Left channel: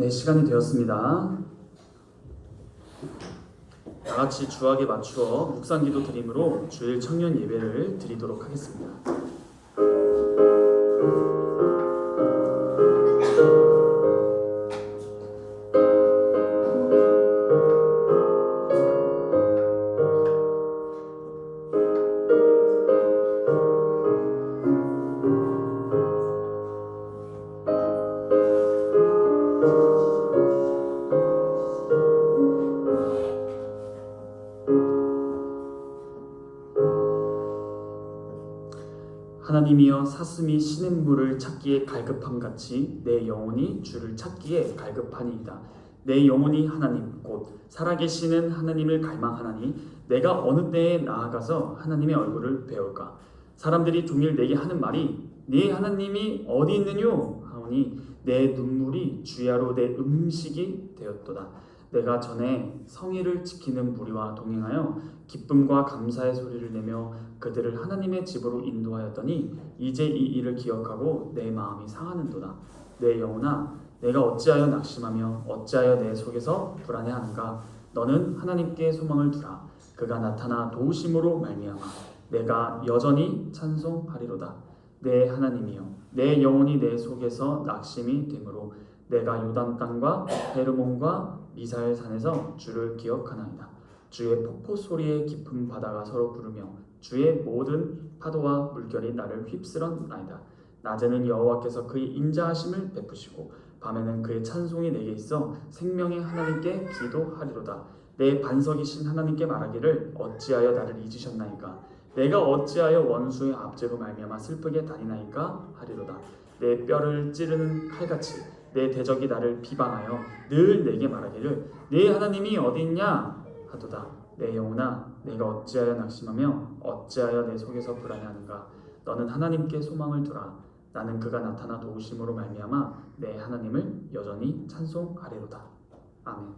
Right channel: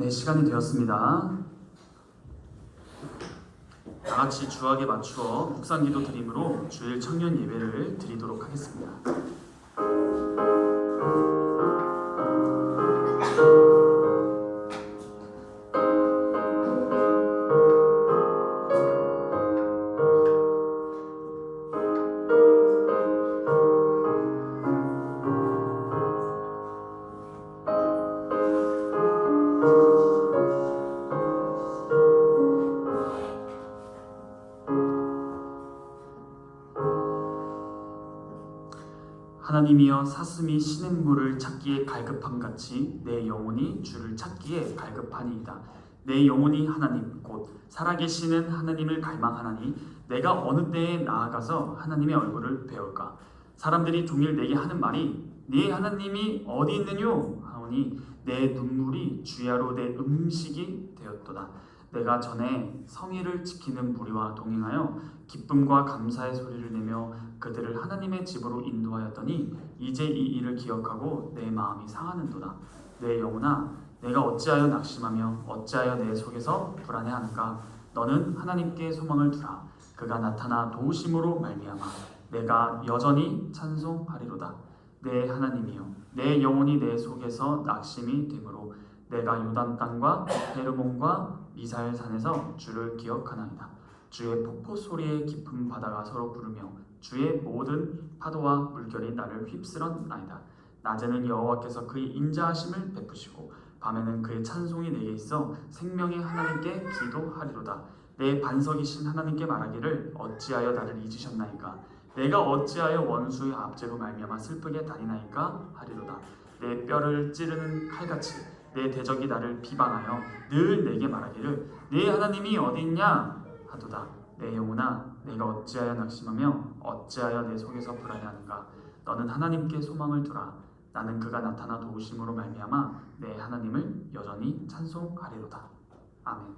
네, 시간이 되었습니다. 다 같이 주학에 맞추어 묵상기도 드림으로 주일 청년 예배를 드리도록 하겠습니다. 하나님이여, 사슴이 시냇물을 찾기에 갈급함같이 내 영혼이 주를 찾기에 갈급하니이다. 내 영혼이 하나님 곧 살아계시는 하나님을 갈망하나니 내가 어느 때에 나아가서 하나님의 얼굴을 배울까. 사람들이 종일 내게 하는 말이 네 하나님이 어디 있느뇨 하오니 내 눈물이 주야로 내 음식이 되었도다. 내가 전에 성의를 지키는 무리와 동행하여 기쁨과 감사의 소리를 내며 그들을 하나님의 집으로 인도하였더니 이제 이 일을 기억하고 내 마음이 상하는도다. 내 영혼아, 내가 어찌하여 낙심하며 어찌하여 내 속에서 불안해하는가. 너는 하나님께 소망을 두라. 그가 나타나 도우심으로 말미암아 내가 여전히 찬송하리로다. 내 하나님이여, 내 영혼이 내 속에서 낙심이 되므로 내가 요단 땅과 헤르몬과 미사엘 산에서 주를 기억하나이다. 주의 폭포 소리에 깊은 바다가 서로 부르며 주의 모든 파도와 물결이 나를 휩쓸었나이다. 낮에는 여호와께서 그의 인자하심을 베푸시고 밤에는 그의 찬송이 내게 있어 생명의 하나님께 기도하리로다. 내 반석이신 하나님께 말하기를 어찌하여 나를 잊으셨나이까. 내가 어찌하여 원수의 압제로 말미암아 슬프게 다니나이까 하리로다. 내 뼈를 찌르는 칼같이 내 대적이 나를 비방하여 늘 내게 말하기를 네 하나님이 어디 있냐 하도다. 내 영혼아, 내가 어찌하여 낙심하며 어찌하여 내 속에서 불안해하는가. 너는 하나님께 소망을 두라. 나는 그가 나타나 도우심으로 말미암아 내 하나님을 여전히 찬송하리로다. 아멘.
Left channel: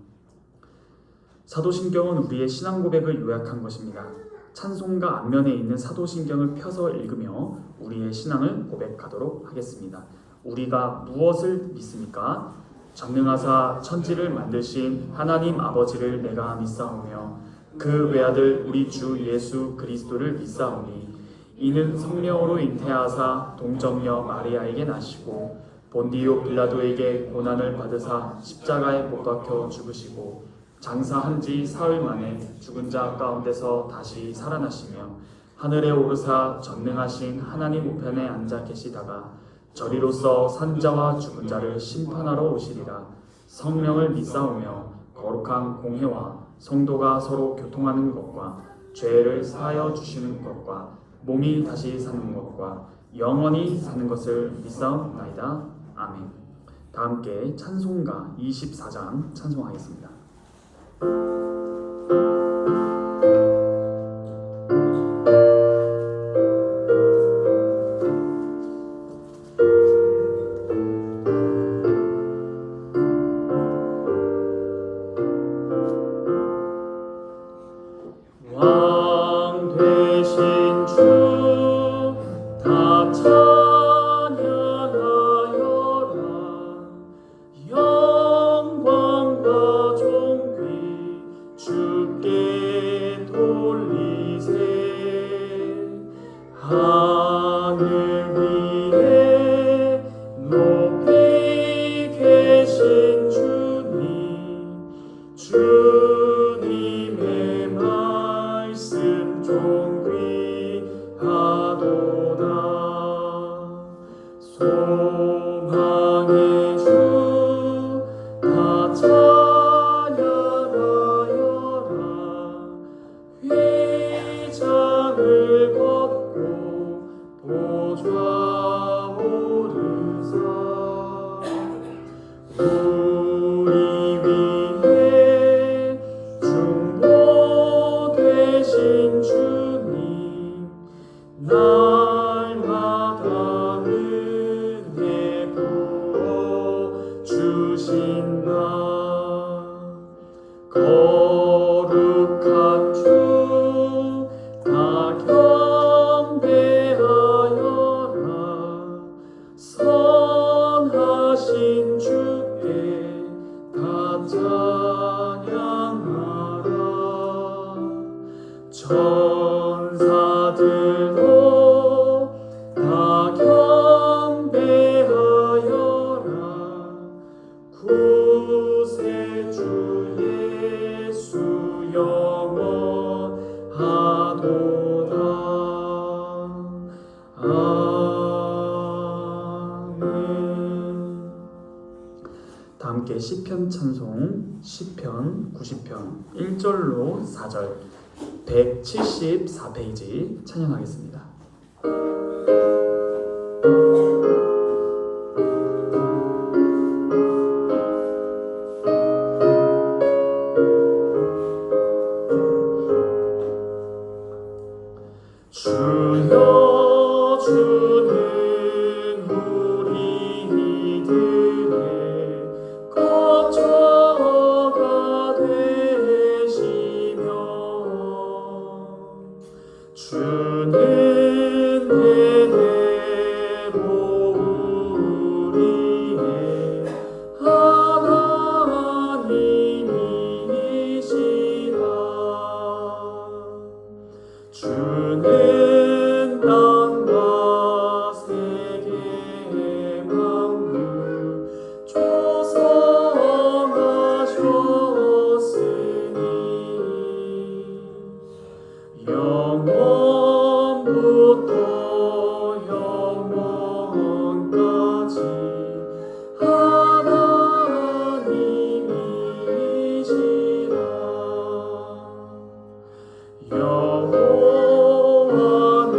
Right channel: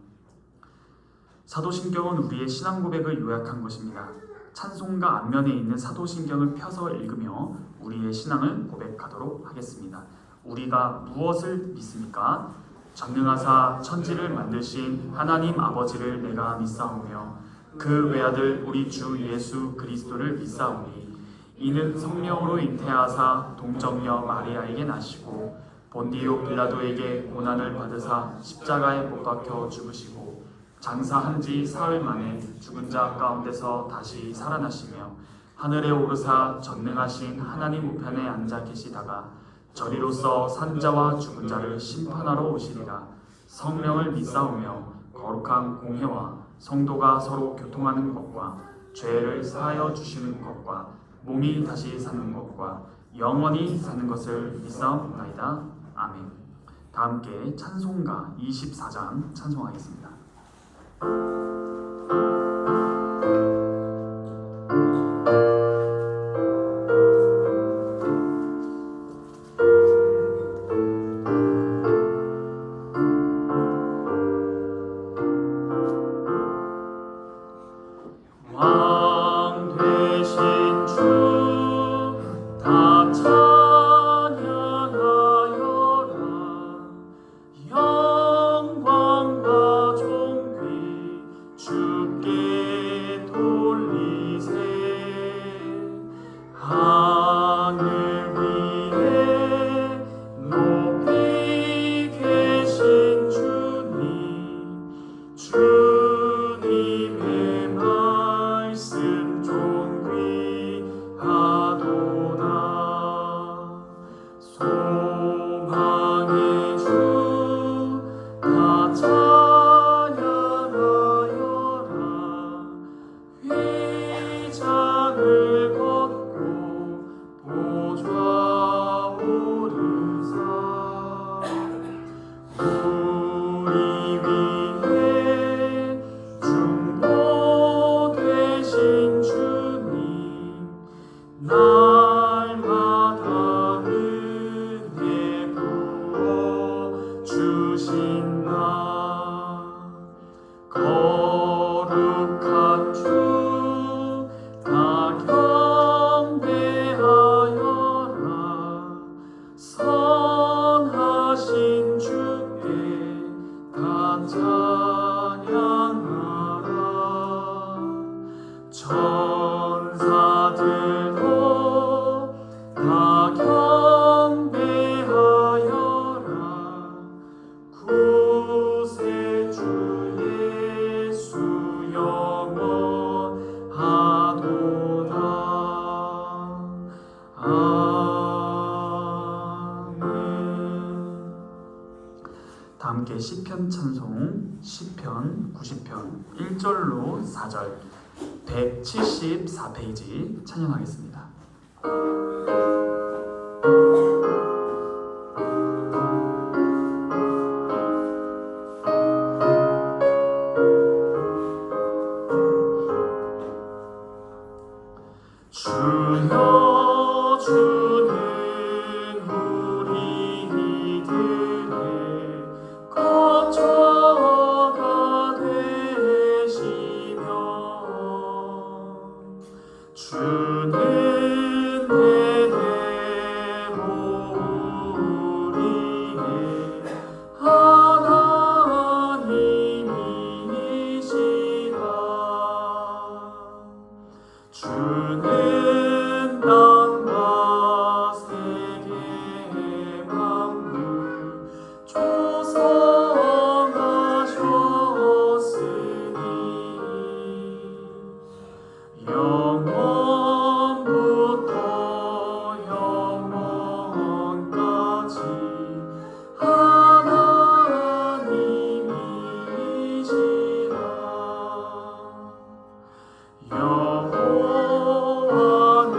사도신경은 우리의 신앙 고백을 요약한 것입니다. 찬송가 앞면에 있는 사도신경을 펴서 읽으며 우리의 신앙을 고백하도록 하겠습니다. 우리가 무엇을 믿습니까? 전능하사 천지를 만드신 하나님 아버지를 내가 믿사오며 그 외아들 우리 주 예수 그리스도를 믿사오니 이는 성령으로 잉태하사 동정녀 마리아에게 나시고 본디오 빌라도에게 고난을 받으사 십자가에 못 박혀 죽으시고 장사한 지 사흘 만에 죽은 자 가운데서 다시 살아나시며 하늘에 오르사 전능하신 하나님 우편에 앉아 계시다가 저리로서 산자와 죽은 자를 심판하러 오시리라. 성령을 믿사오며 거룩한 공회와 성도가 서로 교통하는 것과 죄를 사하여 주시는 것과 몸이 다시 사는 것과 영원히 사는 것을 믿사옵나이다. 아멘. 다 함께 찬송가 24장 찬송하겠습니다. 영광과 존귀 주께 아들도 다 경배하여라. 구세주 예수 영원하도다. 아멘. 다 함께 시편 찬송 시편 90편 1절로 4절 174페이지 찬양하겠습니다. 주여 주는 우리 이들의 거처가 되시며 주는 대대로 우리의 하나님이시라. 주는 땅과 세계 만물 조성하셨으니 영원부터 영원까지 하나님이시라. 여호와는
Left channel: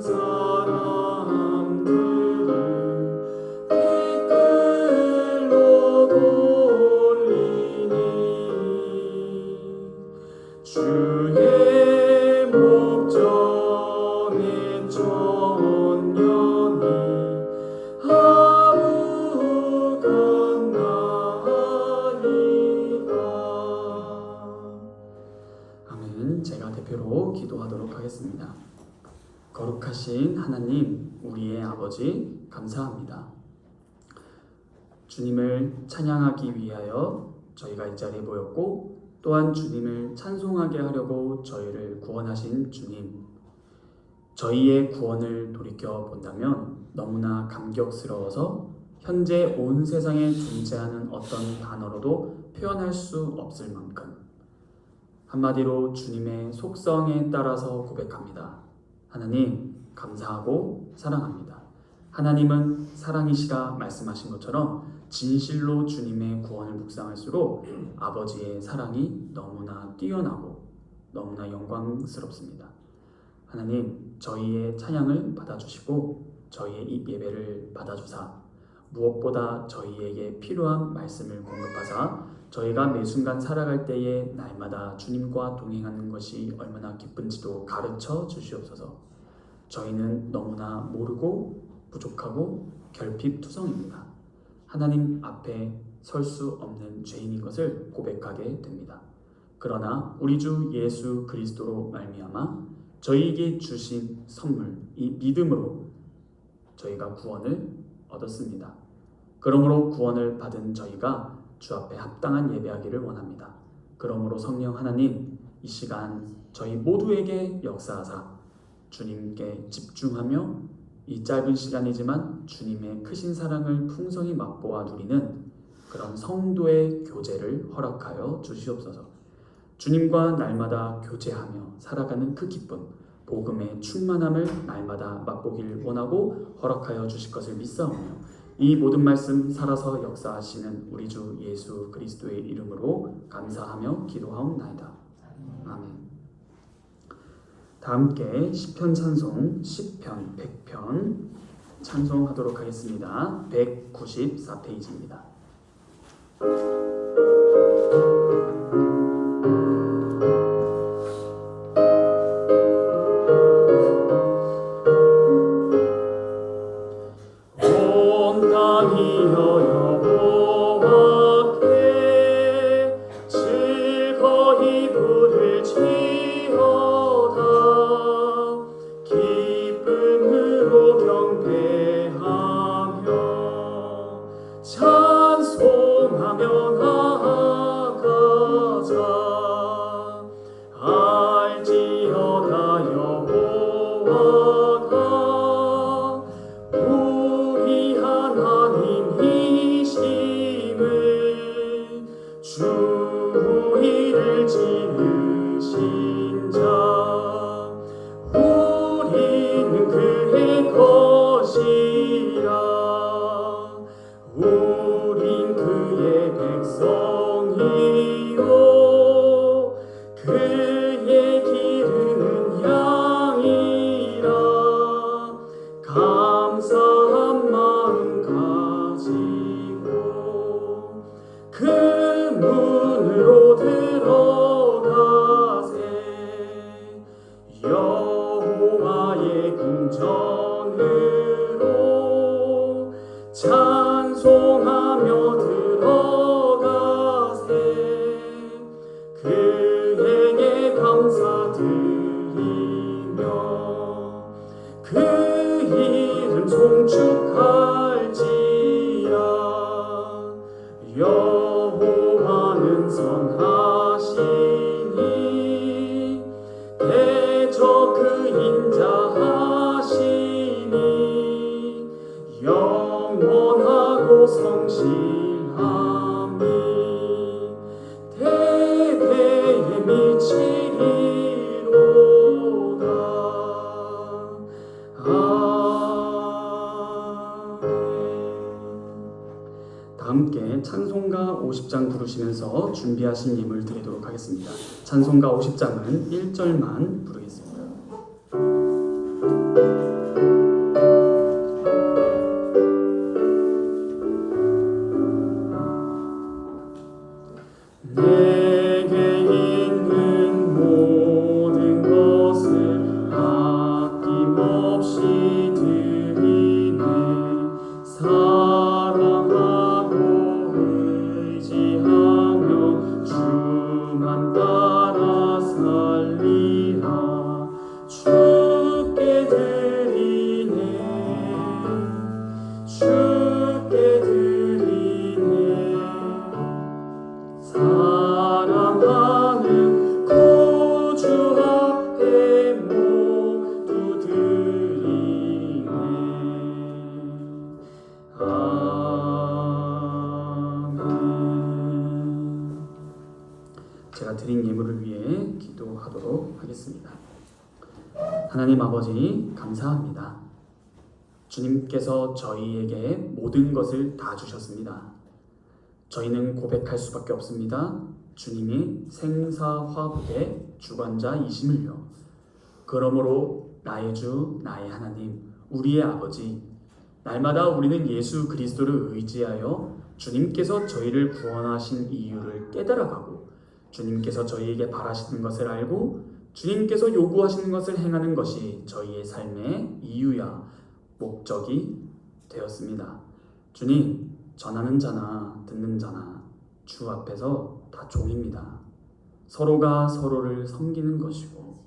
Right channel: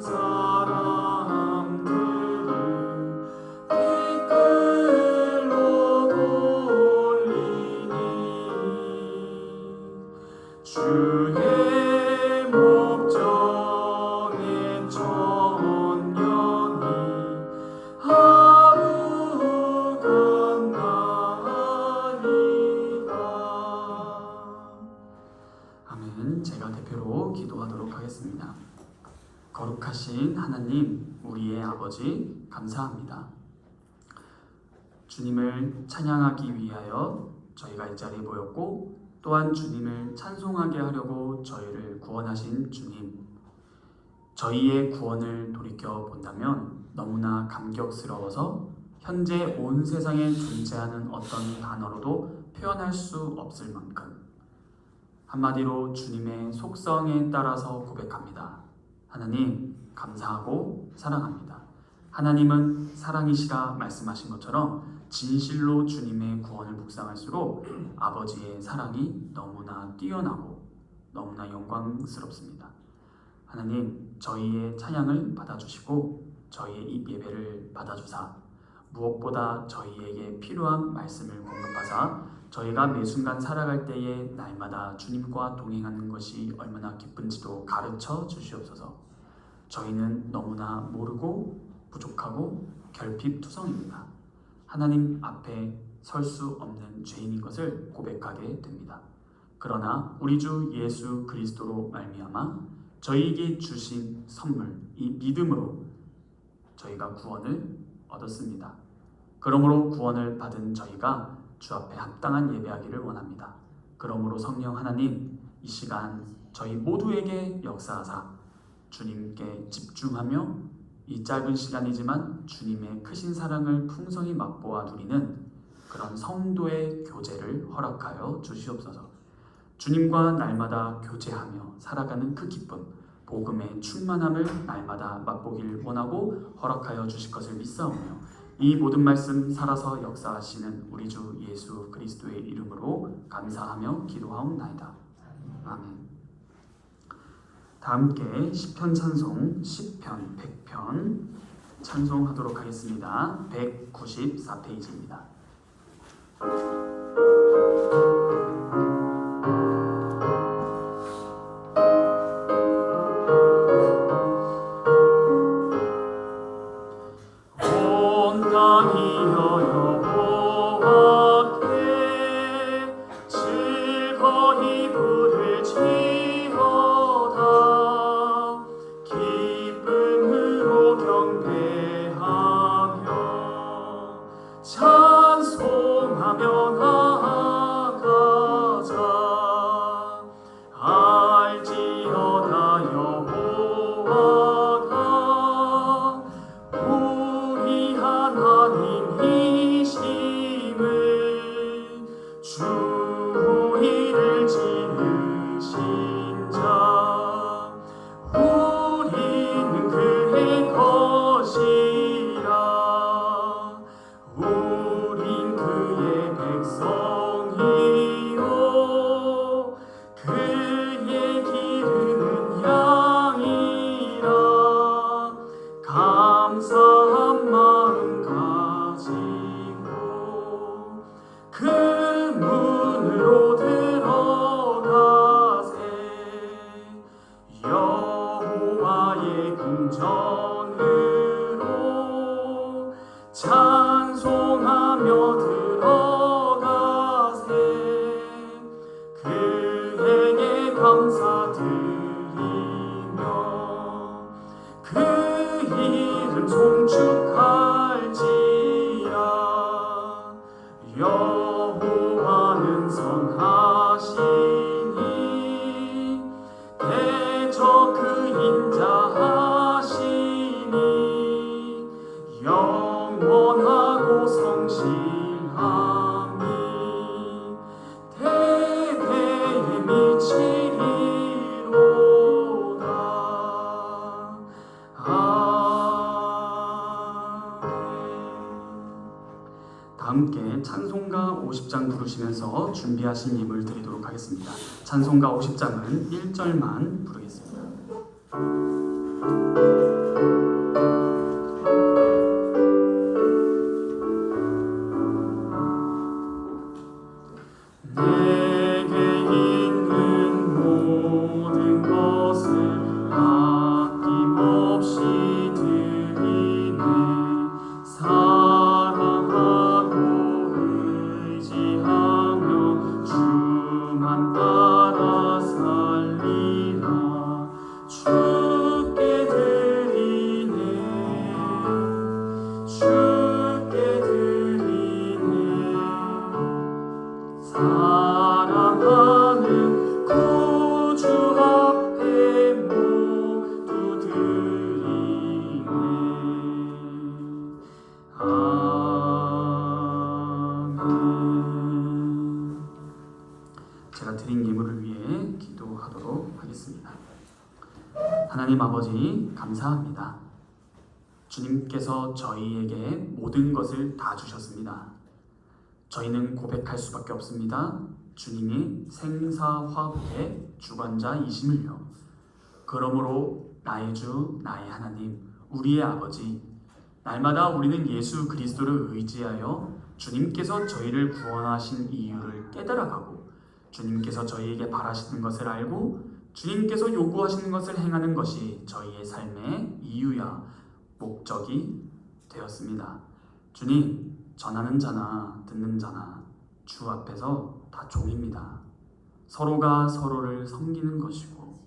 사람들을 댓글로 돌리니 주의 목전에 천년이 하루가 나이다. 아멘. 제가 대표로 기도하도록 하겠습니다. 거룩하신 하나님, 우리의 아버지, 감사합니다. 주님을 찬양하기 위하여 저희가 이 자리에 모였고, 또한 주님을 찬송하게 하려고 저희를 구원하신 주님, 저희의 구원을 돌이켜 본다면 너무나 감격스러워서 현재 온 세상에 존재하는 어떤 단어로도 표현할 수 없을 만큼, 한마디로 주님의 속성에 따라서 고백합니다. 하나님, 감사하고 사랑합니다. 하나님은 사랑이시라 말씀하신 것처럼 진실로 주님의 구원을 묵상할수록 아버지의 사랑이 너무나 뛰어나고 너무나 영광스럽습니다. 하나님, 저희의 찬양을 받아주시고 저희의 이 예배를 받아주사 무엇보다 저희에게 필요한 말씀을 공급하사 저희가 매 순간 살아갈 때에 날마다 주님과 동행하는 것이 얼마나 기쁜지도 가르쳐 주시옵소서. 저희는 너무나 모르고 부족하고 결핍투성입니다. 하나님 앞에 설 수 없는 죄인인 것을 고백하게 됩니다. 그러나 우리 주 예수 그리스도로 말미암아 저희에게 주신 선물, 이 믿음으로 저희가 구원을 얻었습니다. 그러므로 구원을 받은 저희가 주 앞에 합당한 예배하기를 원합니다. 그러므로 성령 하나님, 이 시간 저희 모두에게 역사하사 주님께 집중하며 이 짧은 시간이지만 주님의 크신 사랑을 풍성히 맛보아 누리는 그런 성도의 교제를 허락하여 주시옵소서. 주님과 날마다 교제하며 살아가는 그 기쁨, 복음의 충만함을 날마다 맛보길 원하고 허락하여 주실 것을 믿사오며 이 모든 말씀 살아서 역사하시는 우리 주 예수 그리스도의 이름으로 감사하며 기도하옵나이다. 아멘. 다 함께 시편 찬송 시편 100편 찬송하도록 하겠습니다. 194페이지입니다. 온 땅이여 여호와께 즐거이 부를지어다. 기쁨으로 경배하며 찬송하며 우리는 그의 것이라. 우린 그의 백성이요 그의 기르는 양이라. 감사한 마음 가지고 그 문으로 들어가세. 여호와의 궁전으로 찬송하며 들어가세. 그에게 감사드리며 그 이름 송축할지라. 여호와는 선하시니 대저 그 인자하시니 영원하고 성실함이 대대에 미치리로다. 다 함께 찬송가 50장 부르시면서 준비하신 예물 드리도록 하겠습니다. 찬송가 50장은 1절만 부르겠습니다. 내게 있는 모든 것을 아낌없이 드리네. 사랑하고 의지하며 주만 따라 살리라. 주께 드리네. 주께 드리네. 사랑하는 구주 앞에 모두 드리네. 아멘. 제가 드린 예물을 위해 기도하도록 하겠습니다. 하나님 아버지, 감사합니다. 주님께서 저희에게 모든 것을 다 주셨습니다. 저희는 고백할 수밖에 없습니다. 주님이 생사화복의 주관자이심을요. 그러므로 나의 주, 나의 하나님, 우리의 아버지, 날마다 우리는 예수 그리스도를 의지하여 주님께서 저희를 구원하신 이유를 깨달아가고 주님께서 저희에게 바라시는 것을 알고 주님께서 요구하시는 것을 행하는 것이 저희의 삶의 이유야 목적이 되었습니다. 주님, 전하는 자나 듣는 자나 주 앞에서 다 종입니다. 서로가 서로를 섬기는 것이고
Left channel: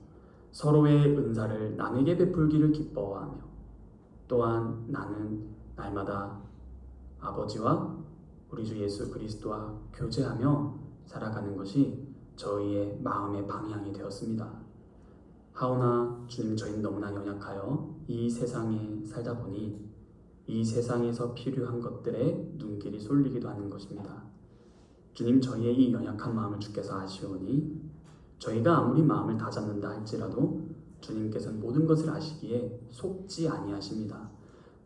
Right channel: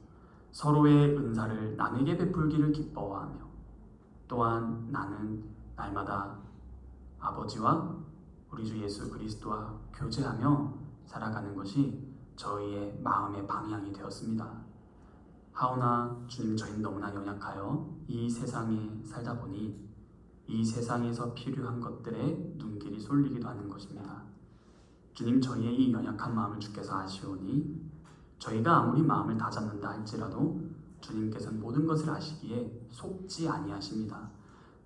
서로의 은사를 남에게 베풀기를 기뻐하며 또한 나는 날마다 아버지와 우리 주 예수 그리스도와 교제하며 살아가는 것이 저희의 마음의 방향이 되었습니다. 하오나 주님, 저희는 너무나 연약하여 이 세상에 살다 보니 이 세상에서 필요한 것들에 눈길이 쏠리기도 하는 것입니다. 주님, 저희의 이 연약한 마음을 주께서 아시오니 저희가 아무리 마음을 다잡는다 할지라도 주님께서는 모든 것을 아시기에 속지 아니하십니다.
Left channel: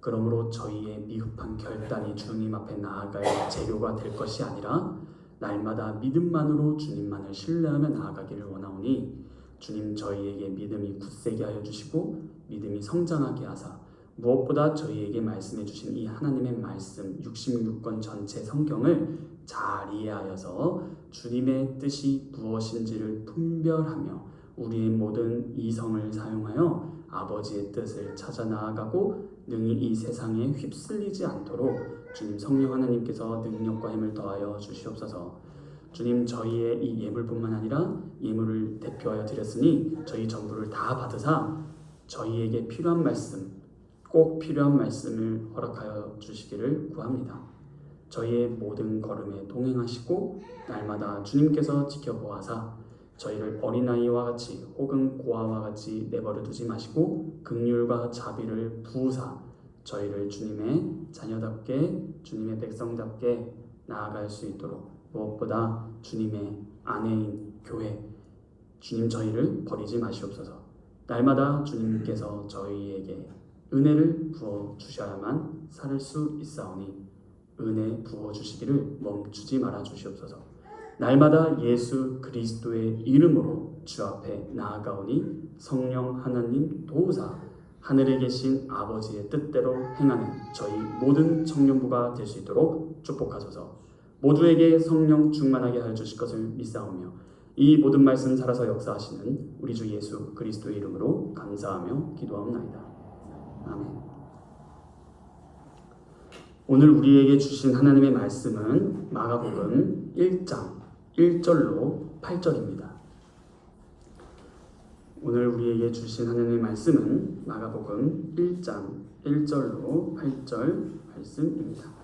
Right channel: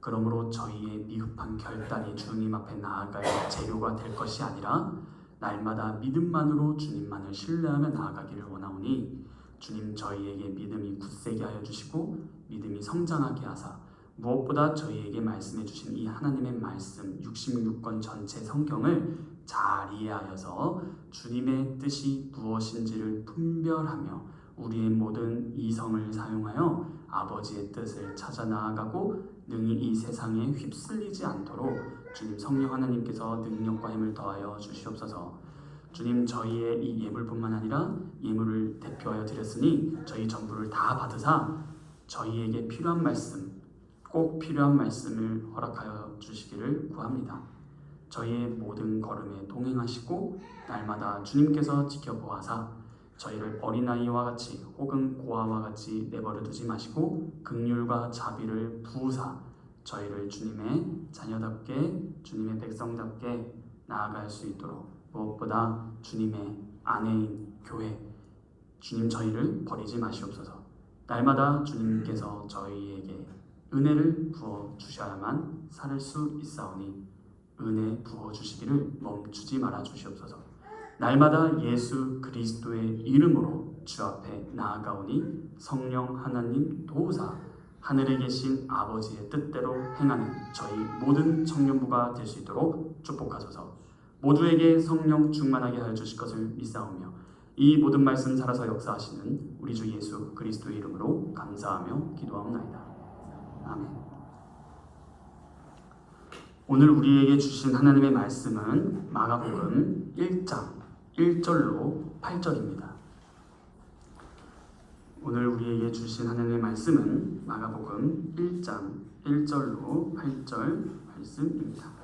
그러므로 저희의 미흡한 결단이 주님 앞에 나아갈 재료가 될 것이 아니라 날마다 믿음만으로 주님만을 신뢰하며 나아가기를 원하오니 주님, 저희에게 믿음이 굳세게 하여 주시고 믿음이 성장하게 하사 무엇보다 저희에게 말씀해 주신 이 하나님의 말씀 66권 전체 성경을 잘 이해하여서 주님의 뜻이 무엇인지를 분별하며 우리의 모든 이성을 사용하여 아버지의 뜻을 찾아 나아가고 능히 이 세상에 휩쓸리지 않도록 주님 성령 하나님께서 능력과 힘을 더하여 주시옵소서. 주님, 저희의 이 예물뿐만 아니라 예물을 대표하여 드렸으니 저희 전부를 다 받으사 저희에게 필요한 말씀, 꼭 필요한 말씀을 허락하여 주시기를 구합니다. 저희의 모든 걸음에 동행하시고 날마다 주님께서 지켜보아사 저희를 어린아이와 같이 혹은 고아와 같이 내버려 두지 마시고 긍휼과 자비를 부으사 저희를 주님의 자녀답게 주님의 백성답게 나아갈 수 있도록 무엇보다 주님의 아내인 교회, 주님 저희를 버리지 마시옵소서. 날마다 주님께서 저희에게 은혜를 부어 주셔야만 살 수 있사오니 은혜 부어 주시기를 멈추지 말아 주시옵소서. 날마다 예수 그리스도의 이름으로 주 앞에 나아가오니 성령 하나님 도우사 하늘에 계신 아버지의 뜻대로 행하는 저희 모든 청년부가 될 수 있도록 축복하소서. 모두에게 성령 충만하게 하여 주실 것을 믿사오며 이 모든 말씀 살아서 역사하시는 우리 주 예수 그리스도의 이름으로 감사하며 기도하옵나이다. 아멘. 오늘 우리에게 주신 하나님의 말씀은 마가복음 1장 1절로 8절입니다. 오늘 우리에게 주신 하나님의 말씀은 마가복음 1장 1절로 8절 말씀입니다.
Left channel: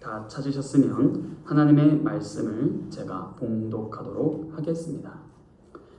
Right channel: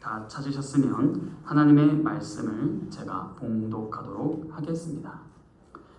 다 찾으셨으면 하나님의 말씀을 제가 봉독하도록 하겠습니다.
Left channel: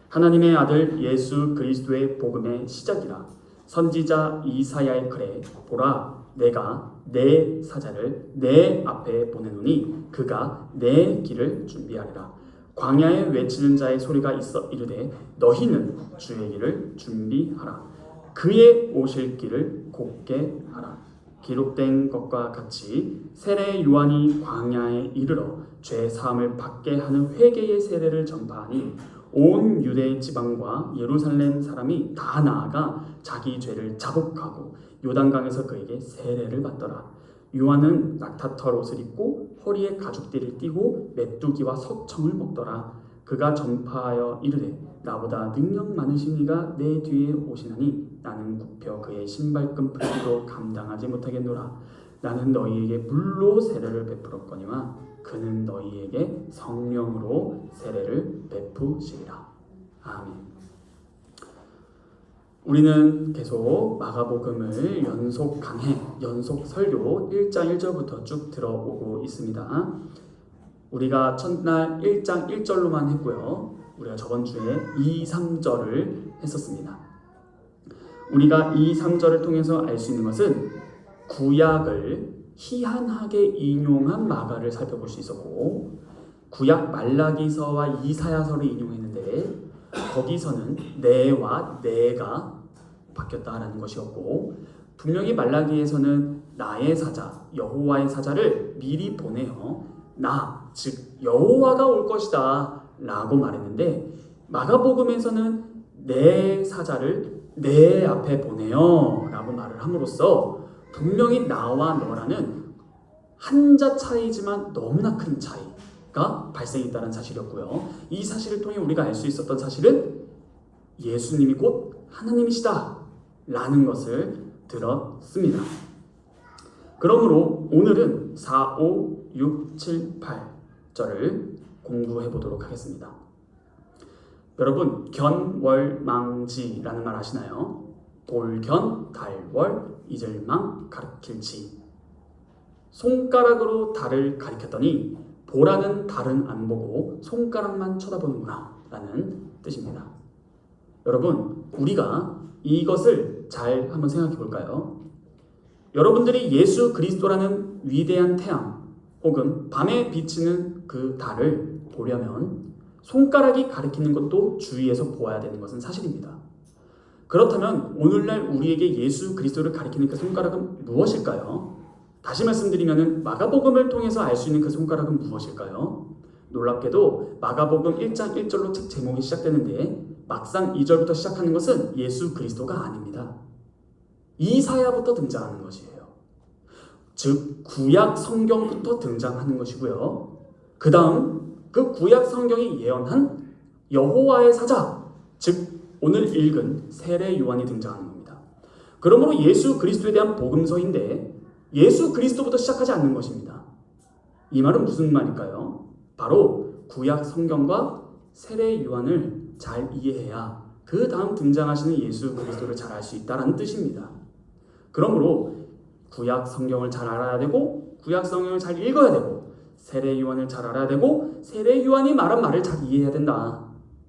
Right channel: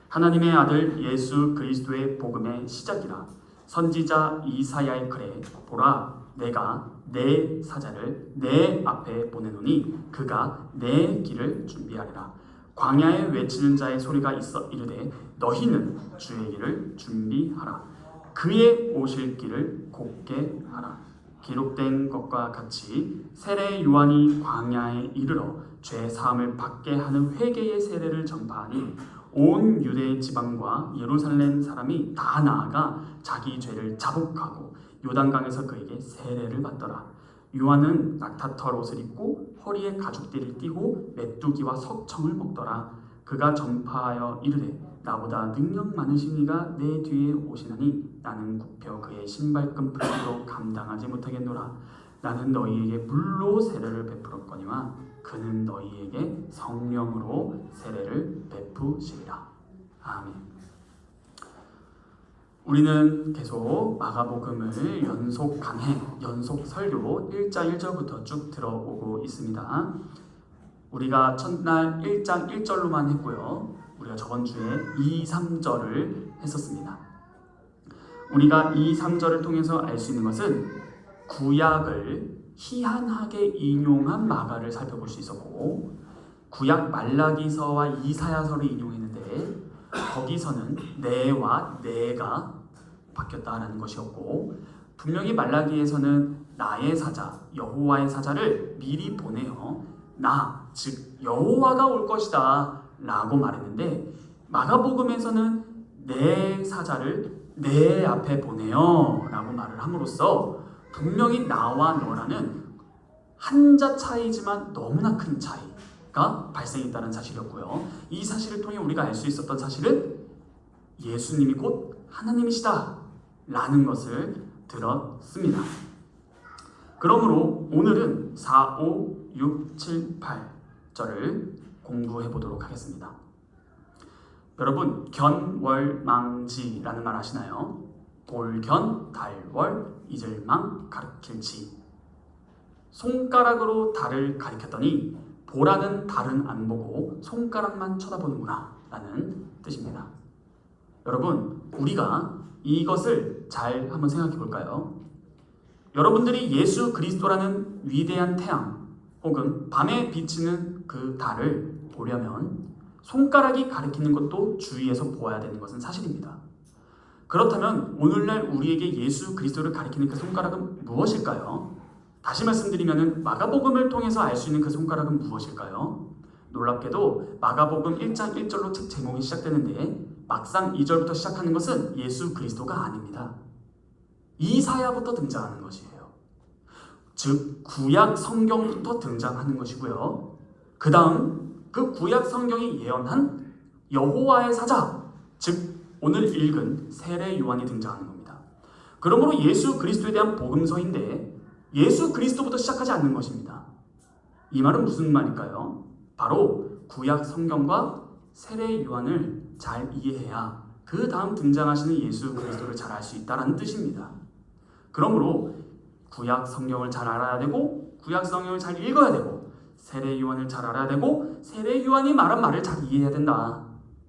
하나님의 아들 예수 그리스도의 복음의 시작이라. 선지자 이사야의 글에 보라 내가 내 사자를 내 앞에 보내노니 그가 내 길을 준비하리라. 광야에 외치는 자의 소리가 있어 이르되 너희는 주의 길을 준비하라. 그의 오실 길을 곱게 하라. 기록된 것과 같이 세례 요한이 광야에 이르러 죄 사함을 받게 하는 회개의 세례를 전파하니 온 유대 지방과 예루살렘 사람이 다 나아가 자기 죄를 자복하고 요단강에서 그에게 세례를 받더라. 요한은 낙타털 옷을 입고 허리에 가죽띠를 띠고 메뚜기와 석청을 먹더라. 그가 전파하여 이르되 나보다 능력 많으신 이가 내 뒤에 오시나니 나는 굽혀 그의 신발끈 풀기도 감당하지 못하겠노라. 나는 너희에게 물로 세례를 베풀었거니와 그는 너희에게 성령으로 세례를 베푸시리라. 아멘. 우리는 계속 마가복음을 연속 강해, 연속 설교 1장 1절부터 쭉 들어오고 있습니다. 우리가 첫날 1장 1절로만 했고요. 우리가 저번 주에 2, 3절을 했었습니다. 우리가 2, 3절을 통해서 알 수 있는 것은 구약을 희한하게 인용한 마가를 살펴볼 수 있었고, 구약 말라기서와 이사야서를 인용했는데 거기서는 내와 내가 바뀌었다라는 것이었고, 분명히 말라기에서는 나의 사자 여호와의 사자를 미리 보내어 나 즉 여호와가 올 것이다 라고 말했는데, 마가복음에서는 내 사자를 내 앞에 보내어 라고 말을 함으로써 분명히 나와 너라는 한자 차이지만 너무나 큰 차이가 발생했다는 사실이었고요. 이 사실을 통해 우리가 알 수 있었던 사실은 예수님이 곧 하나님이시다 라는 것을 들었습니다. 그러므로 오늘은 4, 5, 6, 7, 8절을 공부해 보도록 하겠습니다. 여러분, 견월망지라는 말 아시나요? 돌견, 달월, 이절망, 가르킬지. 손가락으로 달을 가리켰더니 보라는 달은 안 보고 손가락만 쳐다보는구나 라는 뜻입니다. 여러분, 우리가 이것을 잘 한번 생각해 볼까요? 여러분들이 예수 그리스도라는 위대한 태양 혹은 밤에 비치는 그 달을 보려면 손가락이 가리키는 것도 주위에서 보아야 되는 것은 사실입니다. 그렇다면 오늘날 우리에게 예수 그리스도를 가리키는 그 손가락은 무엇일까요? 다시 말씀드리면 마가복음을 통해서 알 수 있는 그 손가락은 무엇일까요? 놀랍게도 마가복음 1장 1절로 책 제목이 시작되는데 막상 2절부터 시작하는 것은 예수 그리스도가 아닙니다. 이사야부터 등장하는 것이에요. 즉 구약 성경부터 등장하는 것이고요. 그 다음 그 구약 성경이 예언한 여호와의 사자, 즉 오늘 읽은 세례 요한이 등장하는 겁니다. 그러므로 예수 그리스도에 대한 복음서인데 예수 그리스도부터 시작하지 않는 것입니다. 이 말은 무슨 말일까요? 바로 구약 성경과 세례 요한을 잘 이해해야 그 다음 등장하시는 예수 그리스도를 잘 알 수 있다는 뜻입니다. 그러므로 구약 성경을 잘 알아야 되고 구약 성경을 잘 읽어야 되고 세례 요한을 잘 알아야 되고 세례 요한이 말한 말을 잘 이해해야 된다.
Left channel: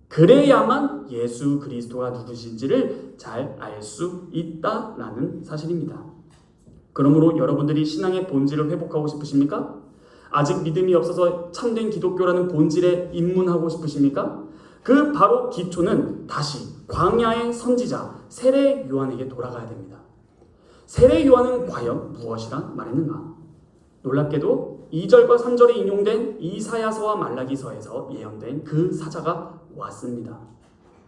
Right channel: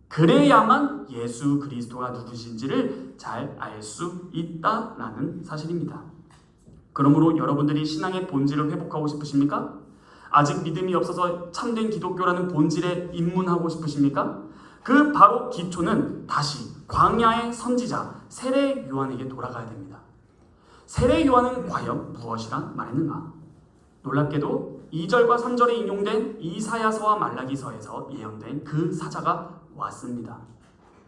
그래야만 예수 그리스도가 누구신지를 잘 알 수 있다라는 사실입니다. 그러므로 여러분들이 신앙의 본질을 회복하고 싶으십니까? 아직 믿음이 없어서 참된 기독교라는 본질에 입문하고 싶으십니까? 그 바로 기초는 다시 광야의 선지자 세례 요한에게 돌아가야 됩니다. 세례 요한은 과연 무엇이라 말했는가? 놀랍게도 2절과 3절에 인용된 이사야서와 말라기서에서 예언된 그 사자가 왔습니다.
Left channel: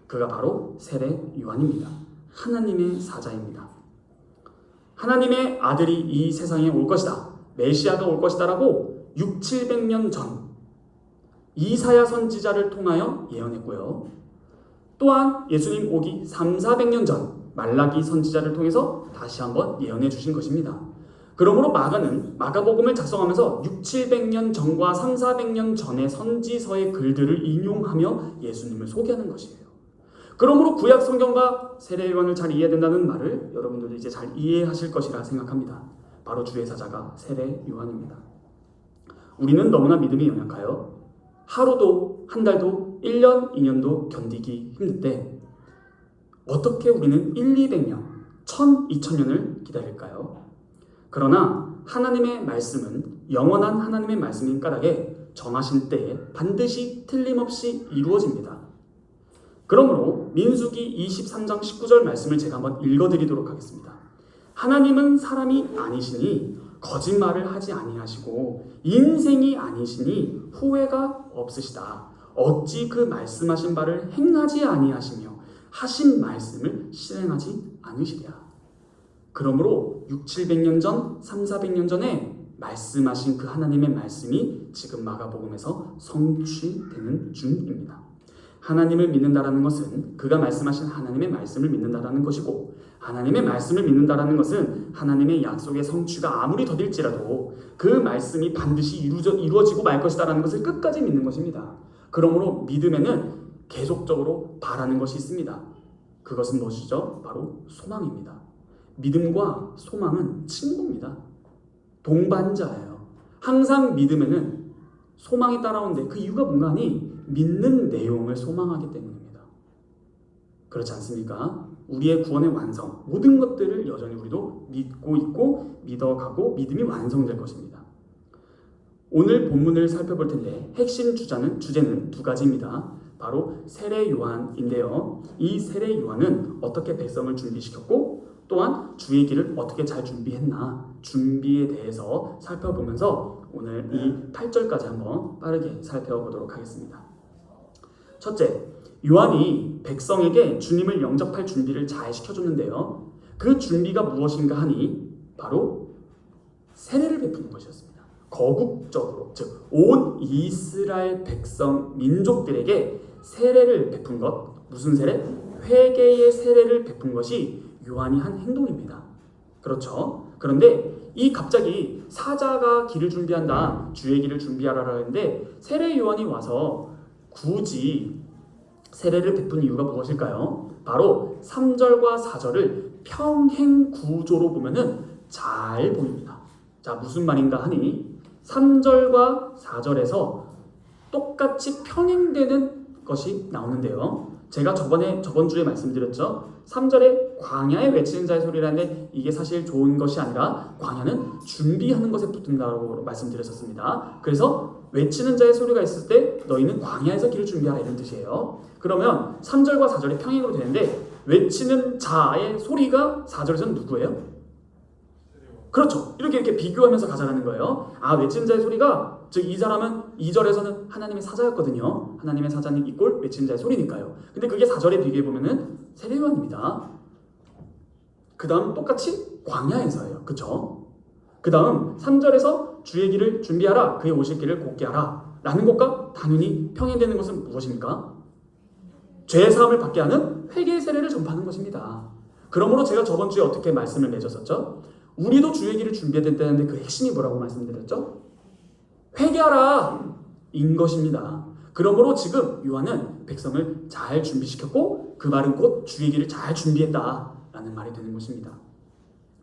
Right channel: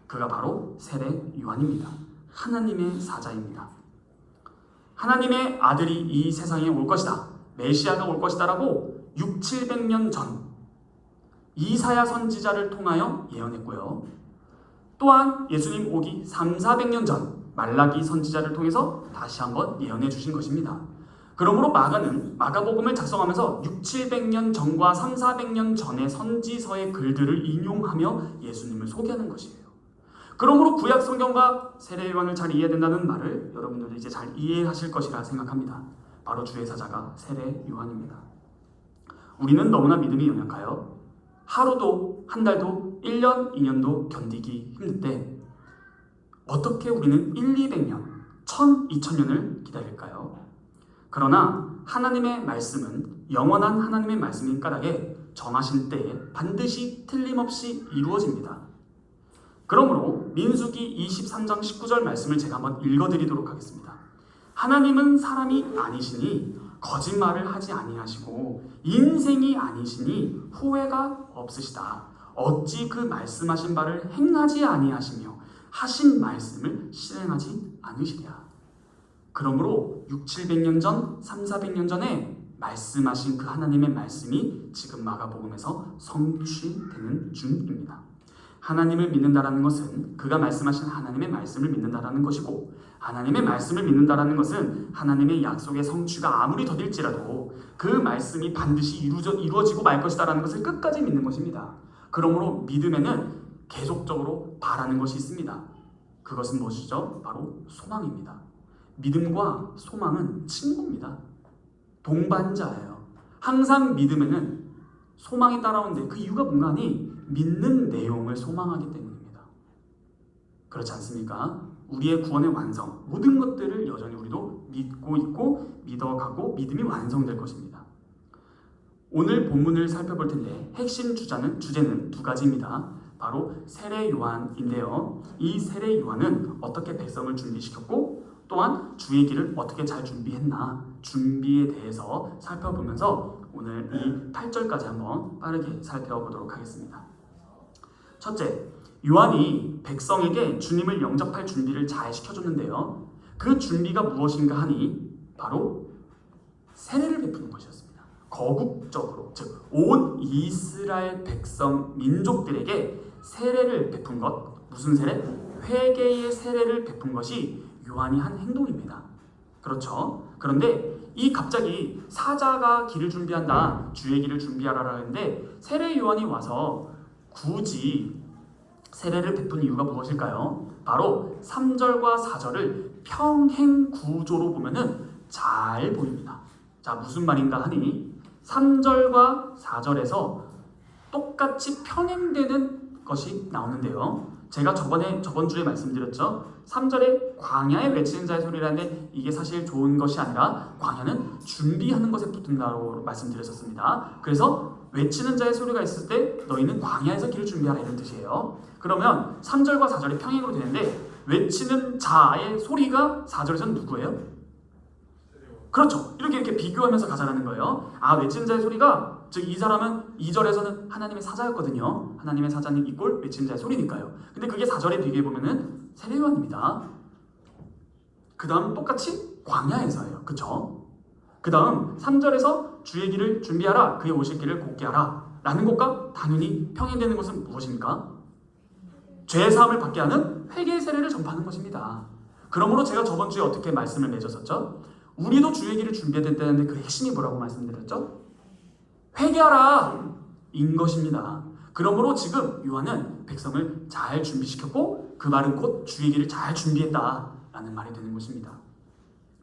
그가 바로 세례 요한입니다. 하나님의 사자입니다. 하나님의 아들이 이 세상에 올 것이다, 메시아가 올 것이다 라고 600~700년 전 이사야 선지자를 통하여 예언했고요. 또한 예수님 오기 300~400년 전 말라기 선지자를 통해서 다시 한번 예언해 주신 것입니다. 그러므로 마가는 마가복음을 작성하면서 600~700년 전과 300~400년 전의 선지서의 글들을 인용하며 예수님을 소개하는 것이에요. 그러므로 구약 성경과 세례 요한을 잘 이해해야 된다는 말을 여러분들도 이제 잘 이해하실 것이라 생각합니다. 바로 주의 사자가 세례 요한입니다. 우리는 너무나 믿음이 연약하여 하루도 한 달도 1년, 2년도 견디기 힘든데 어떻게 우리는 100~200년, 1000~, 2000년을 기다릴까요? 그러나 하나님의 말씀은 영원한 하나님의 말씀인 까닭에 정하신 때에 반드시 틀림없이 이루어집니다. 그러므로 민수기 23장 19절 말씀을 제가 한번 읽어드리도록 하겠습니다. 하나님은 사람이 아니시니 거짓말을 하지 아니하시고 인생이 아니시니 후회가 없으시다. 어찌 그 말씀하신 바를 행하지 아니하시며 하신 말씀을 실행하지 않으시랴. 그러므로 600~700년 전, 300~400년 전에 말씀하신 그 하나님의 말씀이 지금 마가복음에서 성취되는 중입니다. 하나님을 믿는다라는 것은 그가 말씀하신 하나님의 말씀을 믿는다라는 것이고, 하나님의 말씀을 믿는다라는 것은 하나님의 약속의 성취가 아무리 더딜지라도 그 말씀이 반드시 이루어지고 말 것이다라는 것을 끝까지 믿는 것입니다. 그러므로 믿음에는 계속적으로 바라는 것이 있습니다. 그것은 무엇이죠? 바로 소망입니다. 믿음과 소망은 친구입니다. 동반자예요. 항상 믿음에는 소망이 따라오는데 그 이유가 뭔가 하니 믿는 내용을 소망하기 때문입니다. 그렇지 않습니까? 우리의 구원의 완성, 모든 것들을 여전히 우리도 믿고 있고 믿어가고 믿음이 완성될 것입니다. 오늘 본문을 살펴볼 텐데 핵심 주제는 두 가지입니다. 바로 세례 요한인데요. 이 세례 요한은 어떻게 백성을 준비시켰고 또한 주의 길을 어떻게 잘 준비했나, 준비에 대해서 살펴보면서 오늘 이 8절까지 한번 빠르게 살펴보도록 하겠습니다. 첫째, 요한이 백성에게 주님을 영접할 준비를 잘 시켜줬는데요. 그 준비가 무엇인가 하니 바로 세례를 베푸는 것이었습니다. 거국적으로, 즉 온 이스라엘 백성 민족들에게 세례를 베푼 것, 무슨 세례? 회개의 세례를 베푼 것이 요한이 한 행동입니다. 그렇죠? 그런데 이 갑자기 사자가 길을 준비한다, 주의 길을 구하라라 했는데 세례 요한이 와서 굳이 세례를 베푼 이유가 무엇일까요? 바로 3절과 4절을 평행 구조로 보면은 잘 보입니다. 자, 무슨 말인가 하니 3절과 4절에서 똑같이 평행되는 것이 나오는데요. 제가 저번 주에 말씀드렸죠. 3절에 광야에 외치는 자의 소리라는데 이게 사실 좋은 것이 아니라 광야는 준비하는 것에 붙는다고 말씀드렸었습니다. 그래서 외치는 자의 소리가 있을 때 너희는 광야에서 길을 준비하라, 이런 뜻이에요. 그러면 3절과 4절이 평행으로 되는데 외치는 자의 소리가 4절에서는 누구예요? 그렇죠. 이렇게 비교하면서 가자라는 거예요. 아, 외치는 자의 소리가, 즉 이 사람은 2절에서는 하나님의 사자였거든요. 하나님의 사자는 이꼴 외치는 자의 소리니까요. 근데 그게 4절에 비교해보면은 세례 요한입니다. 그 다음 똑같이 광야에서예요. 그쵸? 그 다음 3절에서 주의 길을 준비하라, 그의 오실 길을 곧게 하라 라는 것과 당연히 평행되는 것은 무엇입니까? 죄의 사함을 받게 하는 회개의 세례를 전파하는 것입니다. 그러므로 제가 저번 주에 어떻게 말씀을 맺었었죠? 우리도 주의 길을 준비해야 된다는데 그 핵심이 뭐라고 말씀드렸죠? 회개하라 인 것입니다. 그러므로 지금 요한은 백성을 잘 준비시켰고 그 말은 곧 주의 길을 잘 준비했다라는 말이 되는 것입니다.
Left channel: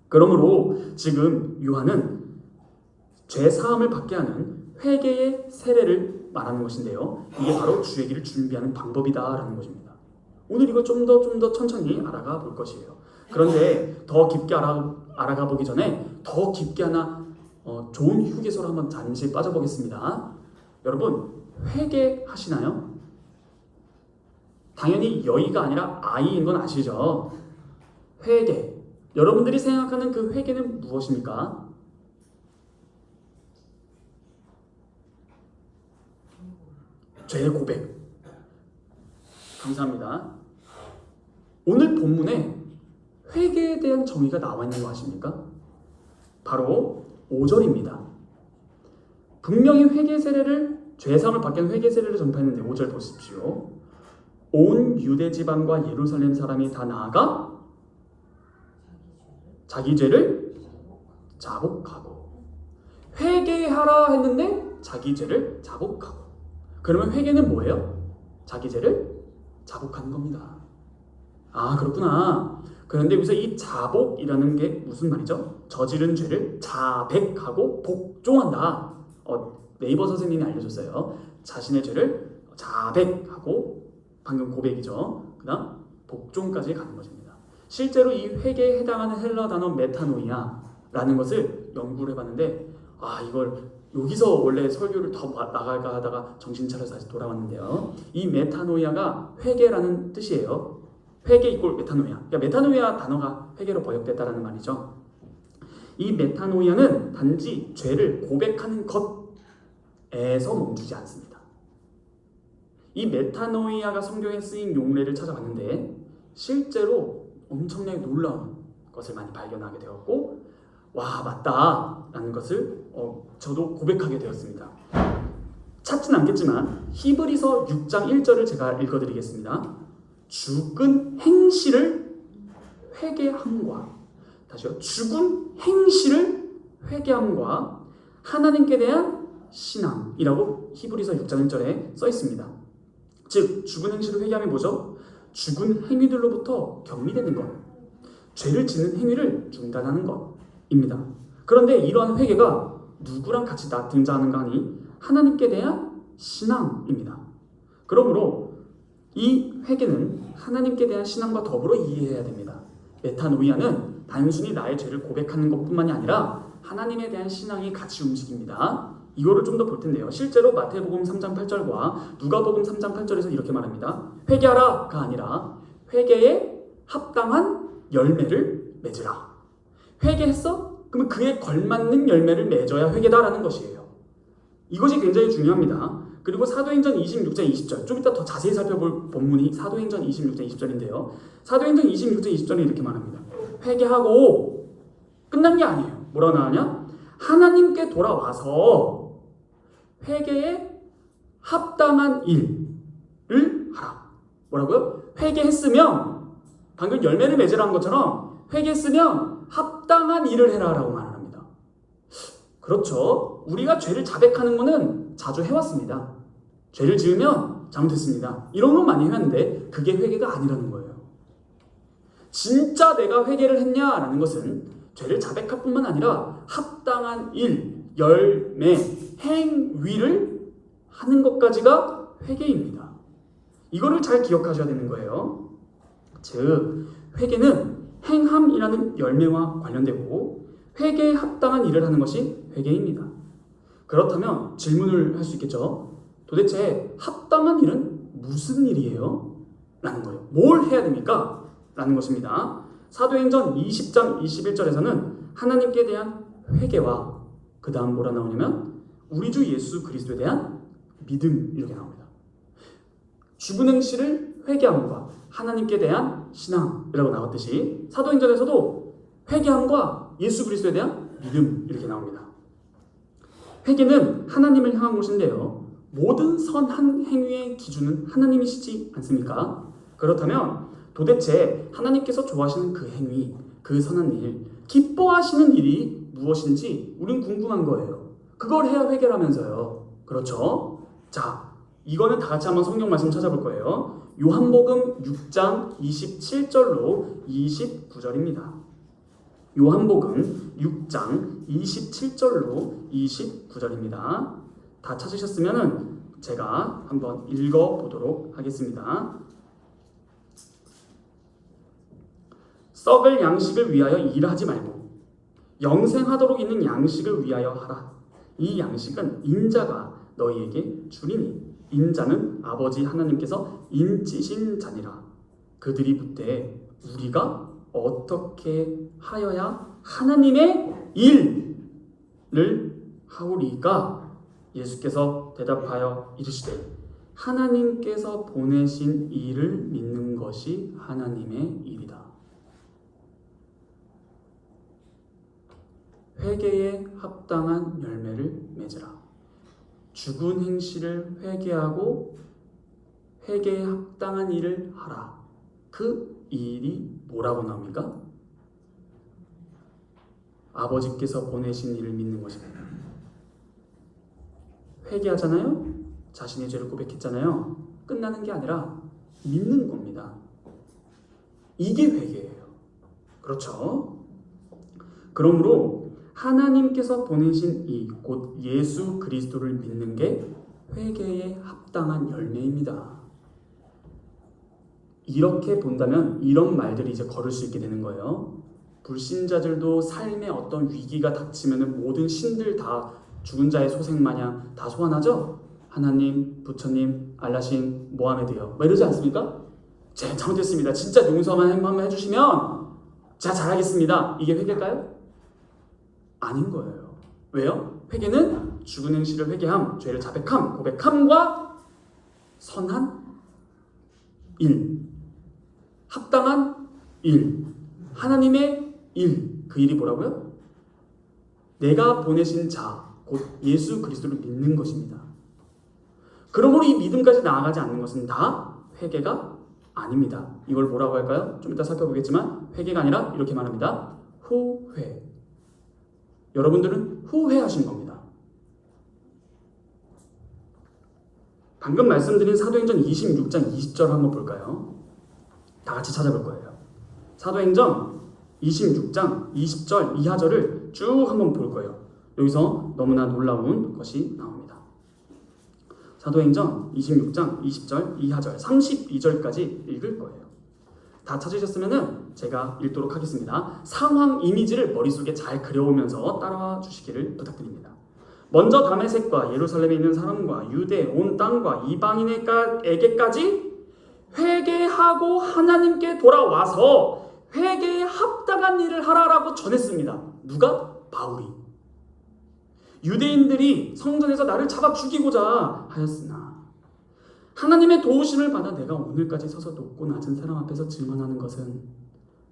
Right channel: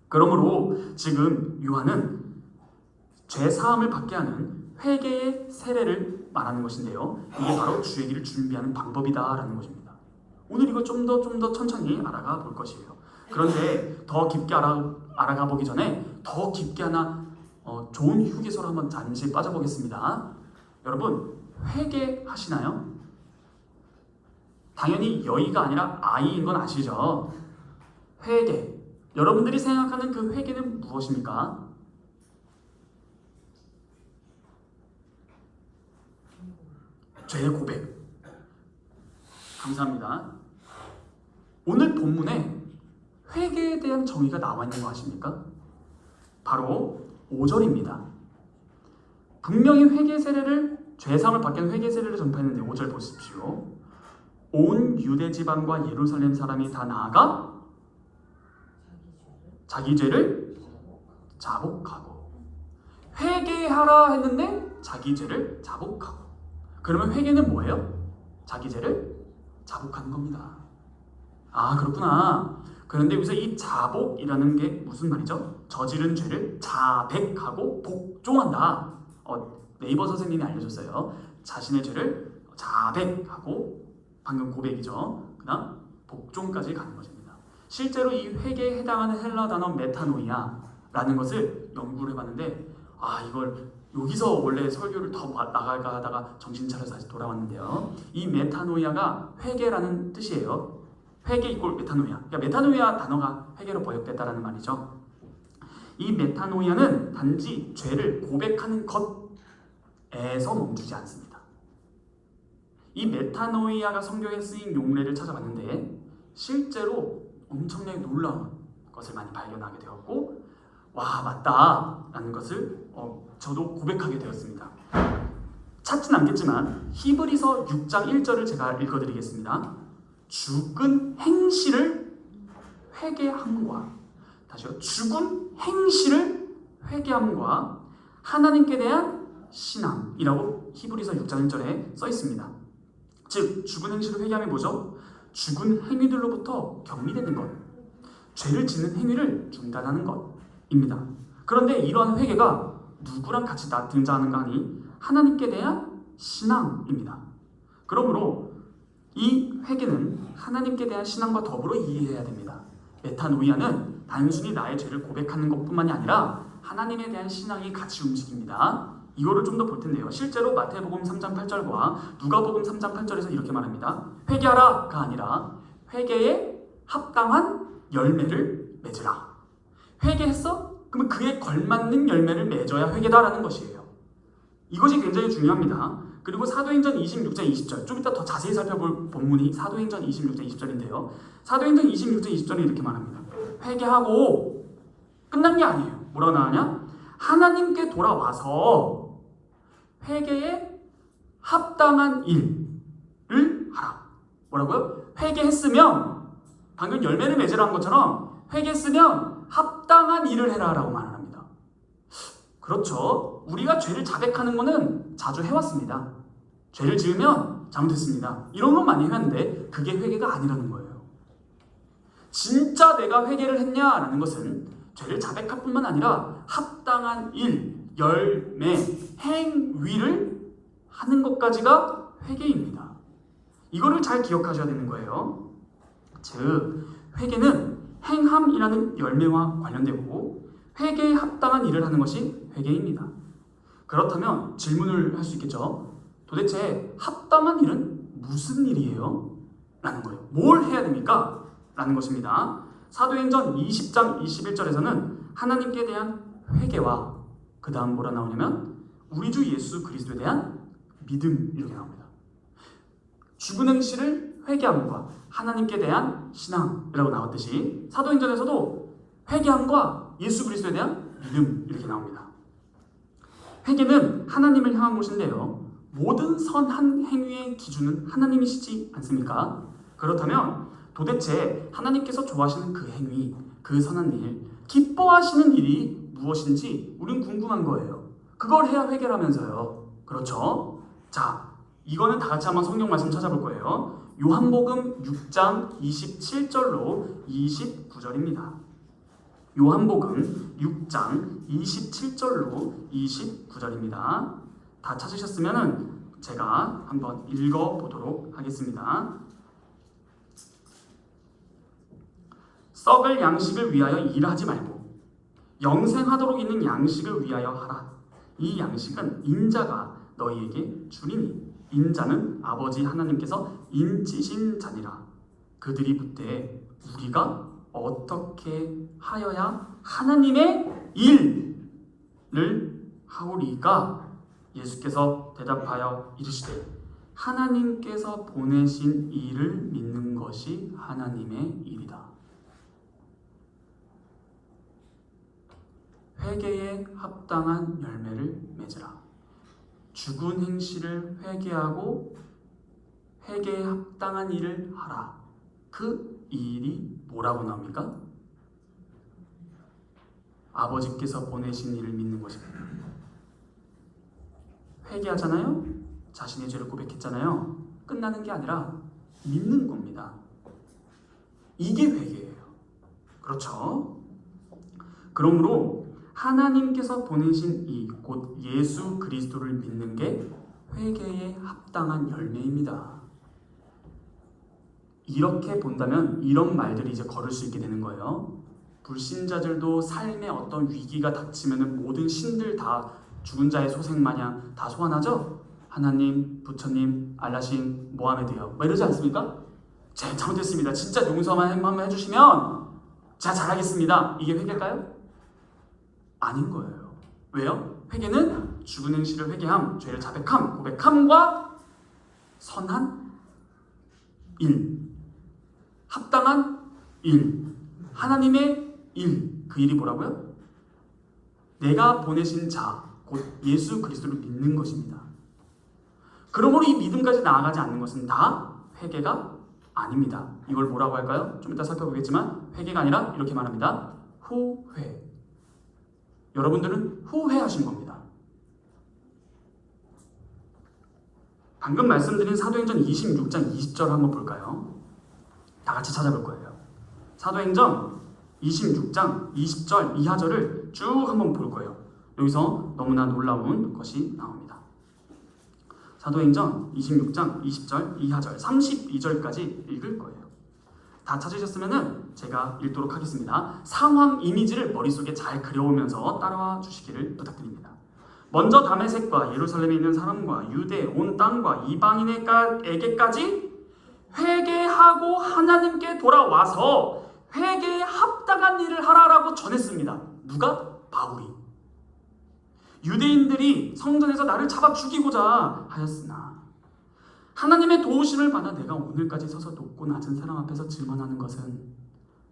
그러므로 지금 요한은 죄 사함을 받게 하는 회개의 세례를 말하는 것인데요. 이게 바로 주의 길을 준비하는 방법이다라는 것입니다. 오늘 이거 좀 더 천천히 알아가 볼 것이에요. 그런데 더 깊게 알아가 보기 전에 더 깊게 하나 좋은 휴게소로 한번 잠시 빠져보겠습니다. 여러분, 회개하시나요? 당연히 여의가 아니라 아이인 건 아시죠? 회개. 여러분들이 생각하는 그 회개는 무엇입니까? 죄의 고백. 감사합니다. 오늘 본문에 회개에 대한 정의가 나와 있는 거 아십니까? 바로 5절입니다. 분명히 회개 세례를 죄사함을 받게 하는 회개 세례를 전파했는데 5절 보십시오. 온 유대 지방과 예루살렘 사람이 다 나아가 자기 죄를 자복하고 회개하라 했는데 자기 죄를 자복하고. 그러면 회개는 뭐예요? 자기 죄를 자복하는 겁니다. 아, 그렇구나. 그런데 여기서 이 자복이라는 게 무슨 말이죠? 저지른 죄를 자백하고 복종한다. 네이버 선생님이 알려줬어요. 자신의 죄를 자백하고, 방금 고백이죠. 그 다음 복종까지 가는 것입니다. 실제로 이 회개에 해당하는 헬라 단어 메타노이아라는 것을 연구를 해봤는데, 이걸 여기서 원래 설교를 더 나갈까 하다가 정신 차려서 다시 돌아왔는데요. 이 메타노이아가 회개라는 뜻이에요. 회개 이꼴 메타노이아. 그러니까 메타노이아 단어가 회개로 번역됐다라는 말이죠. 이 메타노이아는 단지 죄를 고백하는 것에서 멈추지 않습니다. 이 메타노이아가 성경에 쓰인 용례를 찾아봤는데 실제로 엄청나게 놀라운 것을 많이 발견하게 되었고, 와, 맞다 라는 것을 저도 고백하게 되었습니다. 찾진 않겠지만 히브리서 6장 1절을 제가 읽어드리겠습니다. 죽은 행실을 회개함과, 다시요, 죽은 행실을 회개함과 하나님께 대한 신앙이라고 히브리서 6장 1절에 써 있습니다. 즉 죽은 행실을 회개함이 뭐죠? 죽은 행위들로부터 격리되는 것, 죄를 짓는 행위를 중단하는 것입니다. 그런데 이러한 회개가 누구랑 같이 등장하는가 하니 하나님께 대한 신앙입니다. 그러므로 이 회개는 하나님께 대한 신앙과 더불어 이해해야 됩니다. 메타노이아는 단순히 나의 죄를 고백하는 것뿐만이 아니라 하나님에 대한 신앙이 같이 움직입니다. 이거를 좀 더 볼 텐데요. 실제로 마태복음 3장 8절과 누가복음 3장 8절에서 이렇게 말합니다. 회개하라가 아니라 회개에 합당한 열매를 맺으라. 회개했어? 그러면 그에 걸맞는 열매를 맺어야 회개다라는 것이에요. 이것이 굉장히 중요합니다. 그리고 사도행전 26장 20절, 좀 이따 더 자세히 살펴볼 본문이 사도행전 26장 20절인데요. 사도행전 26장 20절에 이렇게 말합니다. 회개하고 끝난 게 아니에요. 뭐라고 나오냐? 하나님께 돌아와서 회개에 합당한 일을 하라. 뭐라고요? 회개했으면, 방금 열매를 맺으라는 것처럼 회개했으면 합당한 일을 해라 라고 말을 합니다. 그렇죠. 우리가 죄를 자백하는 것은 자주 해왔습니다. 죄를 지으면 잘못했습니다. 이런 건 많이 해왔는데 그게 회개가 아니라는 거예요. 진짜 내가 회개를 했냐라는 것은 죄를 자백할 뿐만 아니라 합당한 일, 열매, 행위를 하는 것까지가 회개입니다. 이거를 잘 기억하셔야 되는 거예요. 즉 회개는 행함이라는 열매와 관련되고 회개에 합당한 일을 하는 것이 회개입니다. 그렇다면 질문을 할 수 있겠죠. 도대체 합당한 일은 무슨 일이에요? 라는 거예요. 뭘 해야 됩니까? 라는 것입니다. 사도행전 20장 21절에서는 하나님께 대한 회개와 그 다음 뭐라 나오냐면 우리 주 예수 그리스도에 대한 믿음, 이렇게 나옵니다. 죽은 행실을 회개함과 하나님께 대한 신앙이라고 나왔듯이 사도행전에서도 회개함과 예수 그리스도에 대한 믿음, 이렇게 나옵니다. 회개는 하나님을 향한 것인데요, 모든 선한 행위의 기준은 하나님이시지 않습니까? 그렇다면 도대체 하나님께서 좋아하시는 그 행위, 그 선한 일, 기뻐하시는 일이 무엇인지 우린 궁금한 거예요. 그걸 해야 회개라면서요. 그렇죠? 자, 이거는 다 같이 한번 성경 말씀 찾아볼 거예요. 요한복음 6장 27절로 29절입니다. 요한복음 6장 27절로 29절입니다. 다 찾으셨으면 제가 한번 읽어보도록 하겠습니다. 썩을 양식을 위하여 일하지 말고 영생하도록 있는 양식을 위하여 하라. 이 양식은 인자가 너희에게 주리니, 인자는 아버지 하나님께서 인치신 자니라. 그들이 묻되 우리가 어떻게 하여야 하나님의 일을 하오리까? 예수께서 대답하여 이르시되 하나님께서 보내신 이를 믿는 것이 하나님의 일이다. 회개에 합당한 열매를 맺으라. 죽은 행실을 회개하고 회개에 합당한 일을 하라. 그 일이 뭐라고 나옵니까? 아버지께서 보내신 일을 믿는 것입니다. 회개하잖아요. 자신의 죄를 고백했잖아요. 끝나는 게 아니라 믿는 겁니다. 이게 회개예요. 그렇죠? 그러므로 하나님께서 보내신 이 곧 예수 그리스도를 믿는 게 회개에 합당한 열매입니다. 이렇게 본다면 이런 말들이 이제 걸을 수 있게 되는 거예요. 불신자들도 삶에 어떤 위기가 닥치면 모든 신들 다 죽은 자의 소생 마냥 다 소환하죠? 하나님, 부처님, 알라신, 모하메드요. 뭐 이러지 않습니까? 제가 잘못했습니다. 진짜 용서만 한번 해주시면 제가 잘하겠습니다. 이게 회개일까요? 아닌 거예요. 왜요? 회개는 죽은 행실을 회개함, 죄를 자백함, 고백함과 선한 일, 합당한 일, 하나님의 일. 그 일이 뭐라고요? 내가 보내신 자, 곧 예수 그리스도를 믿는 것입니다. 그러므로 이 믿음까지 나아가지 않는 것은 다 회개가 아닙니다. 이걸 뭐라고 할까요? 좀 이따 살펴보겠지만 회개가 아니라 이렇게 말합니다. 후회. 여러분들은 후회하신 겁니다. 방금 말씀드린 사도행전 26장 20절 한번 볼까요? 다 같이 찾아볼 거예요. 사도행전 26장 20절 이하절을 쭉 한번 볼 거예요. 여기서 너무나 놀라운 것이 나옵니다. 사도행전 26장 20절 이하절 32절까지 읽을 거예요. 다 찾으셨으면 제가 읽도록 하겠습니다. 상황 이미지를 머릿속에 잘 그려오면서 따라와 주시기를 부탁드립니다. 먼저 다메섹과 예루살렘에 있는 사람과 유대 온 땅과 이방인에게까지 회개하고 하나님께 돌아와서 회개에 합당한 일을 하라라고 전했습니다. 누가? 바울이. 유대인들이 성전에서 나를 잡아 죽이고자 하였으나 하나님의 도우심을 받아 내가 오늘까지 서서 높고 낮은 사람 앞에서 증언하는 것은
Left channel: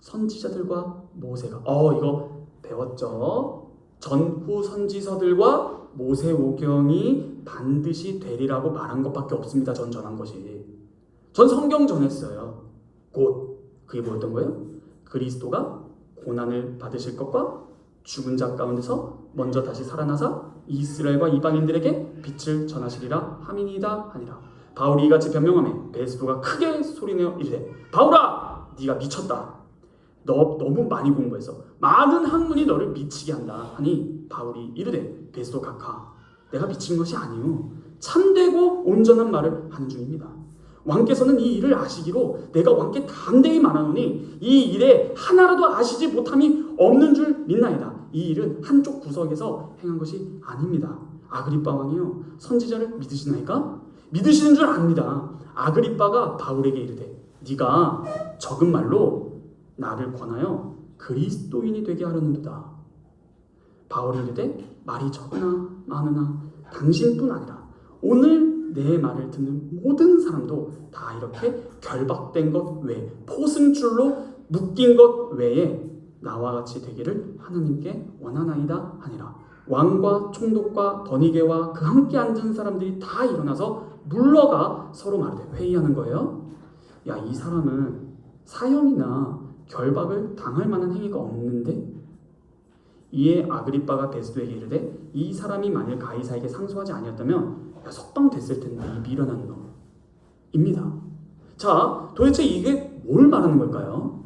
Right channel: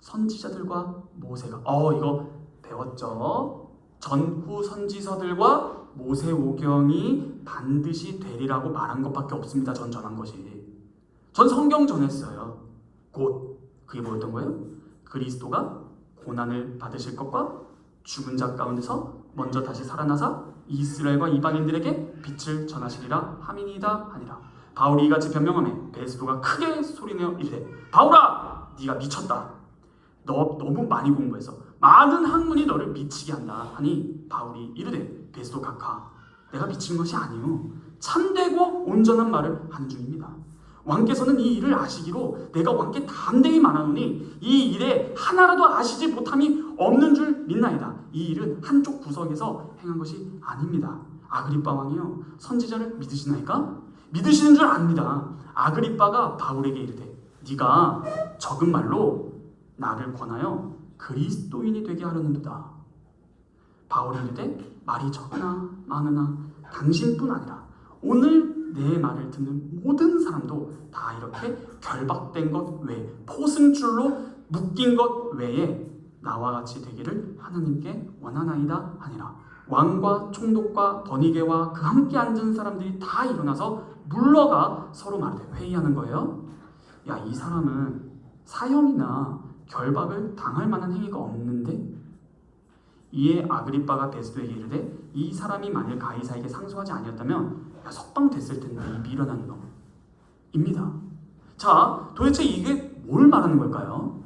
선지자들과 모세가 이거 배웠죠? 전후 선지서들과 모세오경이 반드시 되리라고 말한 것밖에 없습니다. 전 전한 것이. 전 성경 전했어요. 곧 그게 뭐였던 거예요? 그리스도가 고난을 받으실 것과 죽은 자 가운데서 먼저 다시 살아나사 이스라엘과 이방인들에게 빛을 전하시리라 함이니이다 하니라. 바울이 이같이 변명하며 베스도가 크게 소리내어 이르되 바울아 네가 미쳤다. 너 너무 많이 공부해서 많은 학문이 너를 미치게 한다 하니 바울이 이르되 베스도 각하 내가 미친 것이 아니오 참되고 온전한 말을 하는 중입니다. 왕께서는 이 일을 아시기로 내가 왕께 담대히 말하노니 이 일에 하나라도 아시지 못함이 없는 줄 믿나이다. 이 일은 한쪽 구석에서 행한 것이 아닙니다. 아그리빠 왕이요 선지자를 믿으시나이까? 믿으시는 줄 압니다. 아그리빠가 바울에게 이르되 네가 적은 말로 나를 권하여 그리스도인이 되게 하려는도다. 바울이 이르되 말이 적으나 많으나 당신뿐 아니라 오늘 내 말을 듣는 모든 사람도 다 이렇게 결박된 것 외에 포승줄로 묶인 것 외에 나와 같이 되기를 하나님께 원하나이다 하니라. 왕과 총독과 더니게와 그 함께 앉은 사람들이 다 일어나서 물러가 서로 말하되 회의하는 거예요. 야, 이 사람은 사형이나 결박을 당할 만한 행위가 없는데? 이에 아그리빠가 베스도에게 이르되 이 사람이 만일 가이사에게 상소하지 아니었다면 석방됐을 텐데 이 미련한 놈입니다. 자, 도대체 이게 뭘 말하는 걸까요?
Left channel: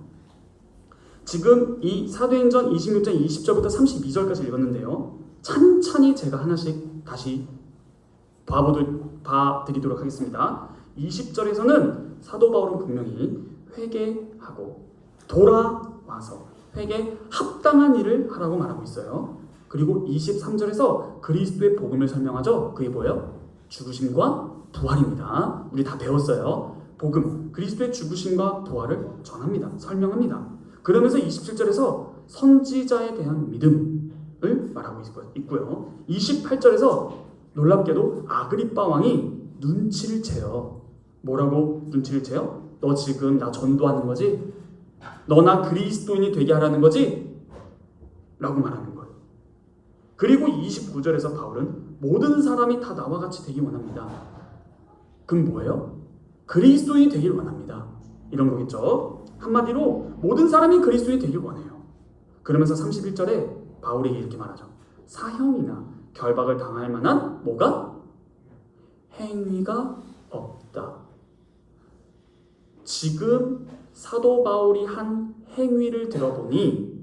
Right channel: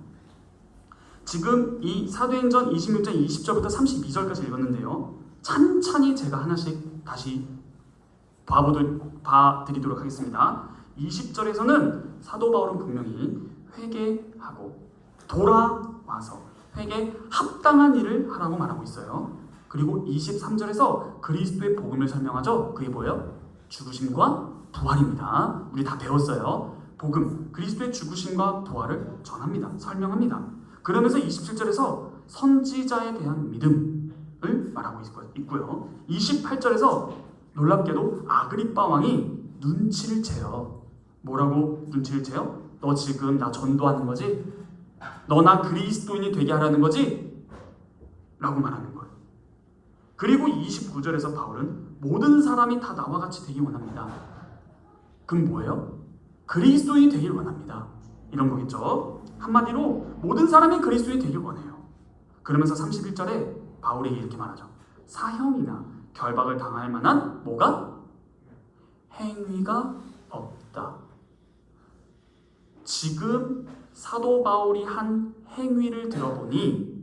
지금 이 사도행전 26장 20절부터 32절까지 읽었는데요. 찬찬히 제가 하나씩 다시 봐드리도록 하겠습니다. 20절에서는 사도 바울은 분명히 회개하고 돌아와서 회개에 합당한 일을 하라고 말하고 있어요. 그리고 23절에서 그리스도의 복음을 설명하죠. 그게 뭐예요? 죽으심과 부활입니다. 우리 다 배웠어요. 복음, 그리스도의 죽으심과 부활을 전합니다. 설명합니다. 그러면서 27절에서 선지자에 대한 믿음을 말하고 있고요. 28절에서 놀랍게도 아그리빠 왕이 눈치를 채요. 뭐라고 눈치를 채요? 너 지금 나 전도하는 거지? 너 나 그리스도인이 되게 하라는 거지? 라고 말하는 거예요. 그리고 29절에서 바울은 모든 사람이 다 나와 같이 되기 원합니다. 그럼 뭐예요? 그리스도인이 되길 원합니다. 이런 거겠죠. 한마디로 모든 사람이 그리스도인이 되길 원해요. 그러면서 31절에 바울이 이렇게 말하죠. 사형이나 결박을 당할 만한 뭐가? 행위가 없다. 지금 사도 바울이 한 행위를 들어보니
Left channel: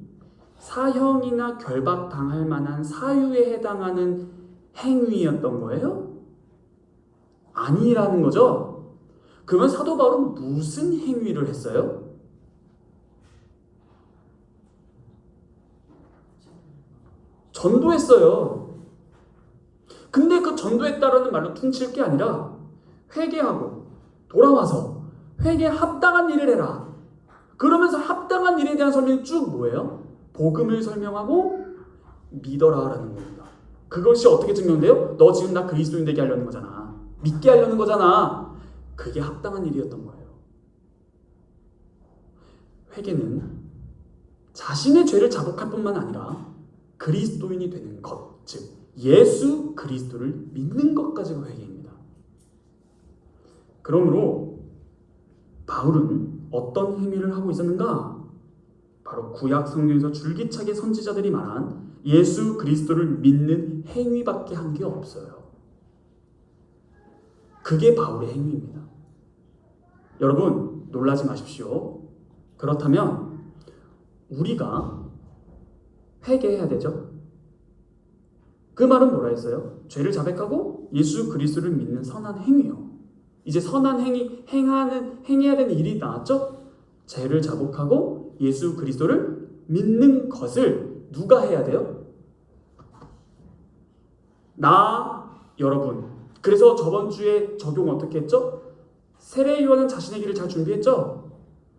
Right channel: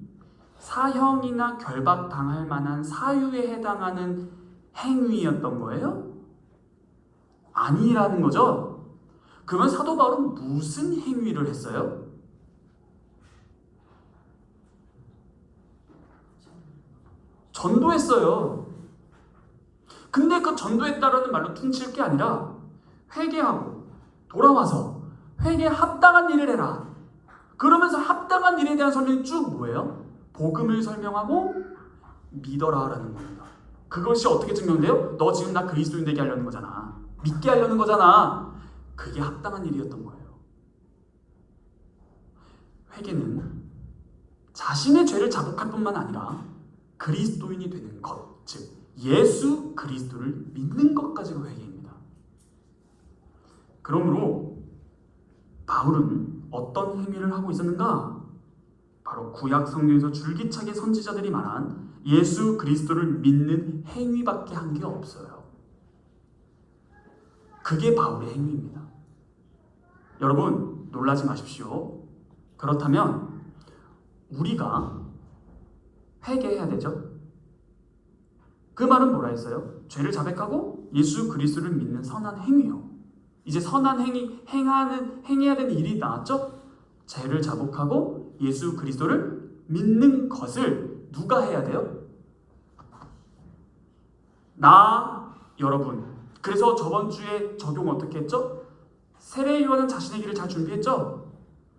사형이나 결박 당할 만한 사유에 해당하는 행위였던 거예요? 아니라는 거죠. 그러면 사도 바울은 무슨 행위를 했어요? 전도했어요. 근데 그 전도했다라는 말로 퉁칠 게 아니라 회개하고 돌아와서 회개에 합당한 일을 해라. 그러면서 합당한 일에 대한 설명이 쭉 뭐예요? 복음을 설명하고 믿어라라는 겁니다. 그것이 어떻게 증명돼요? 너 지금 나 그리스도인 되게 하려는 거잖아. 믿게 하려는 거잖아. 그게 합당한 일이었던 거예요. 회개는 자신의 죄를 자복할 뿐만 아니라 그리스도인이 되는 것, 즉 예수 그리스도를 믿는 것까지가 회개입니다. 그러므로 바울은 어떤 행위를 하고 있었는가? 바로 구약 성경에서 줄기차게 선지자들이 말한 예수 그리스도를 믿는 행위밖에 한 게 없어요. 그게 바울의 행위입니다. 여러분 놀라지 마십시오. 그렇다면 우리가 회개해야 되죠. 그 말은 뭐라 했어요? 죄를 자백하고 예수 그리스도를 믿는 선한 행위요. 이제 선한 행해야 되는 일이 나왔죠? 죄를 자복하고 예수 그리스도를 믿는 것을 누가 해야 돼요? 여러분. 그래서 저번 주에 적용 어떻게 했죠? 세례요한은 자신의 길을 잘 준비했죠?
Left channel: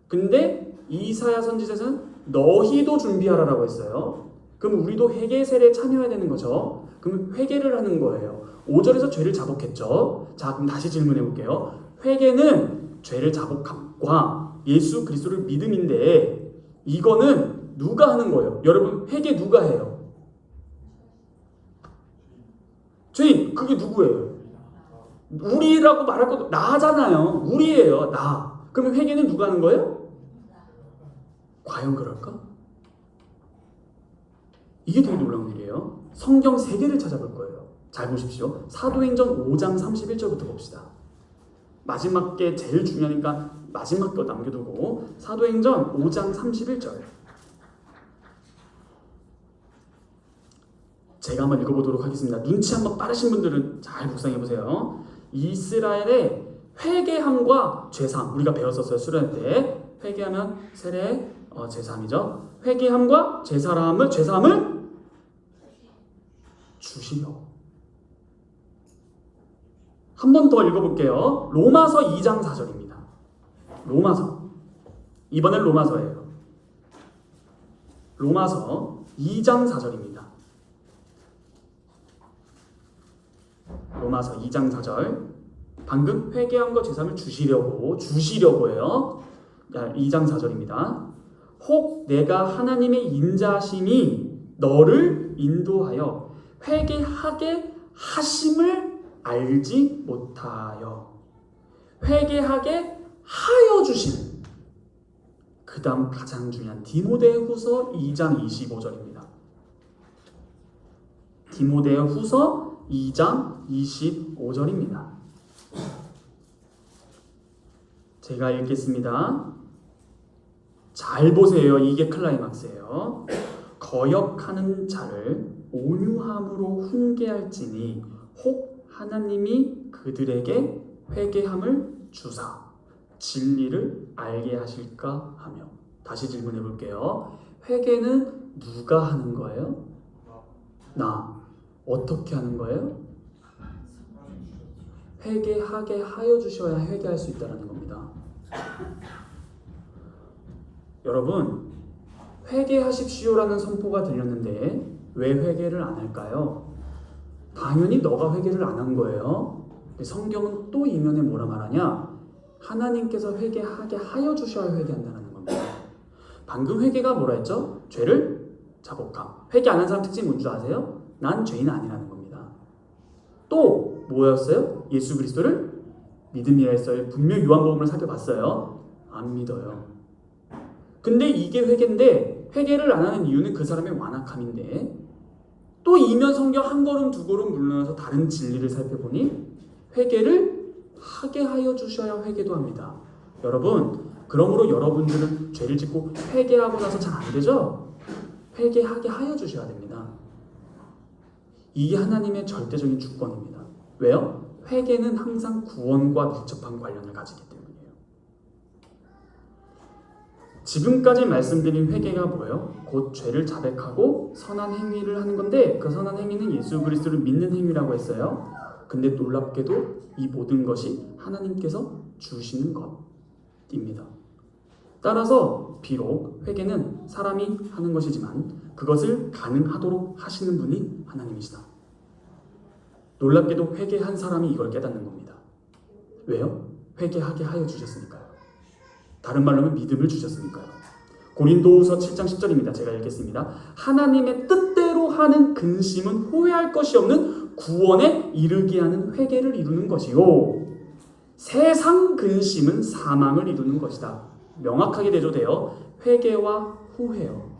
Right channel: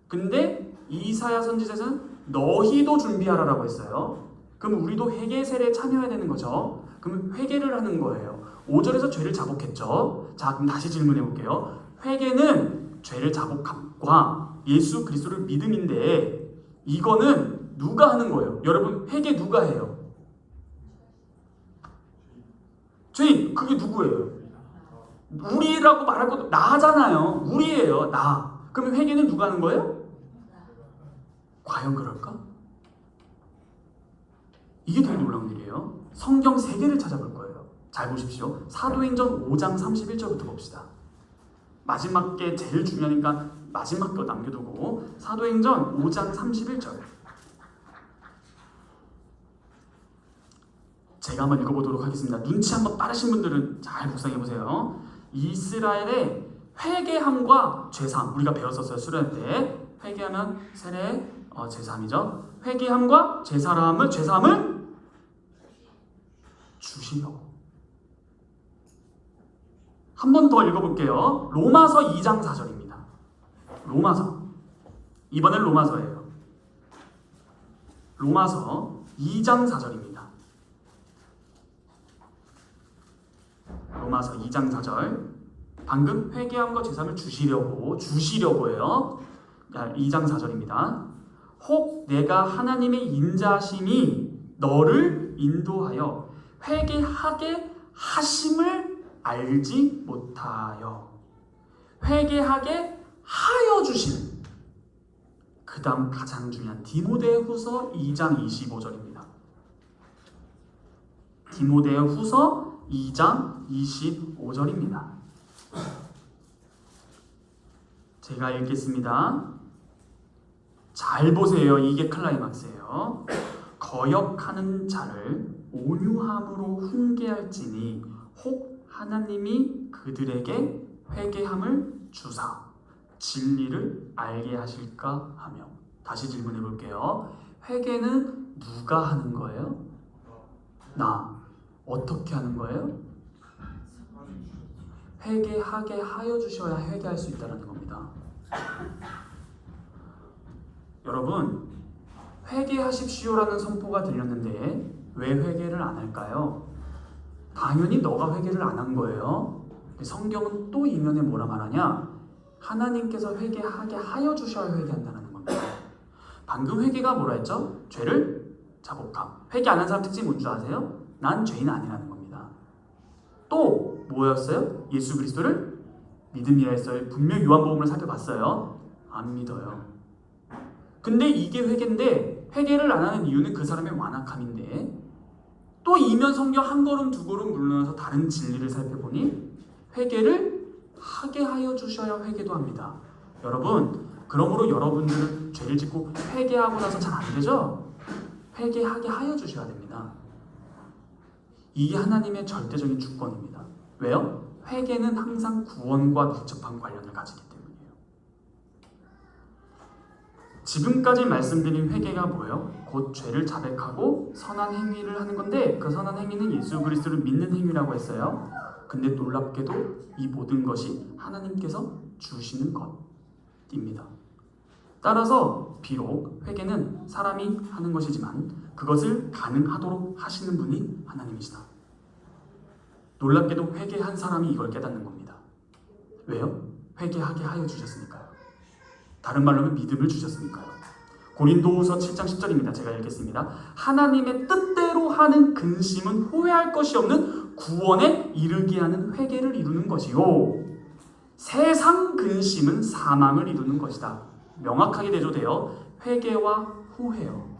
근데 이사야 선지자는 너희도 준비하라라고 했어요. 그럼 우리도 회개 세례에 참여해야 되는 거죠. 그럼 회개를 하는 거예요. 5절에서 죄를 자복했죠. 자, 그럼 다시 질문해 볼게요. 회개는 죄를 자복함과 예수 그리스도를 믿음인데 이거는 누가 하는 거예요? 여러분 회개 누가 해요? 죄인 그게 누구예요? 우리라고 말할 것도 나잖아요. 우리예요. 나. 그러면 회개는 누가 하는 거예요? 과연 그럴까? 이게 되게 놀라운 일이에요. 성경 3개를 찾아볼 거예요. 잘 보십시오. 사도행전 5장 31절부터 봅시다. 마지막 게 제일 중요하니까 마지막 거 남겨두고 사도행전 5장 31절 제가 한번 읽어보도록 하겠습니다. 눈치 한번 빠르신 분들은 잘 묵상해 보세요. 이스라엘의 회개함과 죄사함 우리가 배웠었어요. 수련회 때 회개하면 세례 죄사함이죠. 회개함과 죄사함을 주시려. 한 번 더 읽어볼게요. 로마서 2장 4절입니다. 로마서 이번엔 로마서예요. 로마서 2장 4절입니다. 로마서 2장 4절 방금 회개함과 죄사함을 주시려고 해요. 2장 4절입니다. 혹 내가 하나님의 인자심이 너를 인도하여 회개하게 하심을 알지 못하여 회개하게 하여 주심. 그 다음 가장 중요한 디모데후서 2장 25절입니다. 디모데후서 2장 25절입니다. 제가 읽겠습니다. 잘 보세요. 이게 클라이막스예요. 거역하는 자를 온유함으로 훈계할지니 혹 하나님이 그들에게 회개함을 주사 진리를 알게 하실까 하며. 다시 질문해 볼게요. 회개는 누가 하는 거예요? 나. 어떻게 하는 거예요? 회개하게 하여 주셔야 회개할 수 있다는 겁니다. 여러분, 회개하십시오라는 선포가 들렸는데 왜 회개를 안 할까요? 당연히 너가 회개를 안 한 거예요. 성경은 또 이면에 뭐라 말하냐? 하나님께서 회개하게 하여 주셔야 회개한다는 겁니다. 방금 회개가 뭐라 했죠? 죄를 자복함. 회개 안 한 사람 특징이 뭔지 아세요? 난 죄인 아니라는 겁니다. 또 뭐였어요? 예수 그리스도를 믿음이라 했어요. 분명히 요한복음을 살펴봤어요. 안 믿어요. 근데 이게 회개인데 회개를 안 하는 이유는 그 사람의 완악함인데 또 이면 성경 한 걸음 두 걸음 물러나서 다른 진리를 살펴보니 회개를 하게 하여 주셔야 회개도 합니다. 여러분, 그러므로 여러분들은 죄를 짓고 회개하고 나서 잘 안 되죠? 회개하게 하여 주셔야 됩니다. 이게 하나님의 절대적인 주권입니다. 왜요? 회개는 항상 구원과 밀접한 관련을 가지기 때문이에요. 지금까지 말씀드린 회개가 뭐예요? 곧 죄를 자백하고 선한 행위를 하는 건데 그 선한 행위는 예수 그리스도를 믿는 행위라고 했어요. 근데 놀랍게도 이 모든 것이 하나님께서 주시는 것입니다. 따라서 비록 회개는 사람이 하는 것이지만 그것을 가능하도록 하시는 분이 하나님이시다. 놀랍게도 회개한 사람이 이걸 깨닫는 겁니다. 왜요? 회개하게 하여 주셨으니까요. 다른 말로 하면 믿음을 주셨으니까요. 고린도후서 7장 10절입니다. 제가 읽겠습니다. 하나님의 뜻대로 하는 근심은 후회할 것이 없는 구원에 이르게 하는 회개를 이루는 것이요 세상 근심은 사망을 이루는 것이다. 명확하게 대조돼요. 회개와 후회요.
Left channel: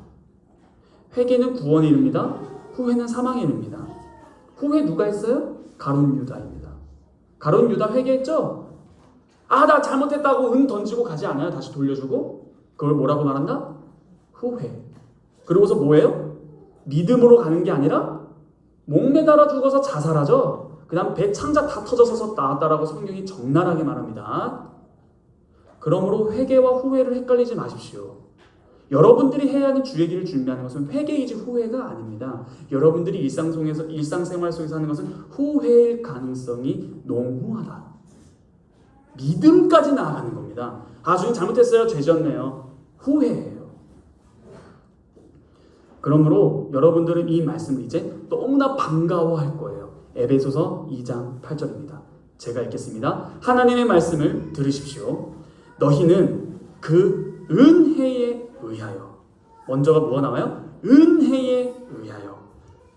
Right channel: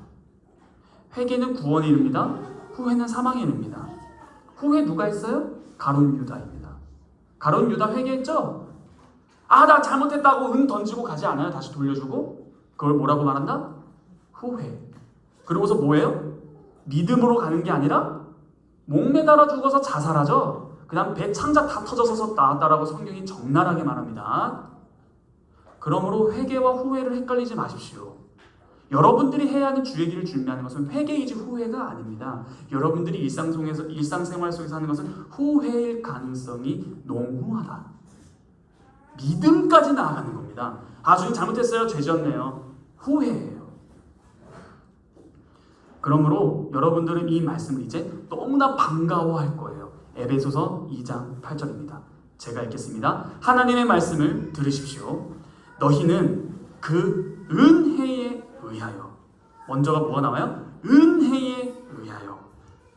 회개는 구원에 이릅니다. 후회는 사망에 이릅니다. 후회 누가 했어요? 가룟 유다입니다. 가룟 유다 회개했죠? 나 잘못했다고 은 던지고 가지 않아요. 다시 돌려주고. 그걸 뭐라고 말한다? 후회. 그러고서 뭐예요? 믿음으로 가는 게 아니라 목매달아 죽어서 자살하죠. 그 다음 배 창자 다 터져서 나왔다라고 성경이 적나라하게 말합니다. 그러므로 회개와 후회를 헷갈리지 마십시오. 여러분들이 해야 하는 주의 길을 준비하는 것은 회개이지 후회가 아닙니다. 여러분들이 일상생활 속에서 하는 것은 후회일 가능성이 농후하다. 믿음까지 나아가는 겁니다. 주님 잘못했어요. 죄 지었네요. 후회예요. 그러므로 여러분들은 이 말씀을 이제 너무나 반가워할 거예요. 에베소서 2장 8절입니다. 제가 읽겠습니다. 하나님의 말씀을 들으십시오. 너희는 그 은혜에 의하여. 먼저가 뭐가 나와요? 은혜에 의하여.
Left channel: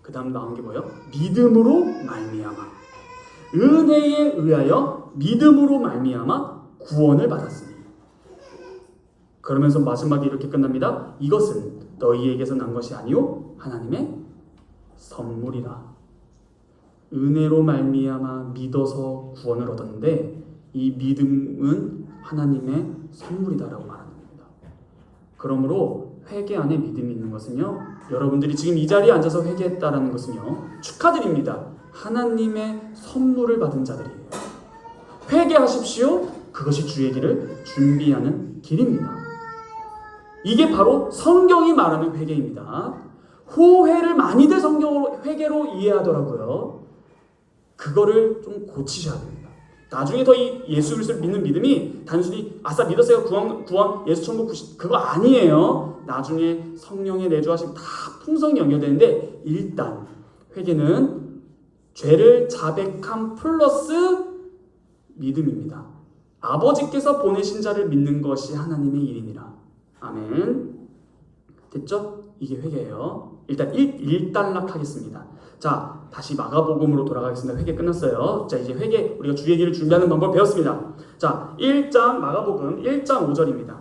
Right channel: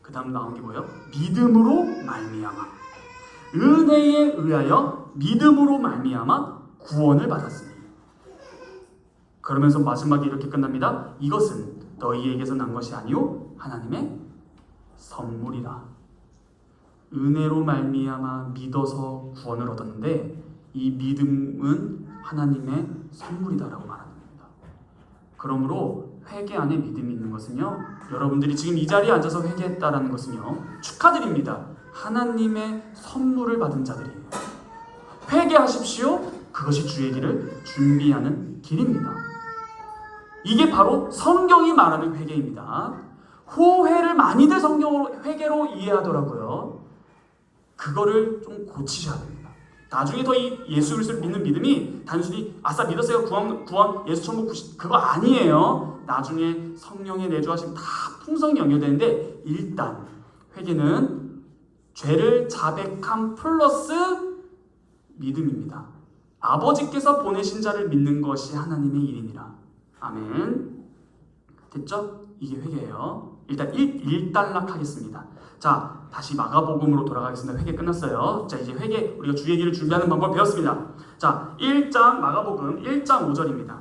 그 다음 나온 게 뭐예요? 믿음으로 말미암아. 은혜에 의하여 믿음으로 말미암아 구원을 받았으니. 그러면서 마지막에 이렇게 끝납니다. 이것은 너희에게서 난 것이 아니요 하나님의 선물이라. 은혜로 말미암아 믿어서 구원을 얻었는데 이 믿음은 하나님의 선물이다라고 말하는 겁니다. 그러므로 회개 안에 믿음이 있는 것은요, 여러분들이 지금 이 자리에 앉아서 회개했다라는 것은요, 축하드립니다. 하나님의 선물을 받은 자들이에요. 회개하십시오. 그것이 주의 길을 준비하는 길입니다. 이게 바로 성경이 말하는 회개입니다. 후회를 많이들 성경으로 회개로 이해하더라고요. 그거를 좀 고치셔야 됩니다. 나중에 더 이 예수 그리스도를 믿는 믿음이 단순히 아싸 믿었어요 구원 예수 천국 그거 아니에요. 나중에 성령의 내주하심 다 풍성히 연결되는데 일단 회개는 죄를 자백함 플러스 믿음입니다. 아버지께서 보내신 자를 믿는 것이 하나님의 일이니라. 아멘. 됐죠? 이게 회개예요. 일단 일단락하겠습니다. 자, 다시 마가복음으로 돌아가겠습니다. 회개 끝났어요. 자, 이제 회개 우리가 주의 길을 준비하는 방법 배웠습니다. 자, 1장 마가복음 1장 5절입니다.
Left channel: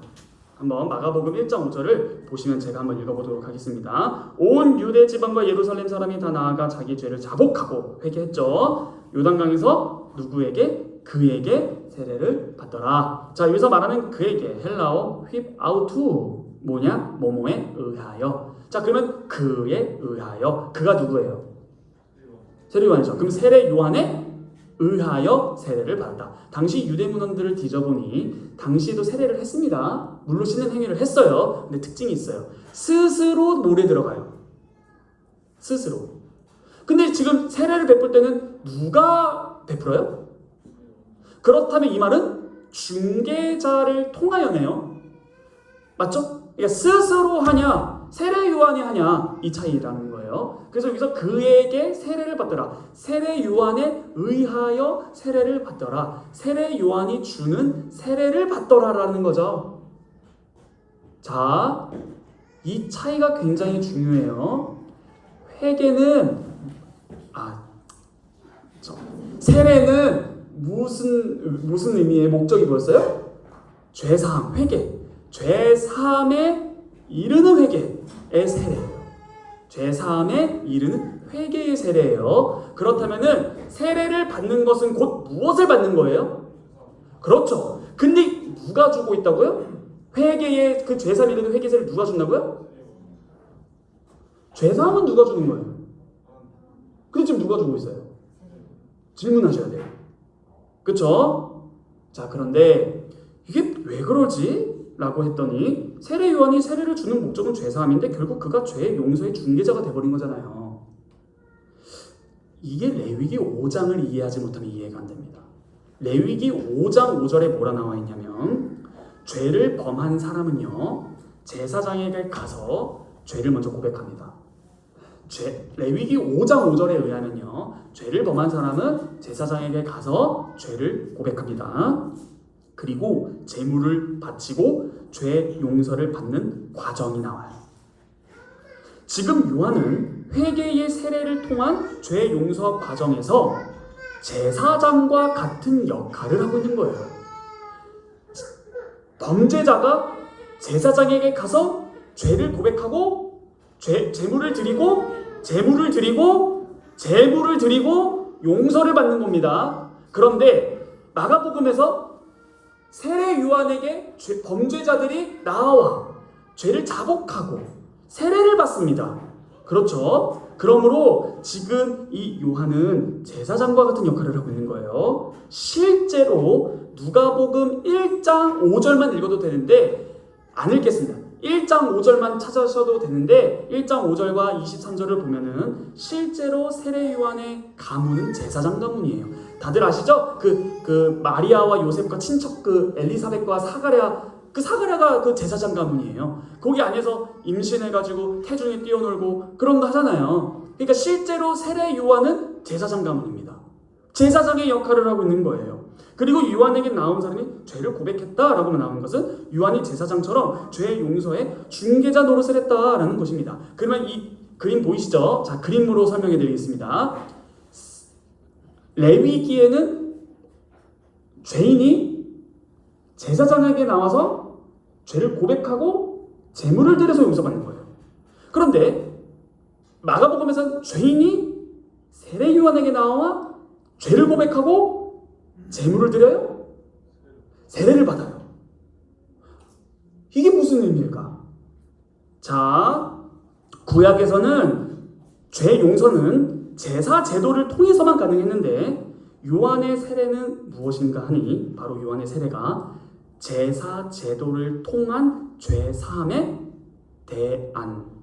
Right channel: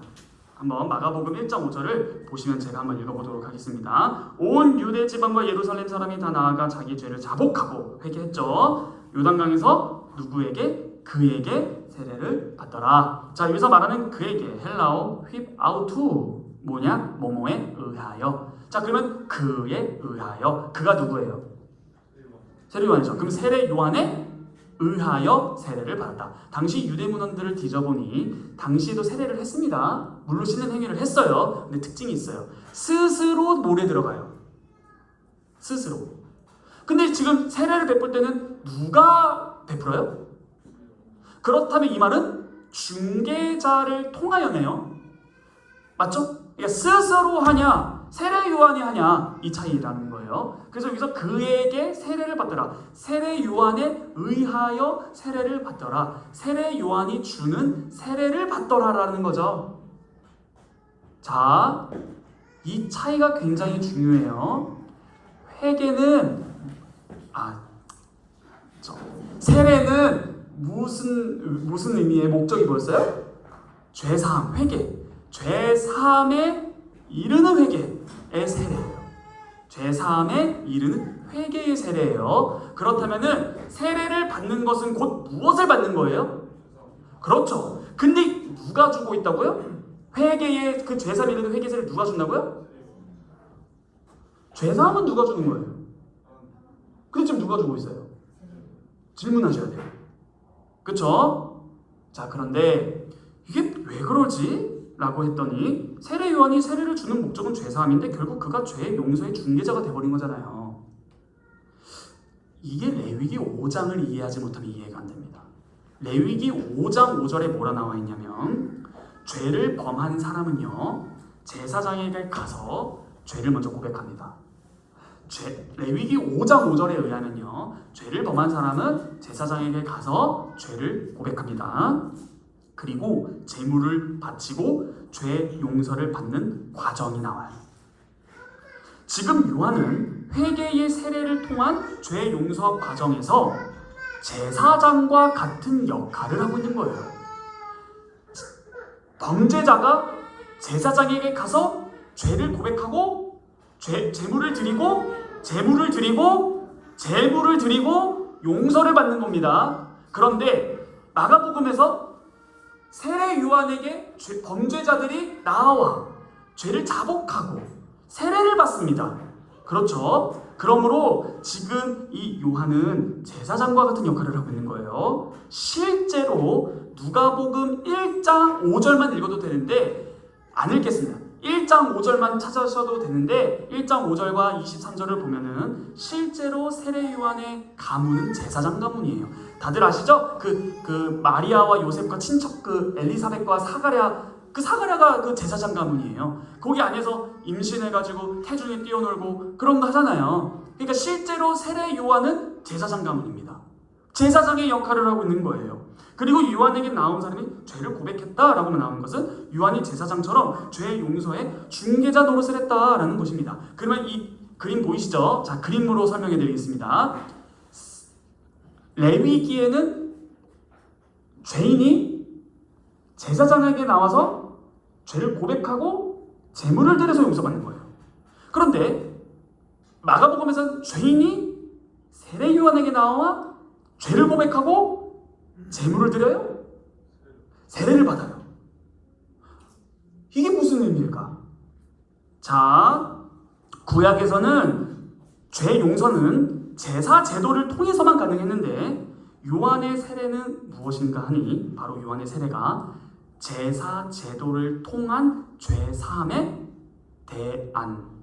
한번 마가복음 1장 5절을 보시면 제가 한번 읽어보도록 하겠습니다. 온 유대 지방과 예루살렘 사람이 다 나아가 자기 죄를 자복하고 회개했죠. 요단강에서 누구에게? 그에게 세례를 받더라. 자, 여기서 말하는 그에게 헬라어 휩아우투 뭐냐? 뭐뭐에 의하여. 자, 그러면 그에 의하여. 그가 누구예요? 세례 요한이죠. 그럼 세례 요한에 의하여 세례를 받았다. 당시 유대 문헌들을 뒤져보니 당시에도 세례를 했습니다. 물로 씻는 행위를 했어요. 근데 특징이 있어요. 스스로 물에 들어가요. 스스로. 근데 지금 세례를 베풀 때는 누가 베풀어요? 그렇다면 이 말은 중개자를 통하여네요. 맞죠? 그러니까 스스로 하냐 세례 요한이 하냐 이 차이라는 거예요. 그래서 여기서 그에게 세례를 받더라. 세례 요한에 의하여 세례를 받더라. 세례 요한이 주는 세례를 받더라라는 거죠. 자, 이 차이가 굉장히 중요해요. 회개는 세례는 무슨 의미의 목적이 뭐였어요? 죄사함, 회개. 죄사함에 이르는 회개의 세례예요. 죄사함에 이르는 회개의 세례예요. 그렇다면은 세례를 받는 것은 곧 무엇을 받는 거예요? 그렇죠. 근데 누가 주고 있다고요? 회개의 그 죄사함에 이르는 회개 세례를 누가 준다고요? 죄사함은 누가 주는 거예요? 근데 지금 누가 주고 있어요? 질문하셔야 돼요. 그쵸? 자, 그런데 이게 왜 그러지? 라고 했더니 세례 요한이 세례를 주는 목적은 죄사함인데 결국 그가 죄의 용서의 중개자가 돼버린 거잖아요. 이게 레위기 5장을 이해하지 못하면 이해가 안 됩니다. 레위기 5장 5절에 뭐라 나와 있냐면 죄를 범한 사람은요 제사장에게 가서 죄를 먼저 고백합니다. 레위기 5장 5절에 의하면요 죄를 범한 사람은 제사장에게 가서 죄를 고백합니다. 그리고 제물을 바치고 죄 용서를 받는 과정이 나와요. 지금 요한은 회개의 세례를 통한 죄 용서 과정에서 제사장과 같은 역할을 하고 있는 거예요. 범죄자가 제사장에게 가서 죄를 고백하고 제물을 드리고 용서를 받는 겁니다. 그런데 마가복음에서 세례 요한에게 범죄자들이 나와 죄를 자복하고 세례를 받습니다. 그렇죠? 그러므로 지금 이 요한은 제사장과 같은 역할을 하고 있는 거예요. 실제로 누가복음 1장 5절만 읽어도 되는데 안 읽겠습니다. 1장 5절만 찾아셔도 되는데 1장 5절과 23절을 보면은 실제로 세례 요한의 가문은 제사장 가문이에요. 다들 아시죠? 그 마리아와 요셉과 친척 그 엘리사벳과 사가랴가 그 제사장 가문이에요. 거기 안에서 임신해가지고 태중에 뛰어놀고 그런 거 하잖아요. 그러니까 실제로 세례 요한은 제사장 가문입니다. 제사장의 역할을 하고 있는 거예요. 그리고 요한에게 나온 사람이 죄를 고백했다라고 나온 것은 요한이 제사장처럼 죄 용서의 중개자 노릇을 했다라는 것입니다. 그러면 이 그림 보이시죠? 자, 그림으로 설명해 드리겠습니다. 레위기에는 죄인이 제사장에게 나와서 죄를 고백하고 제물을 드려서 용서받는 거예요. 그런데 마가복음에서는 죄인이 세례 요한에게 나와 죄를 고백하고 제물을 드려요? 세례를 받아요. 이게 무슨 의미일까? 자, 구약에서는 죄 용서는 제사 제도를 통해서만 가능했는데 요한의 세례는 무엇인가 하니 바로 요한의 세례가 제사 제도를 통한 죄 사함에 대안.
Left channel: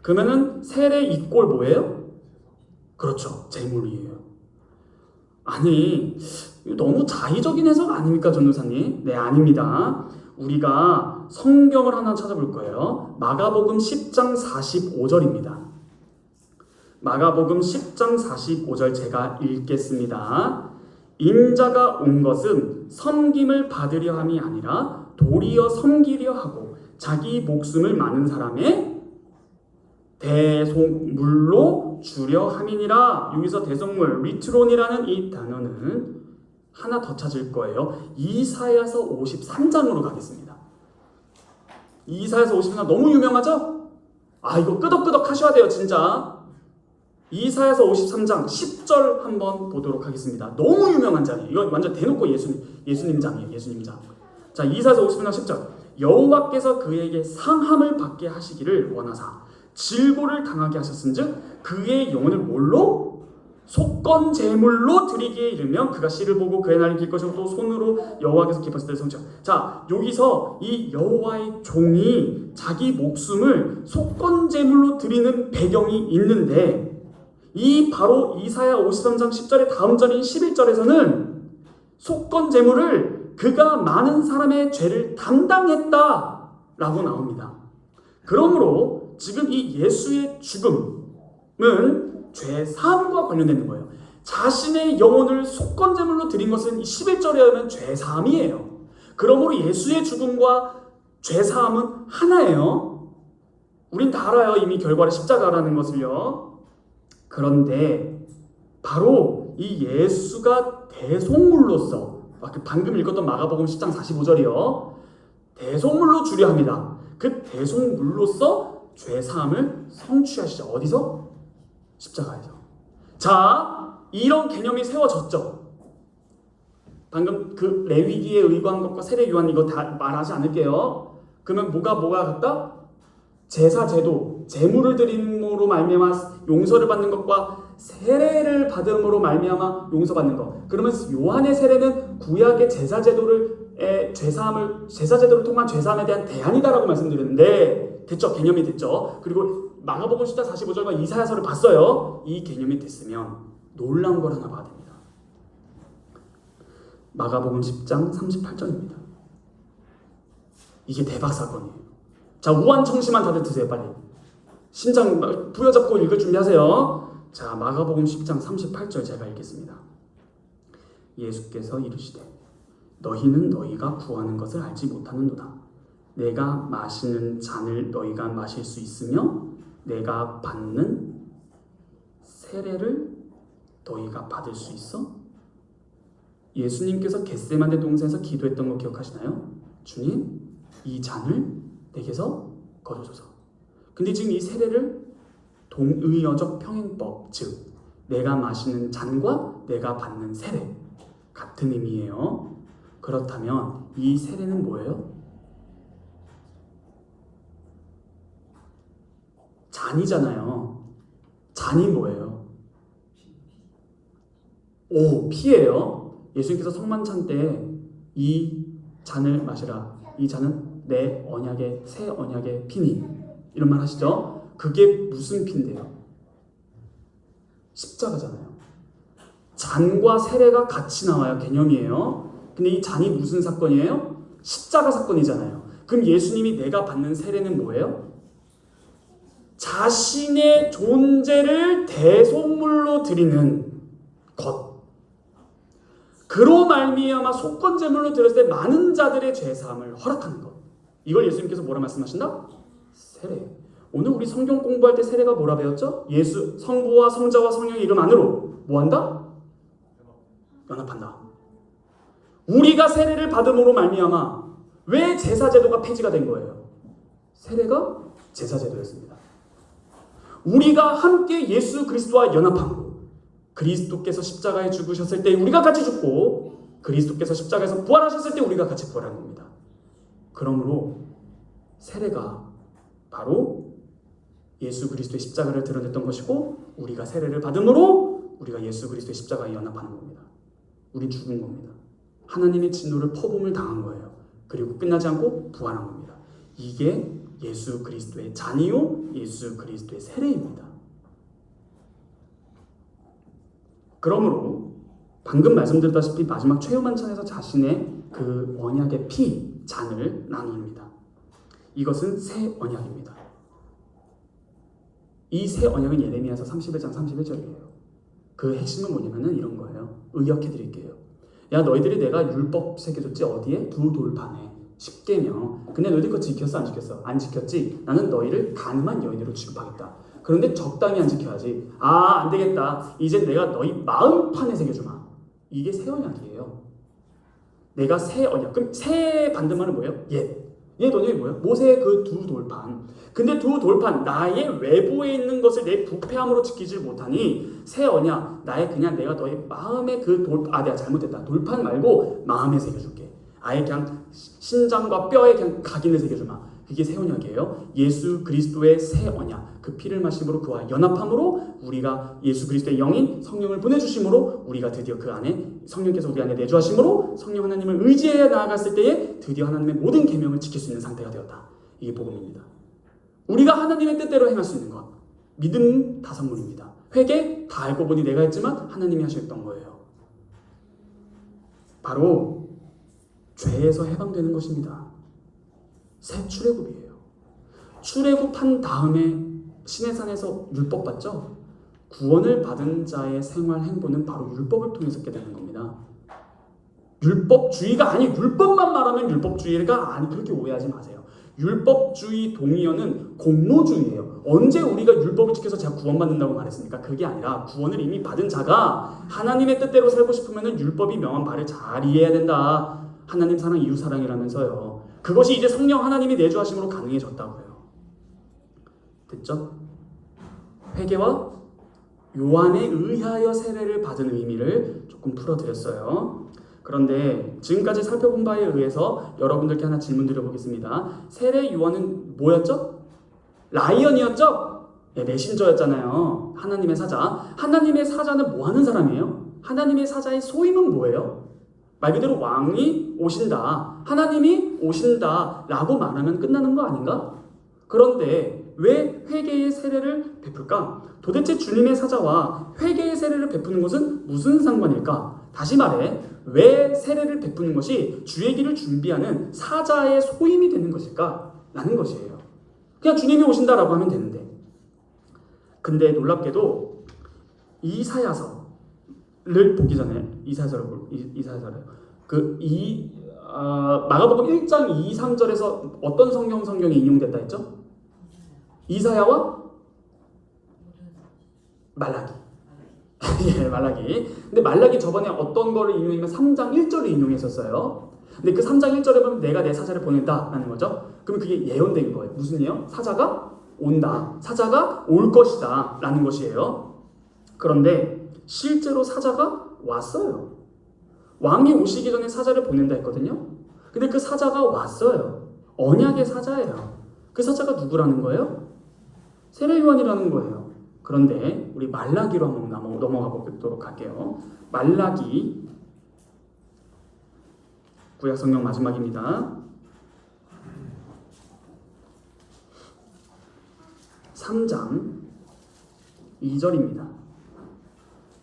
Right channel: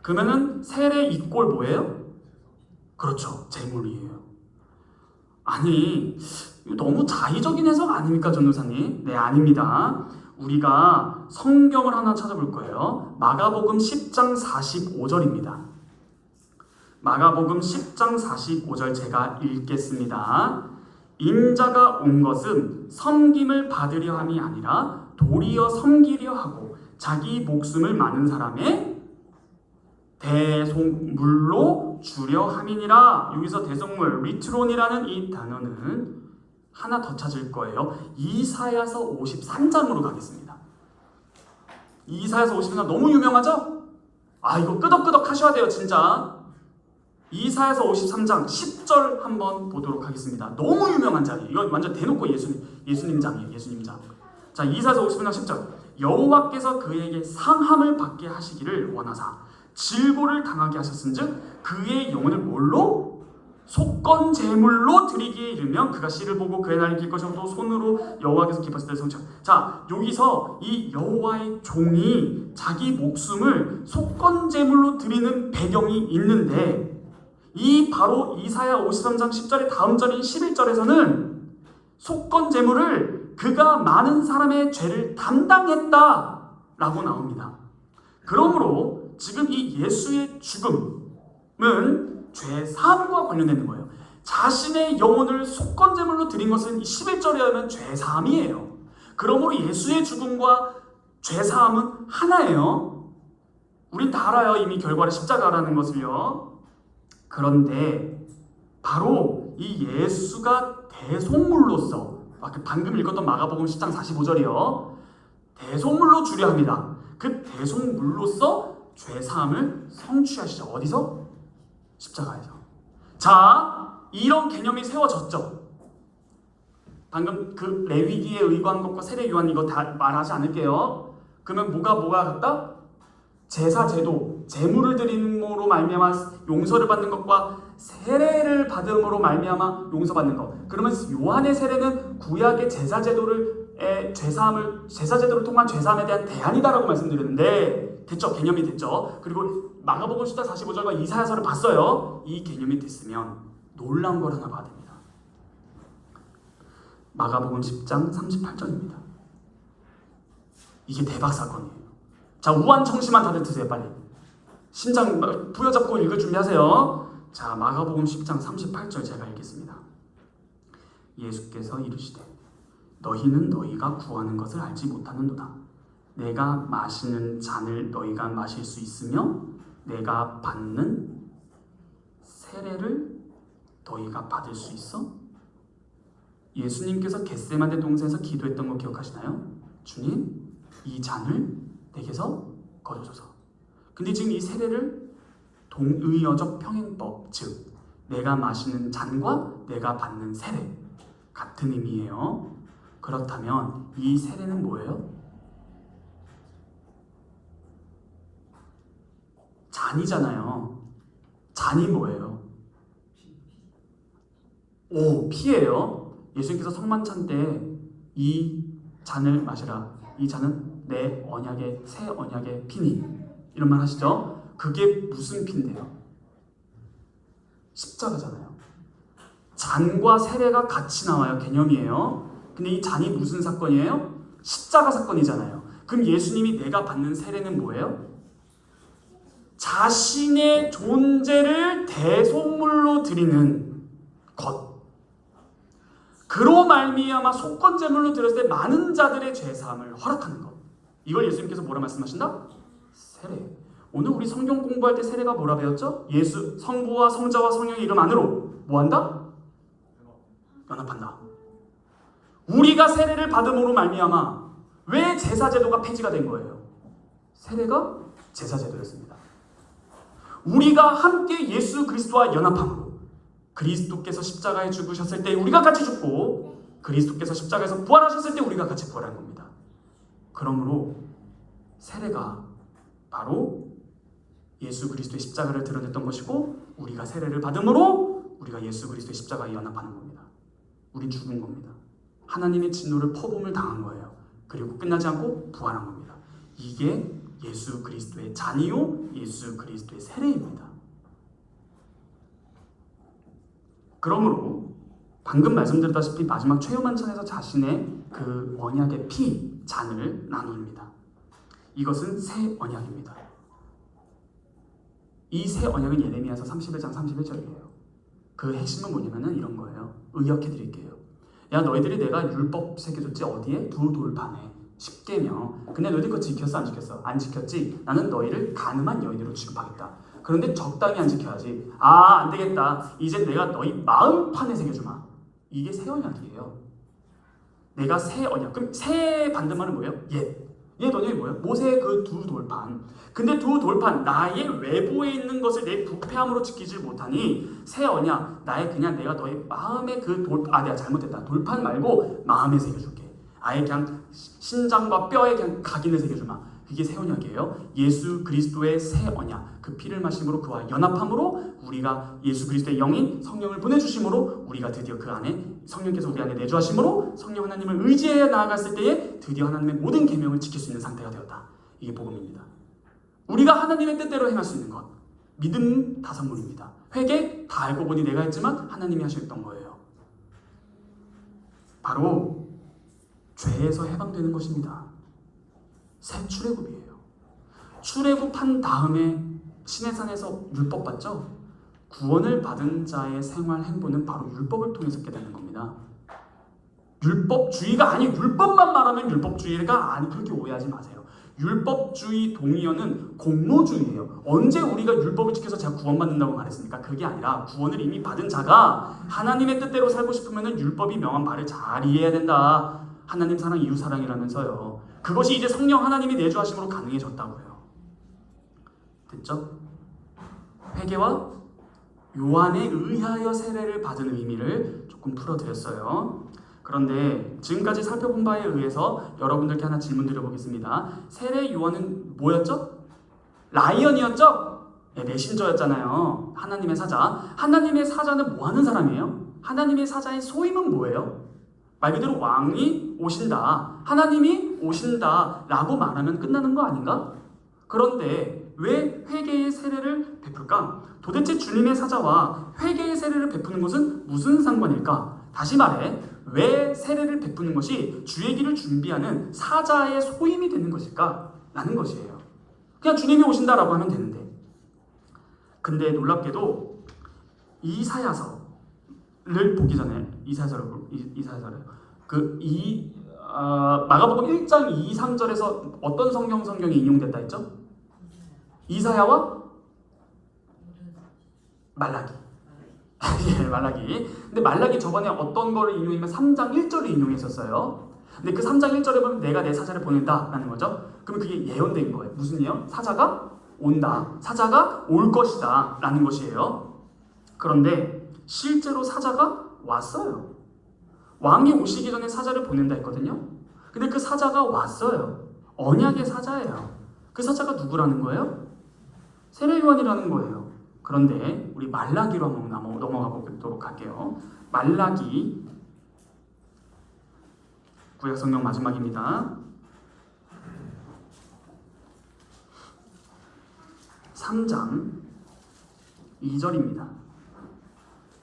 그러면은 세례 이꼴 뭐예요? 그렇죠. 제물이에요. 아니, 너무 자의적인 해석 아닙니까, 전도사님? 네, 아닙니다. 우리가 성경을 하나 찾아볼 거예요. 마가복음 10장 45절입니다. 마가복음 10장 45절 제가 읽겠습니다. 인자가 온 것은 섬김을 받으려 함이 아니라 도리어 섬기려 하고 자기 목숨을 많은 사람의 대속물로 주려 함이니라. 여기서 대속물, 리트론이라는 이 단어는 하나 더 찾을 거예요. 이사야서 53장으로 가겠습니다. 이사야서 53장 너무 유명하죠? 이거 끄덕끄덕 하셔야 돼요, 진짜. 이사야서 53장 10절 한번 보도록 하겠습니다. 너무 유명한 장이에요. 이거 완전 대놓고 예수님 장이에요. 예수님 장. 자, 이사야서 53장 10절. 여호와께서 그에게 상함을 받게 하시기를 원하사 질고를 당하게 하셨은즉 그의 영혼을 뭘로? 속건 제물로 드리기에 이르면 그가 씨를 보고 그의 날이 길 것이고 또 손으로 여호와께서 기뻐하실 때 성취. 자, 여기서 이 여호와의 종이 자기 목숨을 속건 제물로 드리는 배경이 있는데 이 바로 이사야 53장 10절의 다음 절인 11절에서는 속건 제물을 그가 많은 사람의 죄를 담당했다라고 나옵니다. 그러므로 지금 이 예수의 죽음은 죄 사함과 관련되는 거예요. 자신의 영혼을 속건 제물로 드린 것은 11절에 하면 죄 사함이에요. 그러므로 예수의 죽음과 죄 사함은 하나예요. 우린 다 알아요. 이미 결과를 십자가라는 것을요. 그런데 바로 이 예수가 대속물로서 방금 읽었던 마가복음 10장 45절이요. 대속물로 주려 합니다. 그 대속물로서 죄사함을 성취하시죠. 어디서? 십자가에서. 자, 이런 개념이 세워졌죠. 방금 그 레위기에 의거한 것과 세례요한 이거 다 말하지 않을게요. 그러면 뭐가 같다? 제사 제도, 제물을 드림으로 말미암아 용서를 받는 것과 세례를 받음으로 말미암아 용서받는 것. 그러면 요한의 세례는 구약의 제사 제도를 제사 제도를 통한 죄사함에 대한 대안이다라고 말씀드렸는데 됐죠? 개념이 됐죠? 그리고 마가복음 10장 45절과 이사야서를 봤어요. 이 개념이 됐으면 놀라운 걸 하나 봐야 됩니다. 마가복음 10장 38절입니다. 이게 대박 사건이에요. 자, 우한청심한 다들 드세요. 빨리. 심장 부여잡고 읽을 준비하세요. 자, 마가복음 10장 38절 제가 읽겠습니다. 예수께서 이르시되 너희는 너희가 구하는 것을 알지 못하는도다. 내가 마시는 잔을 너희가 마실 수 있으며 내가 받는 세례를 너희가 받을 수 있어? 예수님께서 겟세마네 동산에서 기도했던 거 기억하시나요? 주님, 이 잔을 내게서 거둬줘서. 근데 지금 이 세례를 동의어적 평행법, 즉 내가 마시는 잔과 내가 받는 세례 같은 의미예요. 그렇다면 이 세례는 뭐예요? 잔이잖아요. 잔이 뭐예요? 오, 피예요. 예수님께서 성만찬 때 이 잔을 마시라. 이 잔은 내 언약의 새 언약의 피니. 이런 말 하시죠? 그게 무슨 피인데요? 십자가잖아요. 잔과 세례가 같이 나와요. 개념이에요. 근데 이 잔이 무슨 사건이에요? 십자가 사건이잖아요. 그럼 예수님이 내가 받는 세례는 뭐예요? 자신의 존재를 대속물로 드리는 것. 그로 말미암아 속건제물로 드렸을 때 많은 자들의 죄사함을 허락하는 것. 이걸 예수님께서 뭐라 말씀하신다? 세례. 오늘 우리 성경 공부할 때 세례가 뭐라 배웠죠? 예수 성부와 성자와 성령의 이름 안으로 뭐한다? 연합한다. 우리가 세례를 받음으로 말미암아 왜 제사제도가 폐지가 된 거예요? 세례가 제사제도였습니다. 우리가 함께 예수 그리스도와 연합함으로 그리스도께서 십자가에 죽으셨을 때 우리가 같이 죽고 그리스도께서 십자가에서 부활하셨을 때 우리가 같이 부활한 겁니다. 그러므로 세례가 바로 예수 그리스도의 십자가를 드러냈던 것이고 우리가 세례를 받음으로 우리가 예수 그리스도의 십자가에 연합하는 겁니다. 우린 죽은 겁니다. 하나님의 진노를 퍼부음을 당한 거예요. 그리고 끝나지 않고 부활한 겁니다. 이게 예수 그리스도의 잔이요 예수 그리스도의 세례입니다. 그러므로 방금 말씀드렸다시피 마지막 최후만찬에서 자신의 그 언약의 피, 잔을 나눕니다. 이것은 새 언약입니다. 이 새 언약은 예레미야서 31장 31절이에요. 그 핵심은 뭐냐면은 이런 거예요. 의역해 드릴게요. 야, 너희들이 내가 율법 새겨줬지 어디에? 두 돌판에. 10계명. 근데 너희들 그거 지켰어? 안 지켰어? 안 지켰지? 나는 너희를 가늠한 여인으로 취급하겠다. 그런데 적당히 안 지켜야지. 아, 안 되겠다. 이제 내가 너희 마음판에 새겨주마. 이게 새 언약이에요. 내가 새 언약. 그럼 새 반대말은 뭐예요? 옛. 옛 언약이 뭐예요? 모세의 그 두 돌판. 근데 두 돌판, 나의 외부에 있는 것을 내 부패함으로 지키지 못하니 새 언약, 그냥 내가 너의 마음의 그 내가 잘못했다. 돌판 말고 마음에 새겨줄게. 아예 그냥 신장과 뼈에 그냥 각인을 새겨주마. 이게 새 언약이에요. 예수 그리스도의 새 언약. 그 피를 마심으로 그와 연합함으로 우리가 예수 그리스도의 영인 성령을 보내주심으로 우리가 드디어 그 안에 성령께서 우리 안에 내주하심으로 성령 하나님을 의지해 나아갔을 때에 드디어 하나님의 모든 계명을 지킬 수 있는 상태가 되었다. 이게 복음입니다. 우리가 하나님의 뜻대로 행할 수 있는 것. 믿음 다선물입니다. 회개 다 알고 보니 내가 했지만 하나님이 하셨던 거예요. 바로 죄에서 해방되는 것입니다. 새 출애굽이에요. 출애굽한 다음에 시내산에서 율법 받죠? 구원을 받은 자의 생활 행보는 바로 율법을 통해서 깨닫는 겁니다. 율법주의가 아니, 율법만 말하면 율법주의가 아니, 그렇게 오해하지 마세요. 율법주의 동의어는 공로주의예요. 언제 우리가 율법을 지켜서 제가 구원받는다고 말했습니까? 그게 아니라 구원을 이미 받은 자가 하나님의 뜻대로 살고 싶으면 율법이 명한 바를 잘 이해해야 된다. 하나님 사랑, 이웃 사랑이라면서요. 그것이 이제 성령 하나님이 내주하심으로 가능해졌다고요. 됐죠? 회개와 요한에 의하여 세례를 받은 의미를 조금 풀어드렸어요. 그런데 지금까지 살펴본 바에 의해서 여러분들께 하나 질문 드려보겠습니다. 세례 요한은 뭐였죠? 라이언이었죠? 예, 메신저였잖아요. 하나님의 사자. 하나님의 사자는 뭐 하는 사람이에요? 하나님의 사자의 소임은 뭐예요? 말 그대로 왕이 오신다, 하나님이 오신다 라고 말하면 끝나는 거 아닌가? 그런데 왜 회개의 세례를 베풀까? 도대체 주님의 사자와 회개의 세례를 베푸는 것은 무슨 상관일까? 다시 말해, 왜 세례를 베푸는 것이 주의 길을 준비하는 사자의 소임이 되는 것일까? 라는 것이에요. 그냥 주님이 오신다라고 하면 되는데, 근데 놀랍게도 이사야서를 보기 전에 마가복음 1장 2, 3절에서 어떤 성경이 인용됐다 했죠? 이사야와 말라기. 예, 말라기. 근데 말라기 저번에 어떤 거를 인용하면 3장 1절을 인용했었어요. 근데 그 3장 1절에 보면 내가 내 사자를 보낸다라는 거죠. 그럼 그게 예언된 거예요. 무슨 예언? 사자가 온다. 사자가 올 것이다 라는 것이에요. 그런데 실제로 사자가 왔어요. 왕이 오시기 전에 사자를 보낸다 했거든요. 근데 그 사자가 왔어요. 언약의 사자예요. 그 사자가 누구라는 거예요? 세례요한이라는 거예요. 그런데 우리 말라기로 한번 넘어가 보도록 할게요. 말라기 구약성경 마지막입니다. 3장 2절입니다.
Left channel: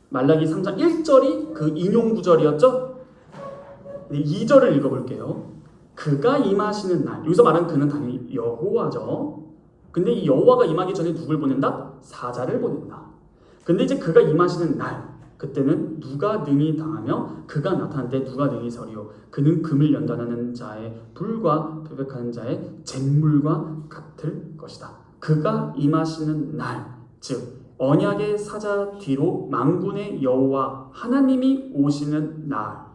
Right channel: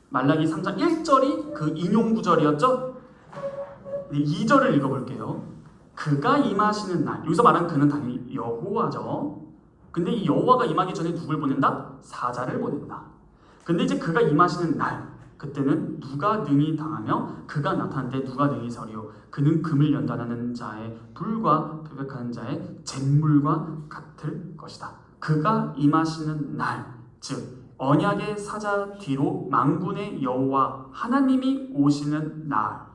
말라기 3장 1절이 그 인용 구절이었죠? 2절을 읽어볼게요. 그가 임하시는 날, 여기서 말하는 그는 당연히 여호와죠. 근데 이 여호와가 임하기 전에 누굴 보낸다? 사자를 보낸다. 근데 이제 그가 임하시는 날, 그때는 누가 능히 당하며 그가 나타날 때 누가 능히 서리요. 그는 금을 연단하는 자의 불과 표백하는 자의 잿물과 같을 것이다. 그가 임하시는 날, 즉 언약의 사자 뒤로 만군의 여호와 하나님이 오시는 날,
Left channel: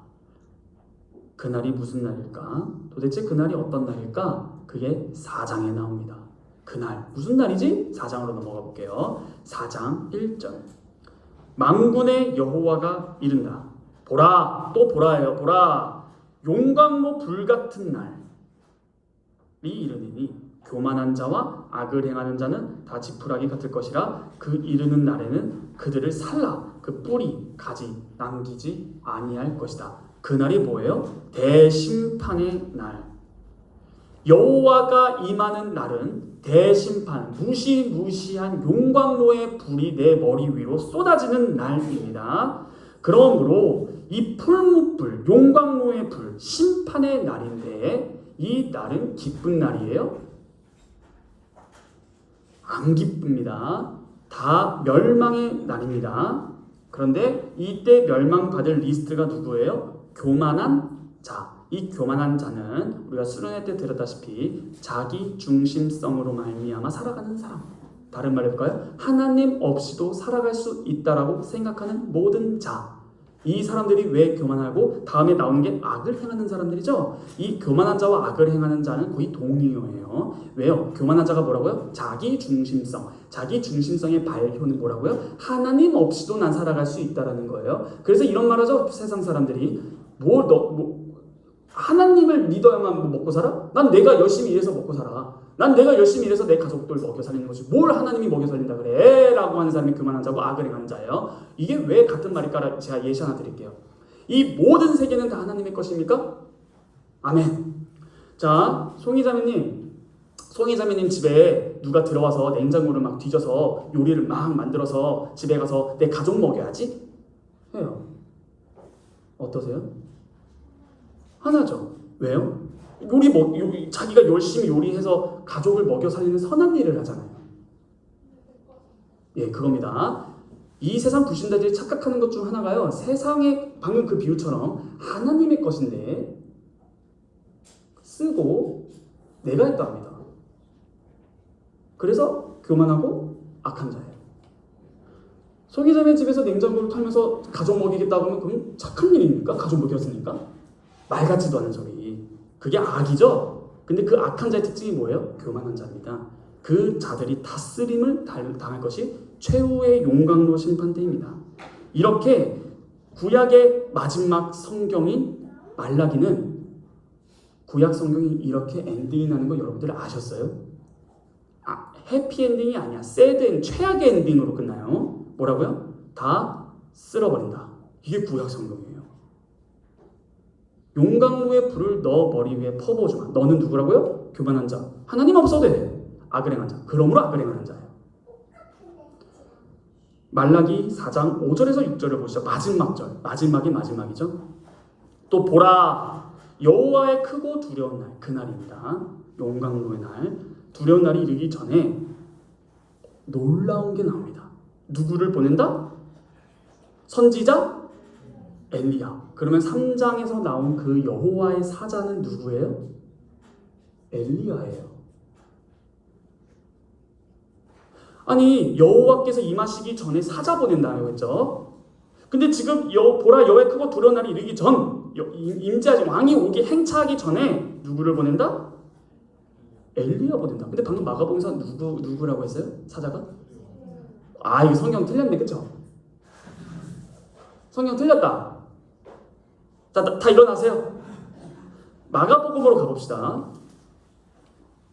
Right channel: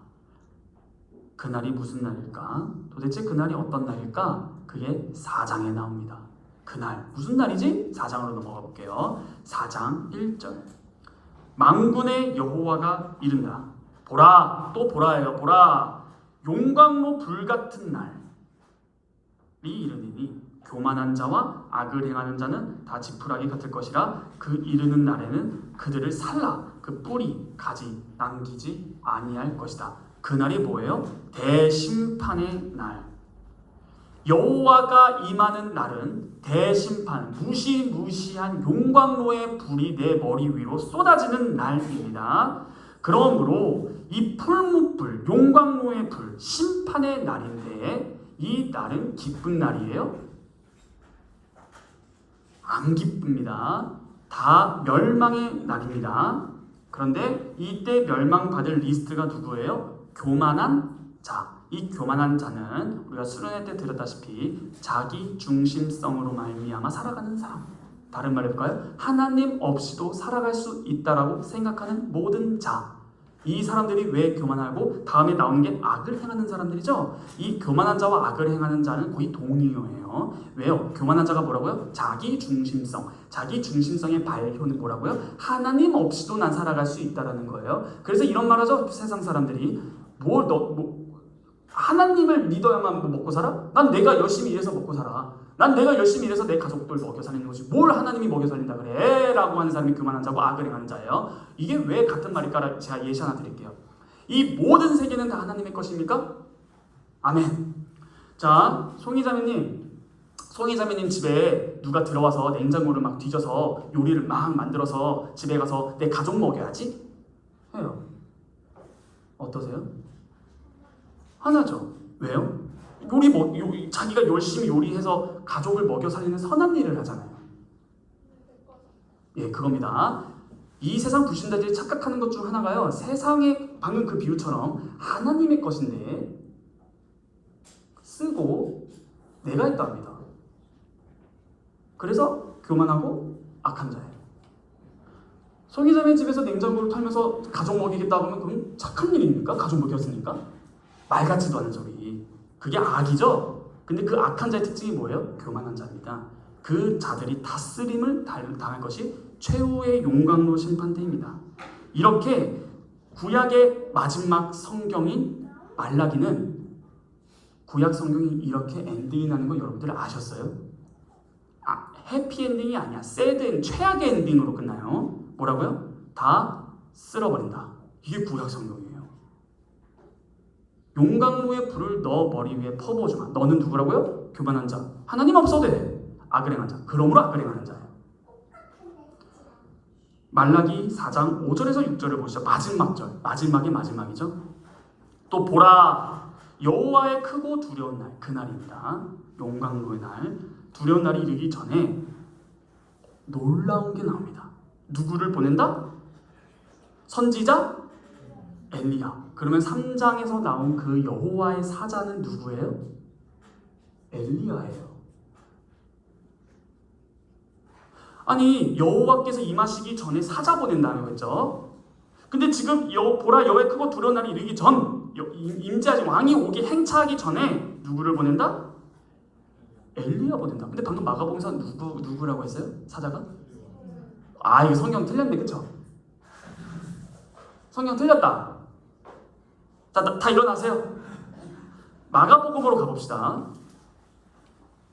그날이 무슨 날일까? 도대체 그날이 어떤 날일까? 그게 4장에 나옵니다. 그날 무슨 날이지? 4장으로 넘어가 볼게요. 4장 1절. 만군의 여호와가 이른다. 보라, 또 보라예요. 보라, 용광로 불같은 날이 이르니니 교만한 자와 악을 행하는 자는 다 지푸라기 같을 것이라. 그 이르는 날에는 그들을 살라 그 뿌리 가지 남기지 아니할 것이다. 그날이 뭐예요? 대심판의 날. 여호와가 임하는 날은 대심판, 무시무시한 용광로의 불이 내 머리 위로 쏟아지는 날입니다. 그러므로 이 풀무불, 용광로의 불, 심판의 날인데 이 날은 기쁜 날이에요? 안 기쁩니다. 다 멸망의 날입니다. 그런데 이때 멸망받을 리스트가 누구예요? 교만한 자. 이 교만한 자는 우리가 수련회 때 들었다시피 자기 중심성으로 말미암아 살아가는 사람. 다른 말로 할까요? 하나님 없이도 살아갈 수 있다라고 생각하는 모든 자. 이 사람들이 왜 교만하고 다음에 나오는 게 악을 행하는 사람들이죠. 이 교만한 자와 악을 행하는 자는 거의 동의어예요. 왜요? 교만한 자가 뭐라고요? 자기 중심성. 자기 중심성의 발표는 뭐라고요? 하나님 없이도 난 살아갈 수 있다라는 거예요. 그래서 이런 말하죠. 세상 사람들이 하나님을 믿어야만 먹고 살아? 난 내가 열심히 일해서 먹고 살아. 난 내가 열심히 일해서 내 가족들 먹여 살리는 거지. 뭘 하나님이 먹여 살린다 그래? 라고 하는 사람이 교만한 자고 악을 행하는 자예요. 이게 왜 같은 말일까? 제가 예시 하나 드릴게요. 이 모든 세계는 다 하나님의 것입니까? 아멘. 자, 송이자매님 집에 누가 들어와서 냉장고를 막 뒤져서 요리를 막 만들어서 집에 가서 내 가족 먹여야지? 해요. 어떠세요? 하나죠. 왜요? 자기가 열심히 요리해서 가족을 먹여 살리는 선한 일을 하잖아요. 예, 그겁니다. 이 세상 불신자들이 착각하는 것 중 하나가요. 세상에 방금 그 비유처럼 하나님의 것인데 쓰고 내가 했다 합니다. 그래서 교만하고 악한 자예요. 소기자매 집에서 냉장고를 털면서 가족 먹이겠다 하면 그건 착한 일입니까? 가족 먹였으니까? 말 같지도 않은 소리. 그게 악이죠? 근데 그 악한 자의 특징이 뭐예요? 교만한 자입니다. 그 자들이 다스림을 당할 것이 최후의 용광로 심판대입니다. 이렇게 구약의 마지막 성경인 말라기는 구약 성경이 이렇게 엔딩이 나는 거 여러분들 아셨어요? 해피엔딩이 아니야. 새드 최악의 엔딩으로 끝나요. 뭐라고요? 다 쓸어버린다. 이게 구약 성경이에요. 용광로에 불을 너 머리 위에 퍼부어주마. 너는 누구라고요? 교만한 자. 하나님 없어도 돼. 악을 행한 자. 그러므로 악을 행하는 자예요. 말라기 4장 5절에서 6절을 보시죠. 마지막 절. 마지막이 마지막이죠. 또 보라 여호와의 크고 두려운 날. 그날입니다. 용광로의 날. 두려운 날이 이르기 전에 놀라운 게 나옵니다. 누구를 보낸다? 선지자 엘리야. 그러면 3장에서 나온 그 여호와의 사자는 누구예요? 엘리야예요. 아니 여호와께서 임하시기 전에 사자 보낸다고 했죠. 근데 지금 보라 여호와의 크고 두려운 날이 이르기 전 임재하지 왕이 오기 행차하기 전에 누구를 보낸다? 엘리야 보낸다. 근데 방금 마가복음에서 누구라고 했어요? 사자가? 이거 성경 틀렸네, 그쵸? 성경 틀렸다. 자, 다 일어나세요. 마가복음으로 가봅시다.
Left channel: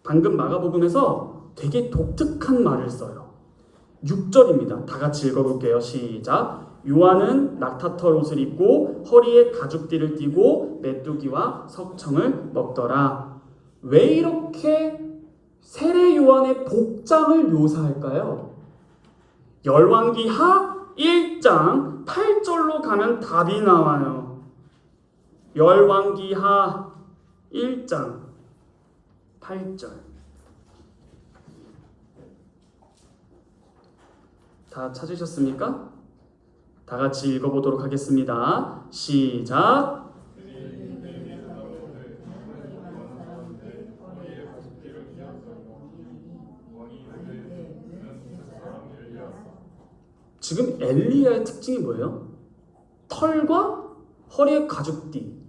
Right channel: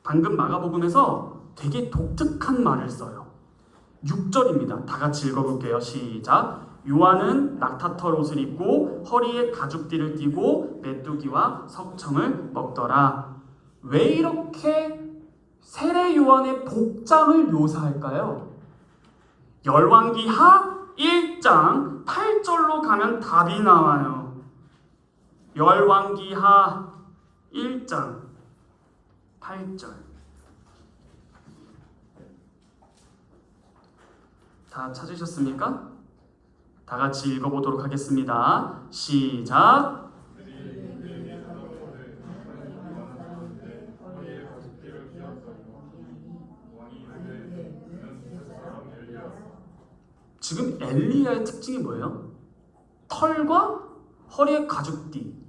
방금 마가복음에서 되게 독특한 말을 써요. 6절입니다. 다 같이 읽어볼게요. 시작. 요한은 낙타털 옷을 입고 허리에 가죽띠를 띠고 메뚜기와 석청을 먹더라. 왜 이렇게 세례 요한의 복장을 묘사할까요? 열왕기하 1장 8절로 가면 답이 나와요. 열왕기하 1장 8절. 다 찾으셨습니까? 다 같이 읽어보도록 하겠습니다. 시작. 지금 엘리야의 특징이 뭐예요? 털과 허리에 가죽띠.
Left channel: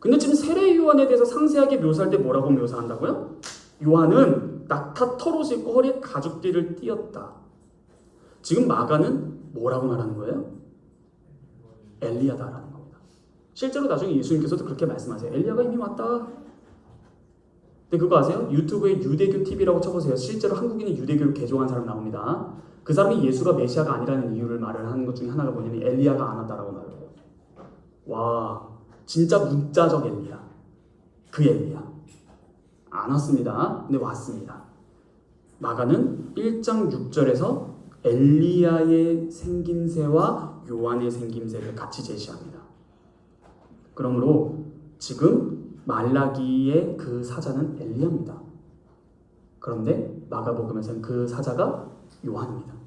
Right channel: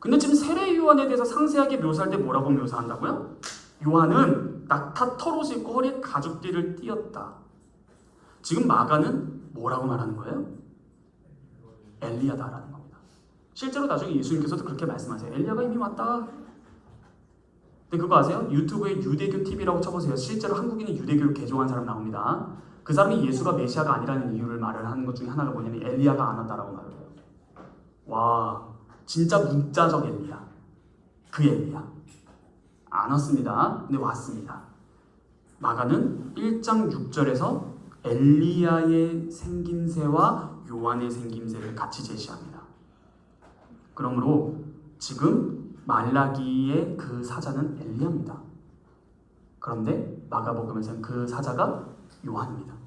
근데 지금 세례 요한에 대해서 상세하게 묘사할 때 뭐라고 묘사한다고요? 요한은 낙타 털옷을 입고 허리에 가죽띠를 띠었다. 지금 마가는 뭐라고 말하는 거예요? 엘리야다라는 겁니다. 실제로 나중에 예수님께서도 그렇게 말씀하세요. 엘리야가 이미 왔다. 근데 그거 아세요? 유튜브에 유대교 TV라고 쳐보세요. 실제로 한국인이 유대교를 개종한 사람 나옵니다. 그 사람이 예수가 메시아가 아니라는 이유를 말을 하는 것 중에 하나가 뭐냐면 엘리야가 안 왔다라고 말을 해요. 와, 진짜 문자적 엘리야. 그 엘리야. 안 왔습니다. 근데 왔습니다. 마가는 1장 6절에서 엘리야의 생김새와 요한의 생김새를 같이 제시합니다. 그러므로 지금 말라기의 그 사자는 엘리야입니다. 그런데 마가복음에서는 그 사자가 요한입니다.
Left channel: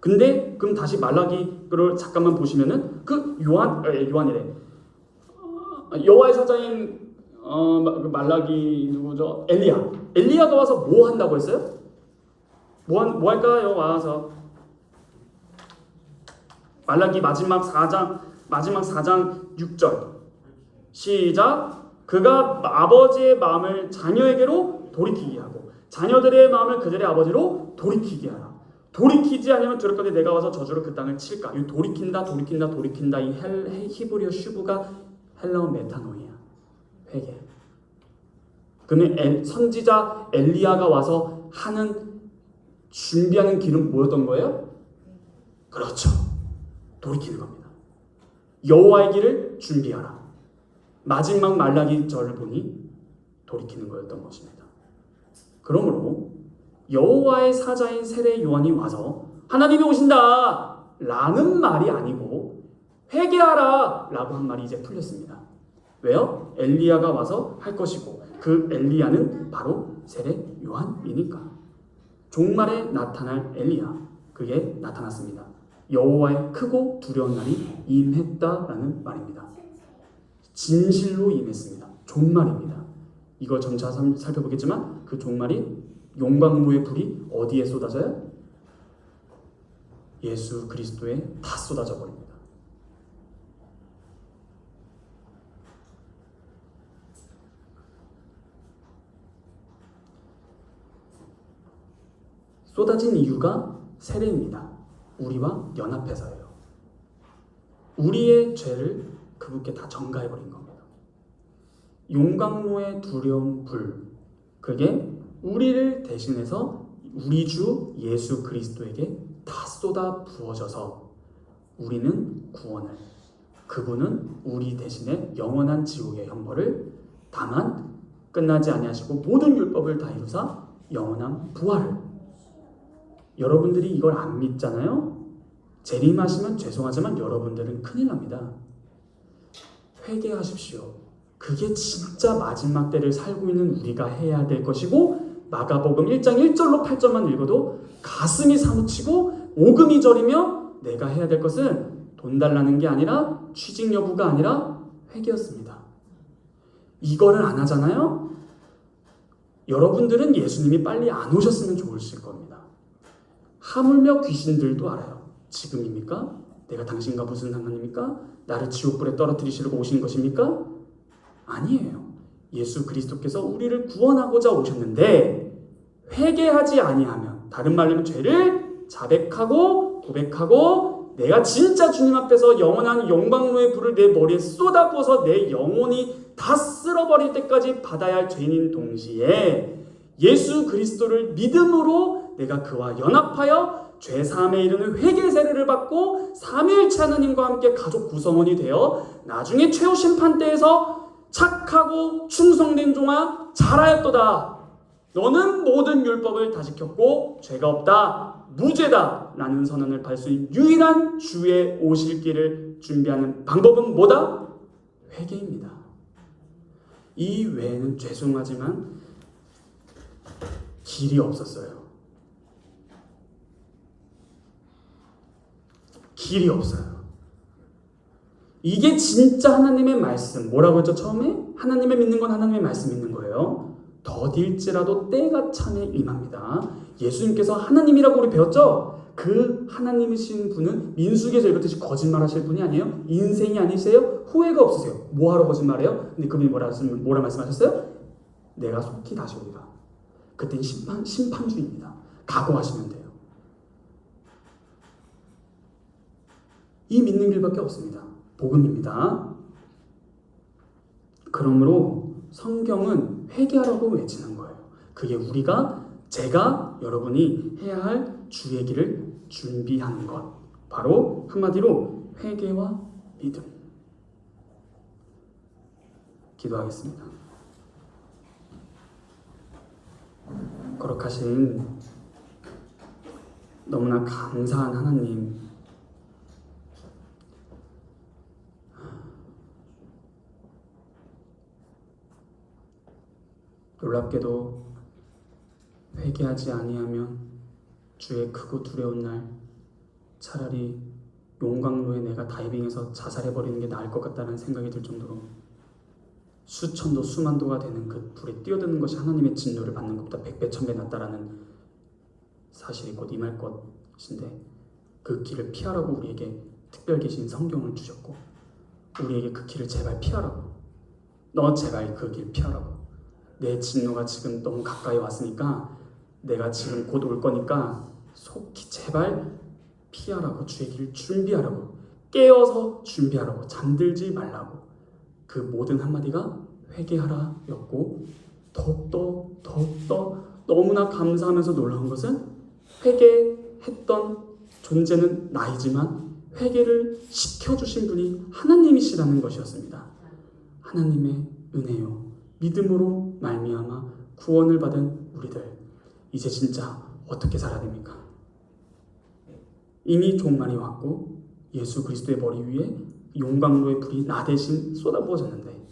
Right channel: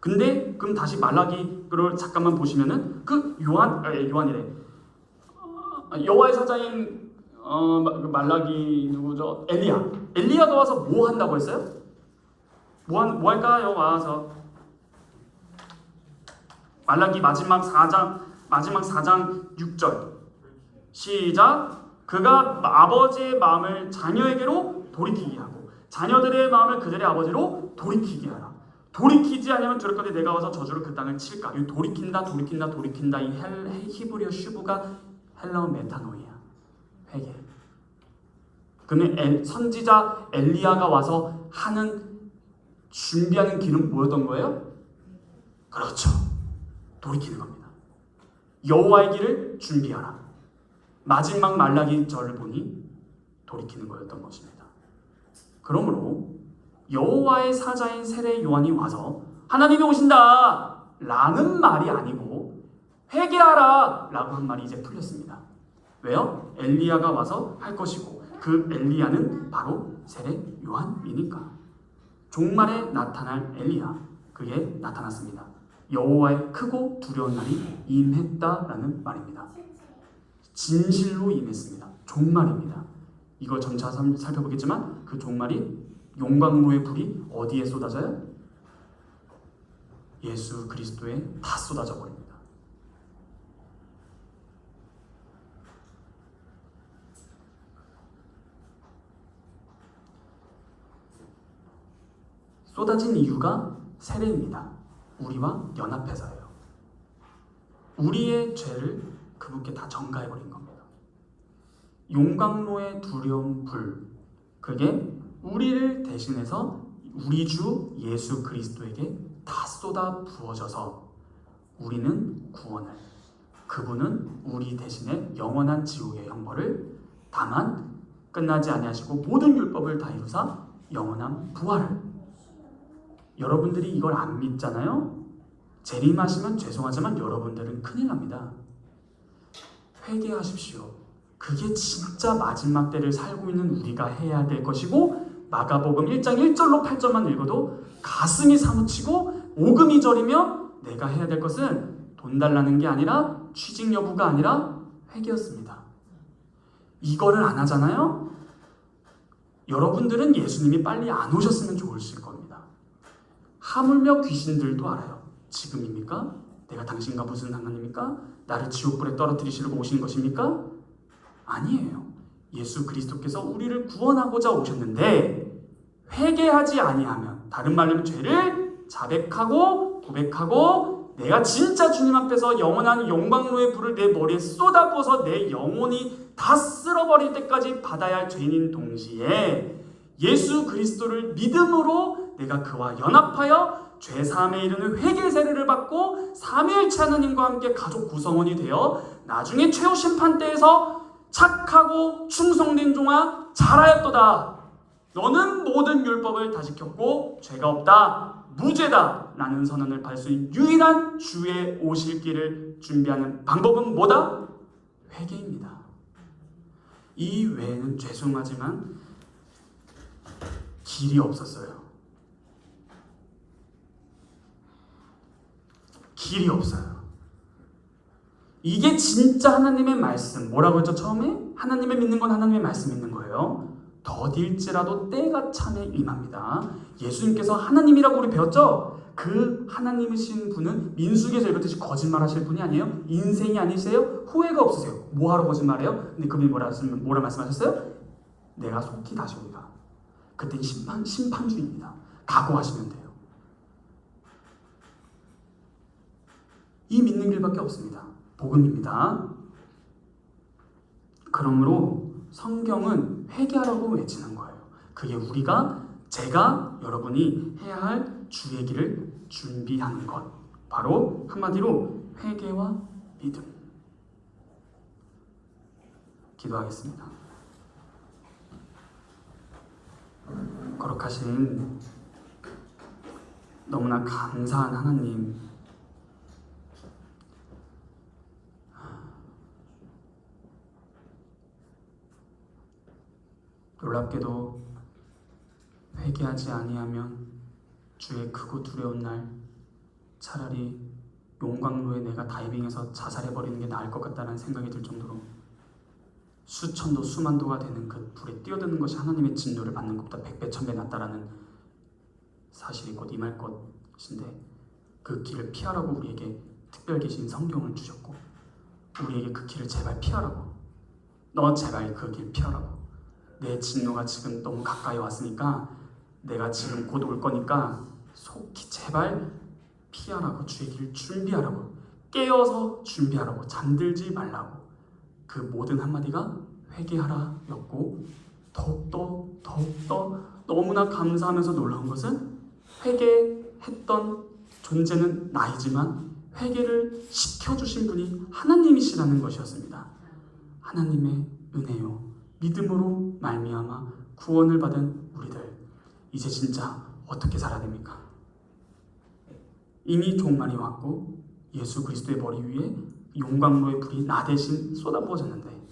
근데 그럼 다시 말라기를 잠깐만 보시면은 그 요한이래. 여호와의 사자인 말라기 누구죠? 엘리야가 와서 뭐 한다고 했어요? 뭐 할까요? 와서 말라기 마지막 4장 6절 시작. 그가 아버지의 마음을 자녀에게로 돌이키게 하고 자녀들의 마음을 그들의 아버지로 돌이키게 하라. 돌이키지 않으면 저럴 건데 내가 와서 저주로 그 땅을 칠까. 이 돌이킨다. 이 히브리어 슈브가 헬라어 메타노이야. 회개. 그러면 선지자 엘리야가 와서 준비하는 길은 뭐였던 거예요? 그렇죠. 돌이키는 겁니다. 여호와의 길을 준비하라. 마지막 말라기 절을 보니 돌이키는 거였던 것입니다. 그러므로 여호와의 사자인 세례 요한이 와서 하나님이 오신다 라는 말이 아니고 회개하라 라고 한 말이 이제 풀렸습니다. 왜요? 엘리야가 와서 할 것이고 그 엘리야는 바로 세례 요한이니까. 종말에 나타날 엘리야, 그게 나타났습니다. 여호와의 크고 두려운 날이 임했다라는 말입니다. 진실로 임했습니다. 종말입니다. 이거 점차 살펴보겠지만 그 종말이 용광로의 불이 어디에 쏟아져요? 예수 그리스도에 다 쏟아져 버립니다. 쏟아진 이유가 세례입니다. 우리와 연합해서예요. 우리의 죄를 그분께 다 전가해버린 겁니다. 용광로의 두려운 불, 그게 우리를 대신해서 우리 주 예수 그리스도에게 다 쏟아 부어져서 우리는 구원을, 그분은 우리 대신에 영원한 지옥의 형벌을 다만 끝나지 아니하시고 모든 율법을 다 이루사 영원한 부활을. 여러분들이 이걸 안 믿잖아요? 재림하시면 죄송하지만 여러분들은 큰일 납니다. 회개하십시오. 그게 진짜 마지막 때를 살고 있는 우리가 해야 될 것이고, 마가복음 1장 1절로 8절만 읽어도 가슴이 사무치고 오금이 저리며 내가 해야 될 것은 돈 달라는 게 아니라 취직 여부가 아니라 회개였습니다. 이거를 안 하잖아요? 여러분들은 예수님이 빨리 안 오셨으면 좋으실 겁니다. 하물며 귀신들도 알아요. 지금입니까? 내가 당신과 무슨 상관입니까? 나를 지옥불에 떨어뜨리시려고 오신 것입니까? 아니에요. 예수 그리스도께서 우리를 구원하고자 오셨는데 회개하지 아니하면, 다른 말로 죄를 자백하고 고백하고 내가 진짜 주님 앞에서 영원한 영광로의 불을 내 머리에 쏟아부어서 내 영혼이 다 쓸어버릴 때까지 받아야 할 죄인인 동시에 예수 그리스도를 믿음으로 내가 그와 연합하여 죄사함에 이르는 회개 세례를 받고 삼위일체 하나님과 함께 가족 구성원이 되어 나중에 최후 심판 때에서 착하고 충성된 종아 잘하였도다. 너는 모든 율법을 다 지켰고 죄가 없다, 무죄다 라는 선언을 받을 수 있는 유일한 주의 오실 길을 준비하는 방법은 뭐다? 회개입니다. 이 외에는 죄송하지만 길이 없었어요. 길이 없어요. 이게 진짜 하나님의 말씀. 뭐라고 했죠? 처음에 하나님을 믿는 건 하나님의 말씀 믿는 거예요. 더딜지라도 때가 참에 임합니다. 예수님께서 하나님이라고 우리 배웠죠? 그 하나님이신 분은 민수기에서 읽었듯이 거짓말하실 분이 아니에요. 인생이 아니세요. 후회가 없으세요. 뭐하러 거짓말해요? 근데 그분이 뭐라 말씀하셨어요? 내가 속히 다시 오리라. 그땐 심판주의입니다. 각오하시면 돼요. 이 믿는 길밖에 없습니다. 복음입니다. 그러므로 성경은 회개하라고 외치는 거예요. 그게 제가 여러분이 해야 할 주의 길을 준비하는 것. 바로 한마디로 회개와 믿음. 기도하겠습니다. 거룩하신 너무나 감사한 하나님, 놀랍게도 회개하지 아니하면 주의 크고 두려운 날 차라리 용광로에 내가 다이빙해서 자살해버리는 게 나을 것 같다는 생각이 들 정도로 수천도 수만도가 되는 그 불에 뛰어드는 것이 하나님의 진노를 받는 것보다 100배 1000배 낫다라는 사실이 곧 임할 것인데, 그 길을 피하라고 우리에게 특별 계신 성경을 주셨고 우리에게 그 길을 제발 피하라고, 너 제발 그 길 피하라고, 내 진노가 지금 너무 가까이 왔으니까 내가 지금 곧 올 거니까 속히 제발 피하라고, 주의 길을 준비하라고, 깨어서 준비하라고, 잠들지 말라고. 그 모든 한마디가 회개하라 였고, 더욱더 너무나 감사하면서 놀라운 것은 회개했던 존재는 나이지만 회개를 시켜주신 분이 하나님이시라는 것이었습니다. 하나님의 은혜요 믿음으로 말미암아 구원을 받은 우리들, 이제 진짜 어떻게 살아야 됩니까? 이미 종말이 왔고 예수 그리스도의 머리 위에 용광로의 불이 나 대신 쏟아부어졌는데,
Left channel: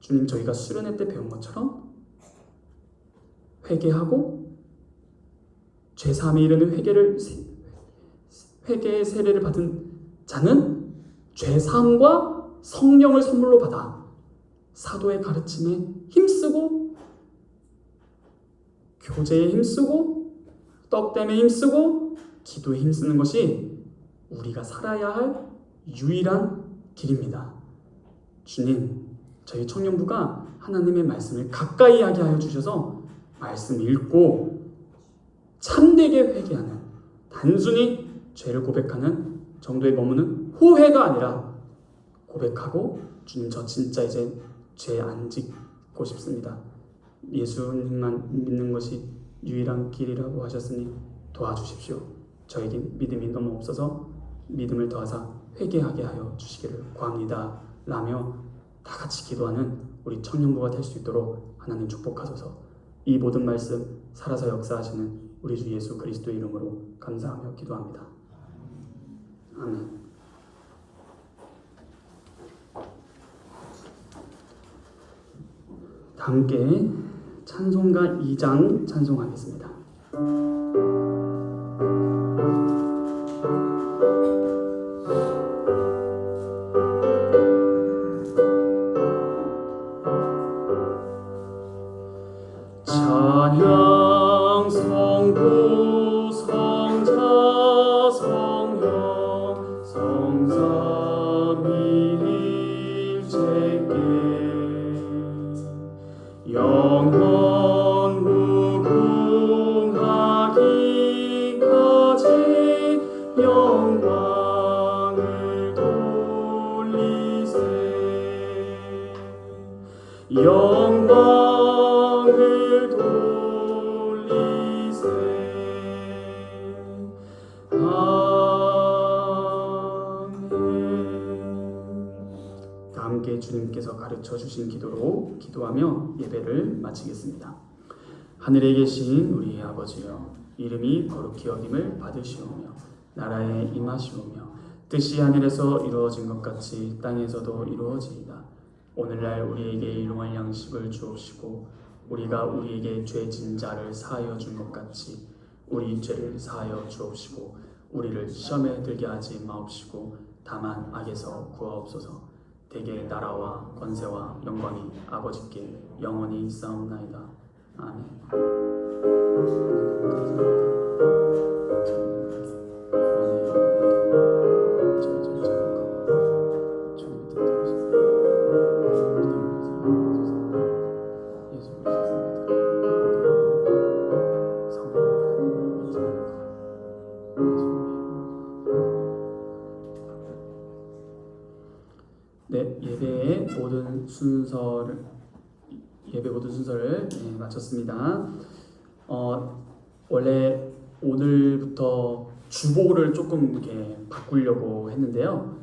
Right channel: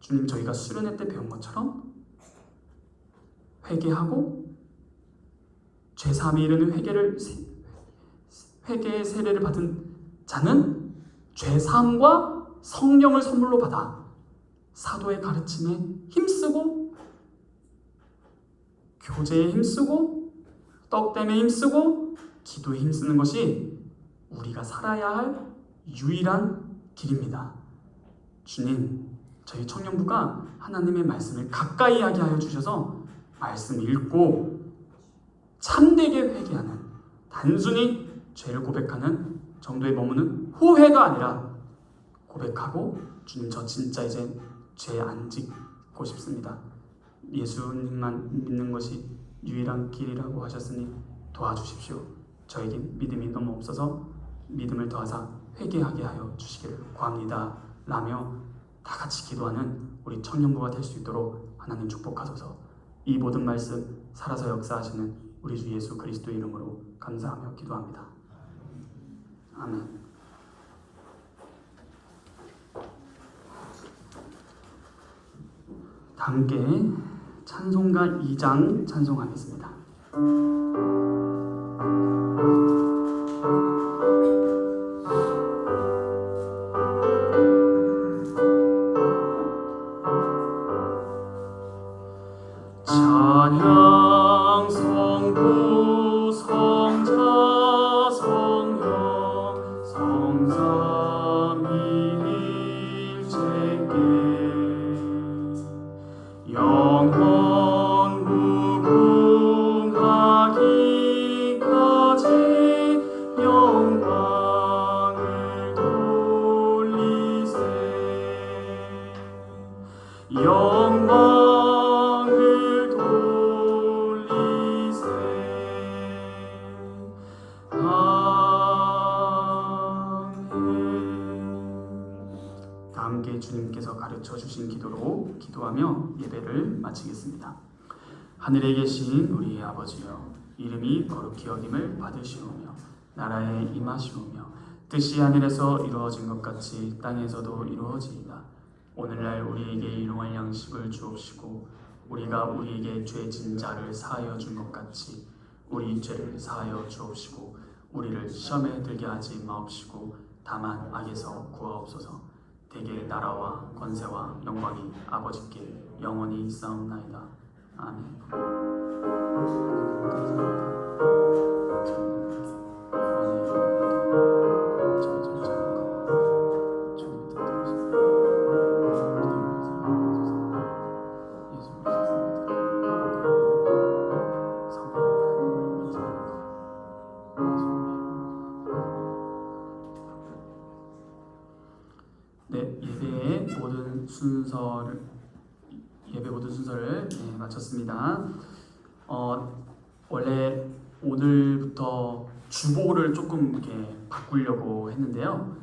주님, 저희가 수련회 때 배운 것처럼 회개하고 죄사함에 이르는 회개의 세례를 받은 자는 죄사함과 성령을 선물로 받아 사도의 가르침에 힘쓰고 교제에 힘쓰고 떡댐에 힘쓰고 기도에 힘쓰는 것이 우리가 살아야 할 유일한 길입니다. 주님, 저희 청년부가 하나님의 말씀을 가까이 하게 하여 주셔서 말씀 읽고 참되게 회개하는, 단순히 죄를 고백하는 정도에 머무는 후회가 아니라 고백하고, 주님, 저 진짜 이제 죄 안 짓고 싶습니다. 예수님만 믿는 것이 유일한 길이라고 하셨으니 도와주십시오. 저에게 믿음이 너무 없어서 믿음을 더하사 회개하게 하여 주시기를 구합니다 라며 다 같이 기도하는 우리 청년부가 될 수 있도록 하나님 축복하소서. 이 모든 말씀 살아서 역사하시는 우리 주 예수 그리스도의 이름으로 감사하며 기도합니다. 아멘. 다 함께 찬송가 2장 찬송하겠습니다. 찬양 성부 성자 성령 성삼위일체께 영원 무궁하기까지 영광을 돌리세. 영광을 돌리세. 아멘. 다 함께 주님께서 가르쳐 주신 기도로 기도하며 예배를 마치겠습니다. 하늘에 계신 우리 아버지여, 이름이 거룩히 여김을 받으시오며 나라에 임하시오며 뜻이 하늘에서 이루어진 것 같이 땅에서도 이루어지이다. 오늘날 우리에게 일용할 양식을 주옵시고 우리가 우리에게 죄진 자를 사하여 준 것 같이 우리 죄를 사하여 주옵시고 우리를 시험에 들게 하지 마옵시고 다만 악에서 구하옵소서. 대개 나라와 권세와 영광이 아버지께 영원히 있사옵나이다. 아멘. 네, 예배 모든 순서를 마쳤습니다. 원래 오늘부터 주보를 조금 이렇게 바꾸려고 했는데요.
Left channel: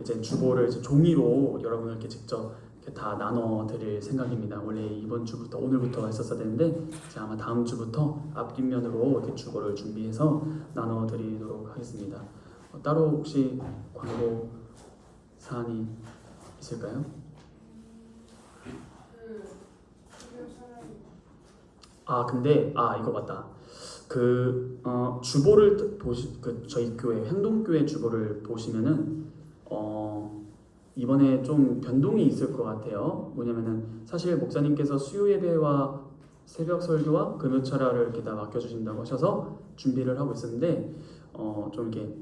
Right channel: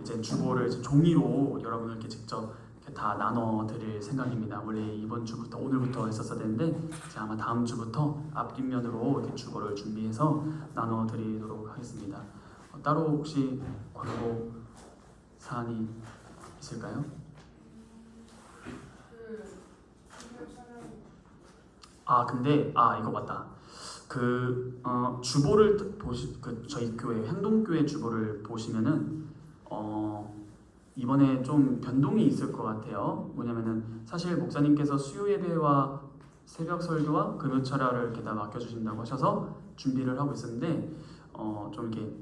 이제 주보를 이제 종이로 여러분들께 직접 이렇게 다 나눠 드릴 생각입니다. 원래 이번 주부터 오늘부터 했었어야 되는데 이제 아마 다음 주부터 앞뒷면으로 이렇게 주보를 준비해서 나눠 드리도록 하겠습니다. 따로 혹시 광고 사안이 있을까요? 근데 이거 맞다. 주보를 저희 교회 행동교회 주보를 보시면은 이번에 좀 변동이 있을 것 같아요. 뭐냐면은 사실 목사님께서 수요 예배와 새벽 설교와 금요철야를 이렇게 다 맡겨주신다고 하셔서 준비를 하고 있었는데 좀 이렇게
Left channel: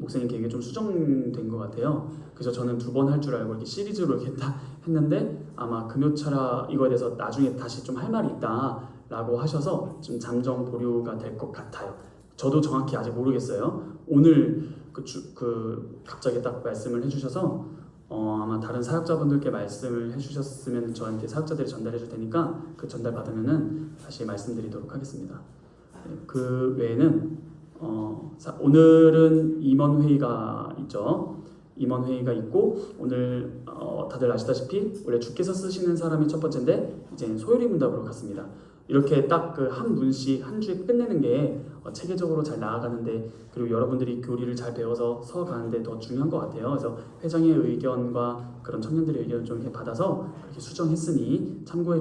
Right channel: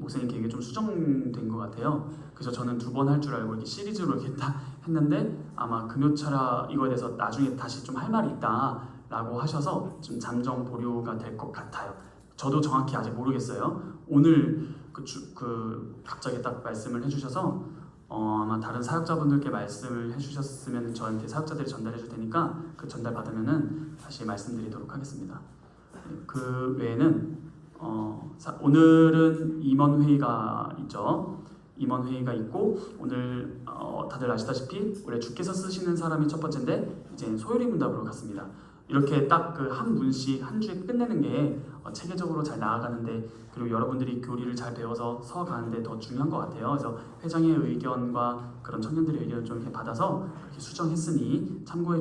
목사님 계획이 좀 수정된 것 같아요. 그래서 저는 2번 할 줄 알고 이렇게 시리즈로 이렇게 다 했는데 아마 금요철야 이거에 대해서 나중에 다시 좀 할 말이 있다라고 하셔서 좀 잠정 보류가 될 것 같아요. 저도 정확히 아직 모르겠어요. 오늘 갑자기 딱 말씀을 해주셔서 아마 다른 사역자분들께 말씀을 해주셨으면 저한테 사역자들이 전달해 줄 테니까 그 전달 받으면은 다시 말씀드리도록 하겠습니다. 그 외에는 오늘은 임원회의가 있죠. 임원회의가 있고 오늘 다들 아시다시피 원래 주께서 쓰시는 사람이 첫 번째인데 이제 소요리 문답으로 갔습니다. 이렇게 딱 그 한 문씩 한 주에 끝내는 게 체계적으로 잘 나아가는데, 그리고 여러분들이 교리를 잘 배워서 서가는데 더 중요한 것 같아요. 그래서 회장의 의견과 그런 청년들의 의견을 좀 이렇게 받아서 이렇게 수정했으니 참고해